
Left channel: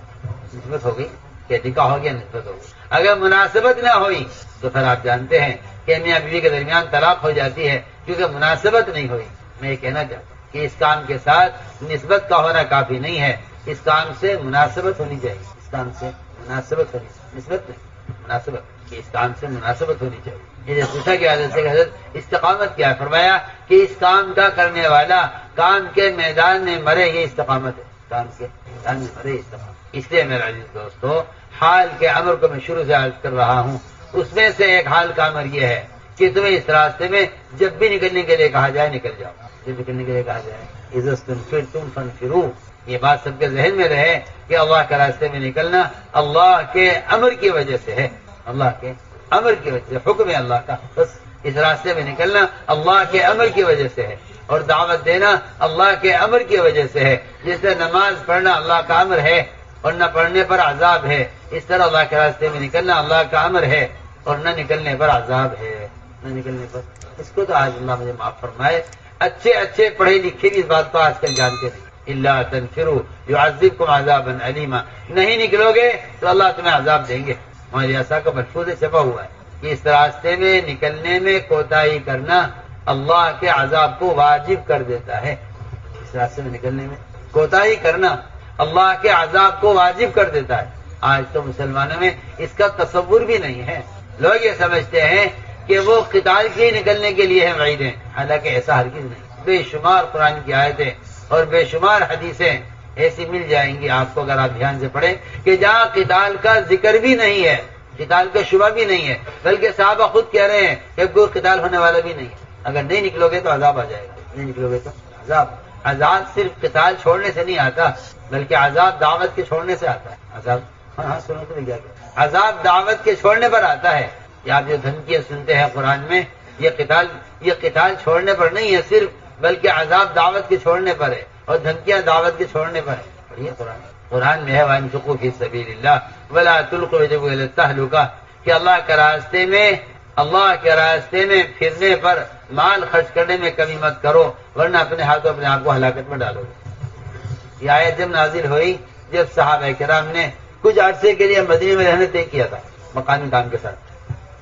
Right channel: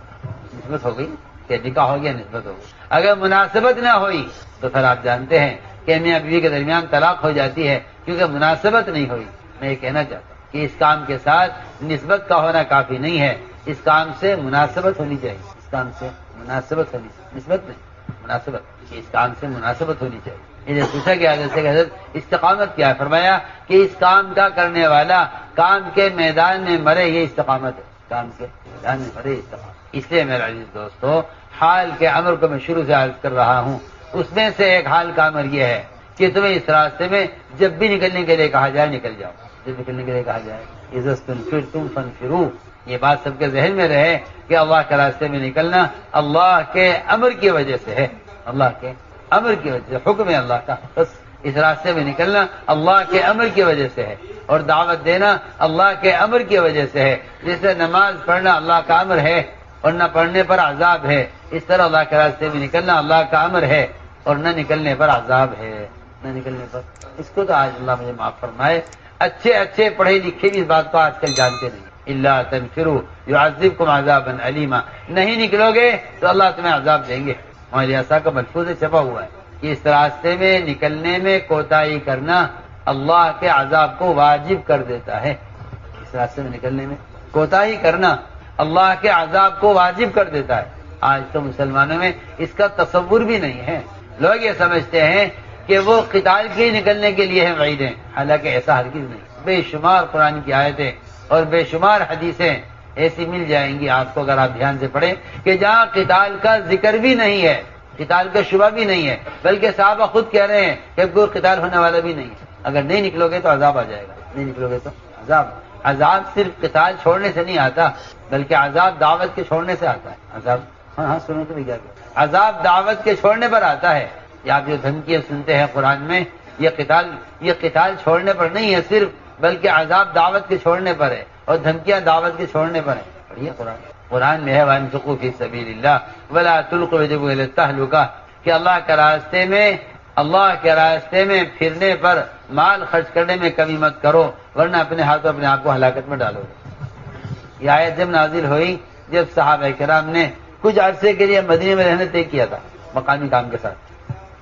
نسبت ہو گئی کہ نکاح ہو گیا نسبت ہو گئی. اگر مناسبت نہ ہوئی تو پھر آپ جانتے ہیں کہ میاں بیوی کے درمیان طلاق ہو جاتی ہے کیونکہ مناسبت نہیں ہوئی. میں یہ کہنا چاہتا ہوں کہ اس کام کے ساتھ نسبت کا ہونا کافی نہیں ہے. اس کام سے مناسبت ہونی چاہیے. اس کام سے مناسبت ہونی چاہیے, نسبت نہیں, مناسبت. اس کام سے مناسبت ہونی چاہیے. یہ پوچھا گیا حضرت سے حضرت استقامت کیا ہے, فرمایا کہ اس کام کا کرنے والا کام کے میدان میں مرے, یہ استقامت ہے. کام کے میدان میں مرے استقامت. اس لیے میرا عزیز دوستو, حال کے امر کو میں شروع سے عرض کر رہا ہوں. اس میں سے ایک حال کا امر یہ ہے کہ تمہیں اس راستے میں جب بھی نکلنے کے لیے کہا جائے نکل جاؤ. جب نکلنے کے لیے کہا جائے عزت تم فنفروا, یہ بات سب کے ذہن میں رہے کہ اللہ کے راستے میں نکلنا اللہ کے امر کی وجہ سے ہے. اللہ کے امر کی وجہ سے, حکم ہے اللہ کا. بس اس راستے میں نکلنا اللہ کے امر کی وجہ سے ہے, اور دعوت دینا اللہ کے امر کی وجہ سے ہے. جیسے نماز پڑھنا اللہ کا امر ہے اور نہ پڑھنے پر عذاب ہے, اس طرح اللہ کے راستے میں نکلنا اللہ کا امر ہے اور نہ نکلنے پر عذاب ہے. نہ نکلنے پر, اس کو تو آج اللہ مجھے معاف فرمائے, اچھے پڑھے لکھے بھی اس بات کو آج کل جانتے نہیں. الا تنفروا يعذبكم عذابا علیما, نہیں نکلو گے تو اللہ تمہیں عذاب دیں گے. ہمارے ایسا کا ملفوظ چھپا ہوا ہے کہ اس راستے میں نکلنے میں کوتاہی کرنا اللہ کے عذاب کو واجب کر دیتا ہے. اس راستے میں نکلنے میں کوتاہی کرنا اللہ کے عذاب کو واجب کر دیتا ہے. آج تو مسلمانوں میں اس کا تصور بھی نہیں ہے. لوگ یہ سمجھتے ہیں کہ وہ قتال کے نکلنے کے لیے ہیں وعیدیں, حالانکہ ایسا ہرگز نہیں. بے شمار قرآن کی آیتیں اور بے شمار حدیثیں ایسی مل جائیں گی آپ کو اگر آپ دھیان سے پڑھیں کہ جہاں قتال کا ذکر بھی نہیں ہے, قتال کا شبہ بھی نہیں ہے, بلکہ صحابہ خود کہہ رہے ہیں کہ کوئی قتال ہونے والا بھی نہیں ہے. اگر نہیں نکلو گے تو عذاب آ جائے گا, نہیں نکلو گے تو عذاب. عذاب صرف قتال چھوڑنے سے نہیں آتا, بلکہ عذاب دعوت کے چھوڑنے سے آتا ہے. عذاب ہاں سنو تو کیا, عذاب دعوت کے چھوڑنے پر آتا ہے. یا آپ جو دھمکیاں سنتے ہیں قرآن میں, یہ قتال چھوڑنے پر نہیں ہے صرف, بلکہ عذاب دعوت کے چھوڑنے پر ہے اور دھمکیاں دعوت کے چھوڑنے پر ہیں. پڑھیے قرآن میں ہے وَانفِقُوا فِي سَبِيلِ اللَّهِ وَلَا تُلْقُوا بِأَيْدِيكُمْ إِلَى التَّهْلُكَةِ, کہ اللہ کے راستے میں پھرنے پر مال خرچ کرنے میں کمی مت کرو, ورنہ اپنے ہاتھوں اپنے آپ کو ہلاکت میں ڈالو گے. یہ آیت جب نازل ہوئی جب صحابہ کرام نے کچھ عرصے کے لیے مدینے میں رہنے طے کیا تھا, مقامی کام کے ساتھ,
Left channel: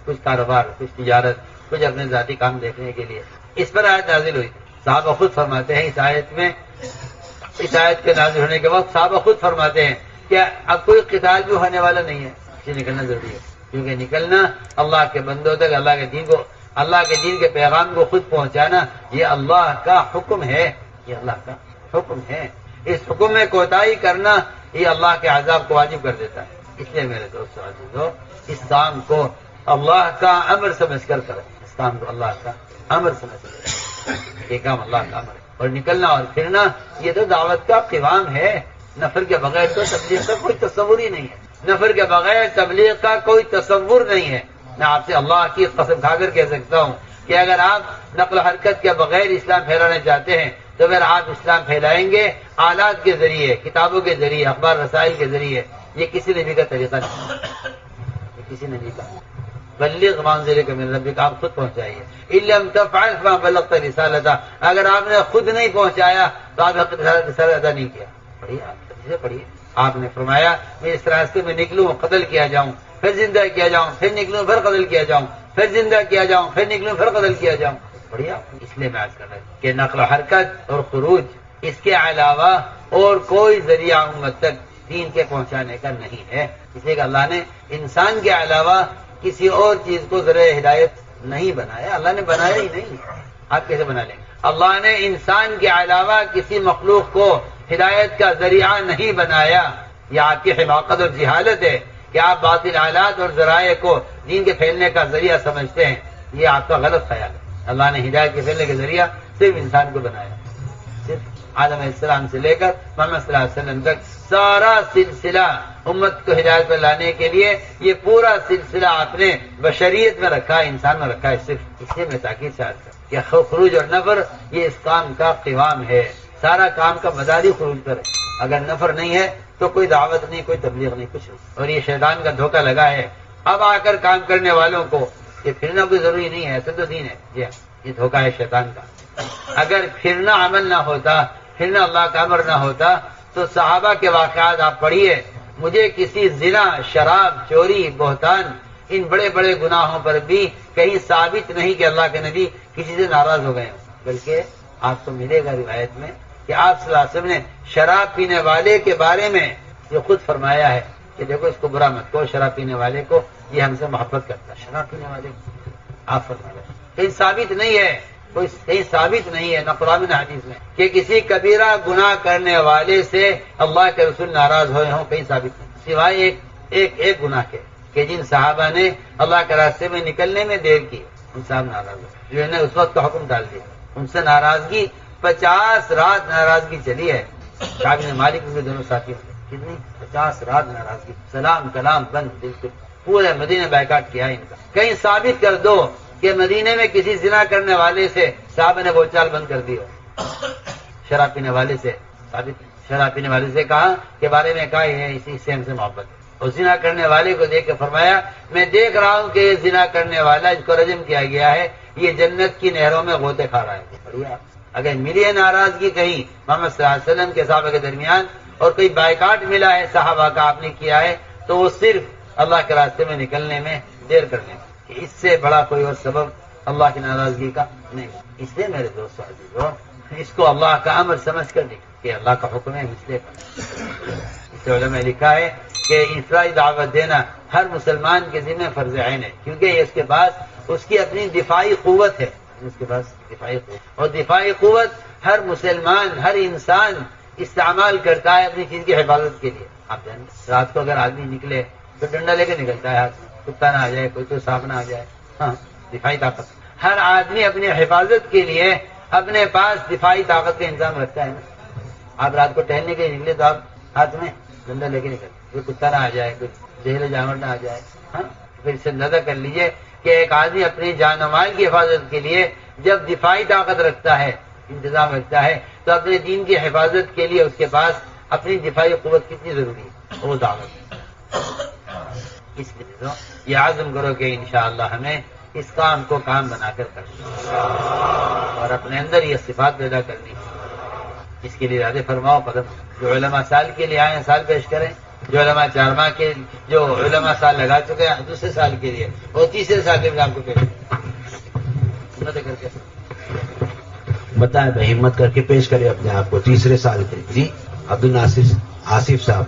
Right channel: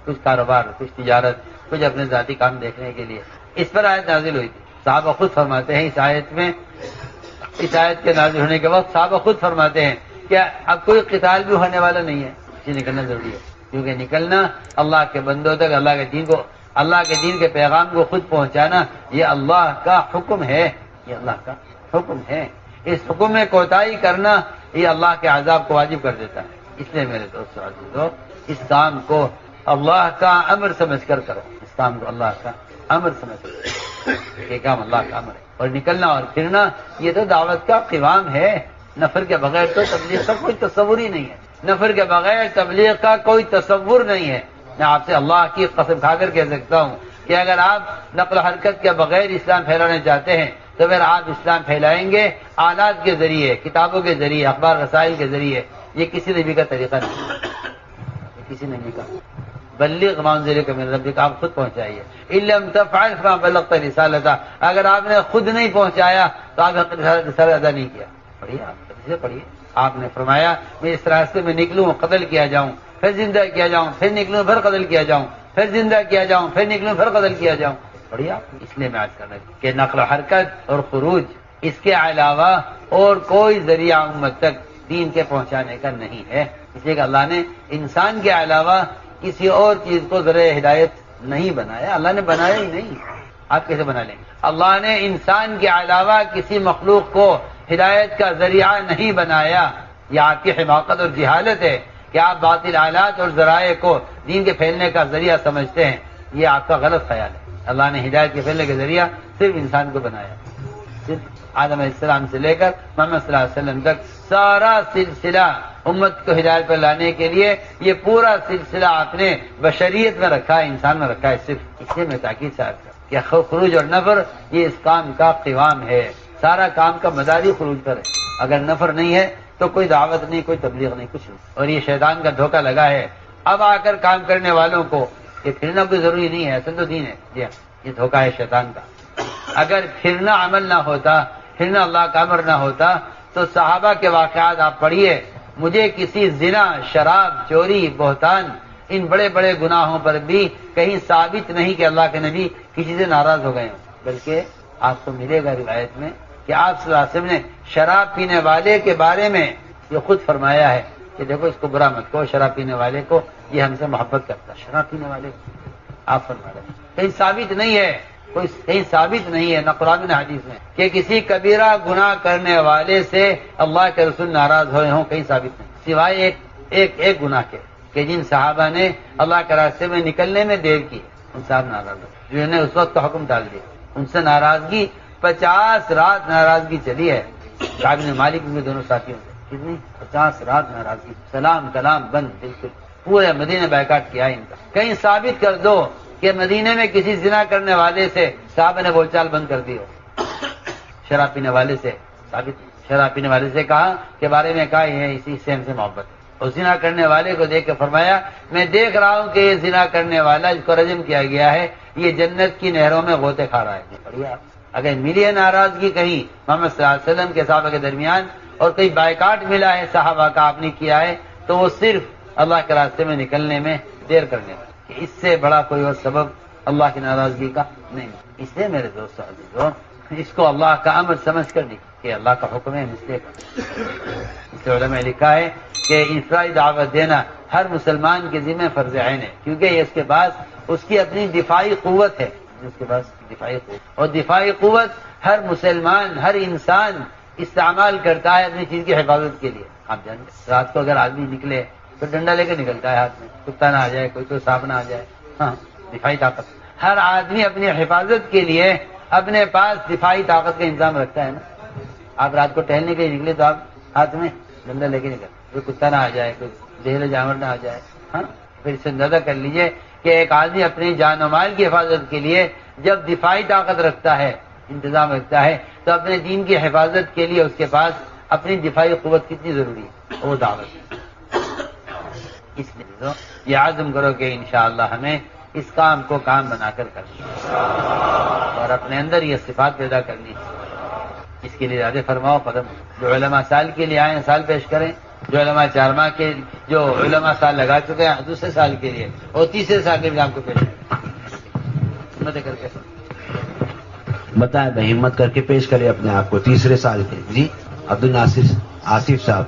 کچھ کاروبار, کچھ تجارت, کچھ اپنے ذاتی کام دیکھنے کے لیے, اس پر آیت نازل ہوئی تھی. صحابہ خود فرماتے ہیں اس آیت کے نازل ہونے کے وقت صحابہ خود فرماتے ہیں کہ اب کوئی قتال بھی ہونے والا نہیں ہے, اسے نکلنا ضروری ہے, کیونکہ نکلنا اللہ کے بندوں تک اللہ کے دین کے پیغام کو خود پہنچانا یہ اللہ کا حکم ہے. یہ اللہ کا حکم ہے. اس حکم میں کوتاہی کرنا یہ اللہ کے عذاب کو واجب کر دیتا ہے. اس لیے میرے دوستو اس کام کو اللہ کا امر سمجھ کر کرو. اس کام کو اللہ کا امر سمجھ کر, یہ کام اللہ کا امر ہے. اور نکلنا اور پھرنا یہ تو دعوت کا قوام ہے. نفر کے بغیر تو تبلیغ کا کوئی تصور ہی نہیں ہے. نفر کے بغیر تبلیغ کا کوئی تصور نہیں ہے. میں آپ سے اللہ کی قسم کھا کر کہہ سکتا ہوں کہ اگر آپ نقل و حرکت کے بغیر اسلام پھیلانا چاہتے ہیں تو اگر آپ اسلام پھیلائیں گے آلات کے ذریعے, کتابوں کے ذریعے, اخبار رسائل کے ذریعے, یہ کسی نبی کا طریقہ نہیں, یہ کسی نبی کا. بلغ ما انزل الیک من ربک, آپ خود پہنچائیے. ان لم تفعل فما بلغت رسالتہ, اگر آپ نے خود نہیں پہنچایا تو آپ نے رسالت ادا نہیں کیا. پڑھیے آپ نے فرمایا میں اس راستے میں نکلوں قتل کیا جاؤں, پھر زندہ کیا جاؤں, پھر نکلوں پھر قتل کیا جاؤں, پھر زندہ کیا جاؤں, پھر نکلوں پھر قتل کیا جاؤں. بڑھیا. اس لیے میں آج کر رہا ہوں کہ نقل و حرکت اور خروج اس کے علاوہ اور کوئی ذریعہ امت تک دین کے پہنچانے کا نہیں ہے. اس لیے کہ اللہ نے انسان کے علاوہ کسی اور چیز کو ذریعہ ہدایت نہیں بنایا. اللہ نے بنایا ہی نہیں. آپ کیسے بنا لیں گے؟ اللہ نے انسان کے علاوہ کسی مخلوق کو ہدایت کا ذریعہ نہیں بنایا. یہ آپ کی حماقت اور جہالت ہے کہ آپ باطل آلات اور ذرائع کو دین کے پھیلنے کا ذریعہ سمجھتے ہیں. یہ آپ کا غلط خیال ہے. اللہ نے ہدایت کے پھیلنے کا ذریعہ صرف انسان کو بنایا. صرف آدم علیہ السلام سے لے کر محمد صلی اللہ علیہ وسلم تک سارا سلسلہ امت کو ہدایت پر لانے کے لیے یہ پورا سلسلہ آپ نے بشریت میں رکھا ہے, انسان میں رکھا ہے. صرف اس لیے میں تاکید سے عرض کرتا کہ خروج اور نفر یہ اس کام کا قوام ہے. سارا کام کا مداری خروج پر ہے. اگر نفر نہیں ہے تو کوئی دعوت نہیں, کوئی تبلیغ نہیں, کچھ نہیں. اور یہ شیطان کا دھوکہ لگا ہے اب آ کر کام کرنے والوں کو کہ پھرنا کوئی ضروری نہیں ہے, ایسا تو دین ہے. جی یہ دھوکہ ہے شیطان کا. اگر پھرنا عمل نہ ہوتا, پھرنا اللہ کا امر نہ ہوتا تو صحابہ کے واقعات آپ پڑھیے, مجھے کسی زنا، شراب، چوری، بہتان، ان بڑے بڑے گناہوں پر بھی کہیں ثابت نہیں کہ اللہ کے نبی کسی سے ناراض ہو گئے ہوں، بلکہ آپ کو ملے گا روایت میں کہ آپ صلی اللہ علیہ وسلم نے شراب پینے والے کے بارے میں یہ خود فرمایا ہے کہ دیکھو اس کو برا مت کہو، شراب پینے والے کو، یہ ہم سے محبت کرتا ہے، شراب پینے والے کو آپ فرما رہے ہیں۔ کہیں ثابت نہیں ہے، کوئی کہیں ثابت نہیں ہے نہ قرآن نہ حدیث میں کہ کسی کبیرہ گناہ کرنے والے سے اللہ کے رسول ناراض ہوئے ہوں، کہیں ثابت نہیں، سوائے ایک گناہ کے کہ جن صحابہ نے اللہ کے راستے میں نکلنے میں دیر کی، ان صاحب ناراض ہوئے، جنہوں نے اس وقت کا حکم ڈال دیا، ان سے ناراضگی 50 رات ناراضگی چلی ہے۔ کعب بن مالک کے دونوں ساتھی تھے، کتنی 50 رات ناراضگی، سلام کلام بند، بالکل پورے مدینے بیکاٹ کیا ان کا۔ کہیں ثابت کر دو کہ مدینے میں کسی زنا کرنے والے سے صحابہ نے بول چال بند کر دی ہو، شراب پینے والے سے ثابت، شراب پینے والے سے کہا کے بارے میں کہا یہ اسی سے ہم سے محبت ہے، اور زنا کرنے والے کو دیکھ کے فرمایا میں دیکھ رہا ہوں کہ یہ زنا کرنے والا جس کو رجم کیا گیا ہے یہ جنت کی نہروں میں غوطے کھا رہا ہے۔ بڑھیا، اگر ملی ہے ناراضگی کہیں محمد صلی اللہ علیہ وسلم کے صحابہ کے درمیان اور کہیں بائیکاٹ ملا ہے صحابہ کا آپ نے کیا ہے تو وہ صرف اللہ کے راستے میں نکلنے میں دیر کرنے میں، کہ اس سے بڑا کوئی اور سبب اللہ کی ناراضگی کا نہیں۔ اس لیے میرے دوست عزیزوں اس کو اللہ کا امر سمجھ کر دی کہ اللہ کا حکم ہے مسئلے کا۔ اس علماء نے لکھا ہے کہ انفرادی دعوت دینا ہر مسلمان کے ذمہ فرض عین ہے، کیونکہ اس کے پاس اس کی اپنی دفاعی قوت ہے، اس کے پاس دفاعی قوت، اور دفاعی قوت ہر مسلمان، ہر انسان استعمال کرتا ہے اپنی چیز کی حفاظت کے لیے۔ آپ جانتے رات کو اگر آدمی نکلے تو ڈنڈا لے کے نکلتا ہے ہاتھ میں، کتا نہ آ جائے، کوئی سانپ نہ آ جائے، ہاں دفاعی طاقت۔ ہر آدمی اپنی حفاظت کے لیے اپنے پاس دفاعی طاقت کا انتظام رکھتا ہے نا۔ آپ رات کو ٹہلنے کے لیے نکلے تو آپ ہاتھ میں ڈنڈا لے کے نکلتے، کوئی کتا نہ آ جائے، کوئی زہریلا جانور نہ آ جائے، ہاں پھر سے اندازہ کر لیجئے کہ ایک آدمی اپنی جان و مال کی حفاظت کے لیے جب دفاعی طاقت رکھتا ہے، انتظام رکھتا ہے، تو اپنے دین کی حفاظت کے لیے اس کے پاس اپنی دفاعی قوت کتنی ضروری ہے، وہ دعوت۔ اس لیے یہ عزم کرو کہ انشاءاللہ ہمیں اس کام کو کام بنا کر کرنا اور اپنے اندر یہ صفات پیدا کرنی۔ اس کے لیے ارادے فرماؤ قدم، جو علماء سال کے لیے آئے ہیں سال پیش کریں، جو علماء 4 ماہ کے جو علماء سال لگا چکے ہیں دوسرے سال کے لیے اور تیسرے سال کے لیے آپ کو پیش کریں، ہمت کر کے بتائیں بھائی، ہمت کر کے پیش کرے اپنے آپ کو تیسرے سال کے لیے۔ جی عبدالناصر آصف صاحب،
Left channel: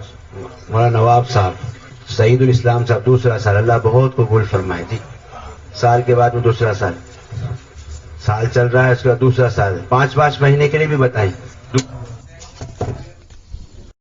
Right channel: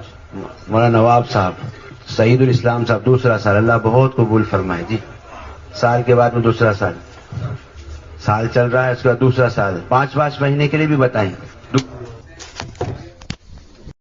مولانا نواب صاحب، سعید الاسلام صاحب دوسرا سال، اللہ بہت قبول فرمائے۔ جی سال کے بعد میں دوسرا سال چل رہا ہے، اس کا دوسرا سال 5 مہینے کے لیے بھی بتائیں۔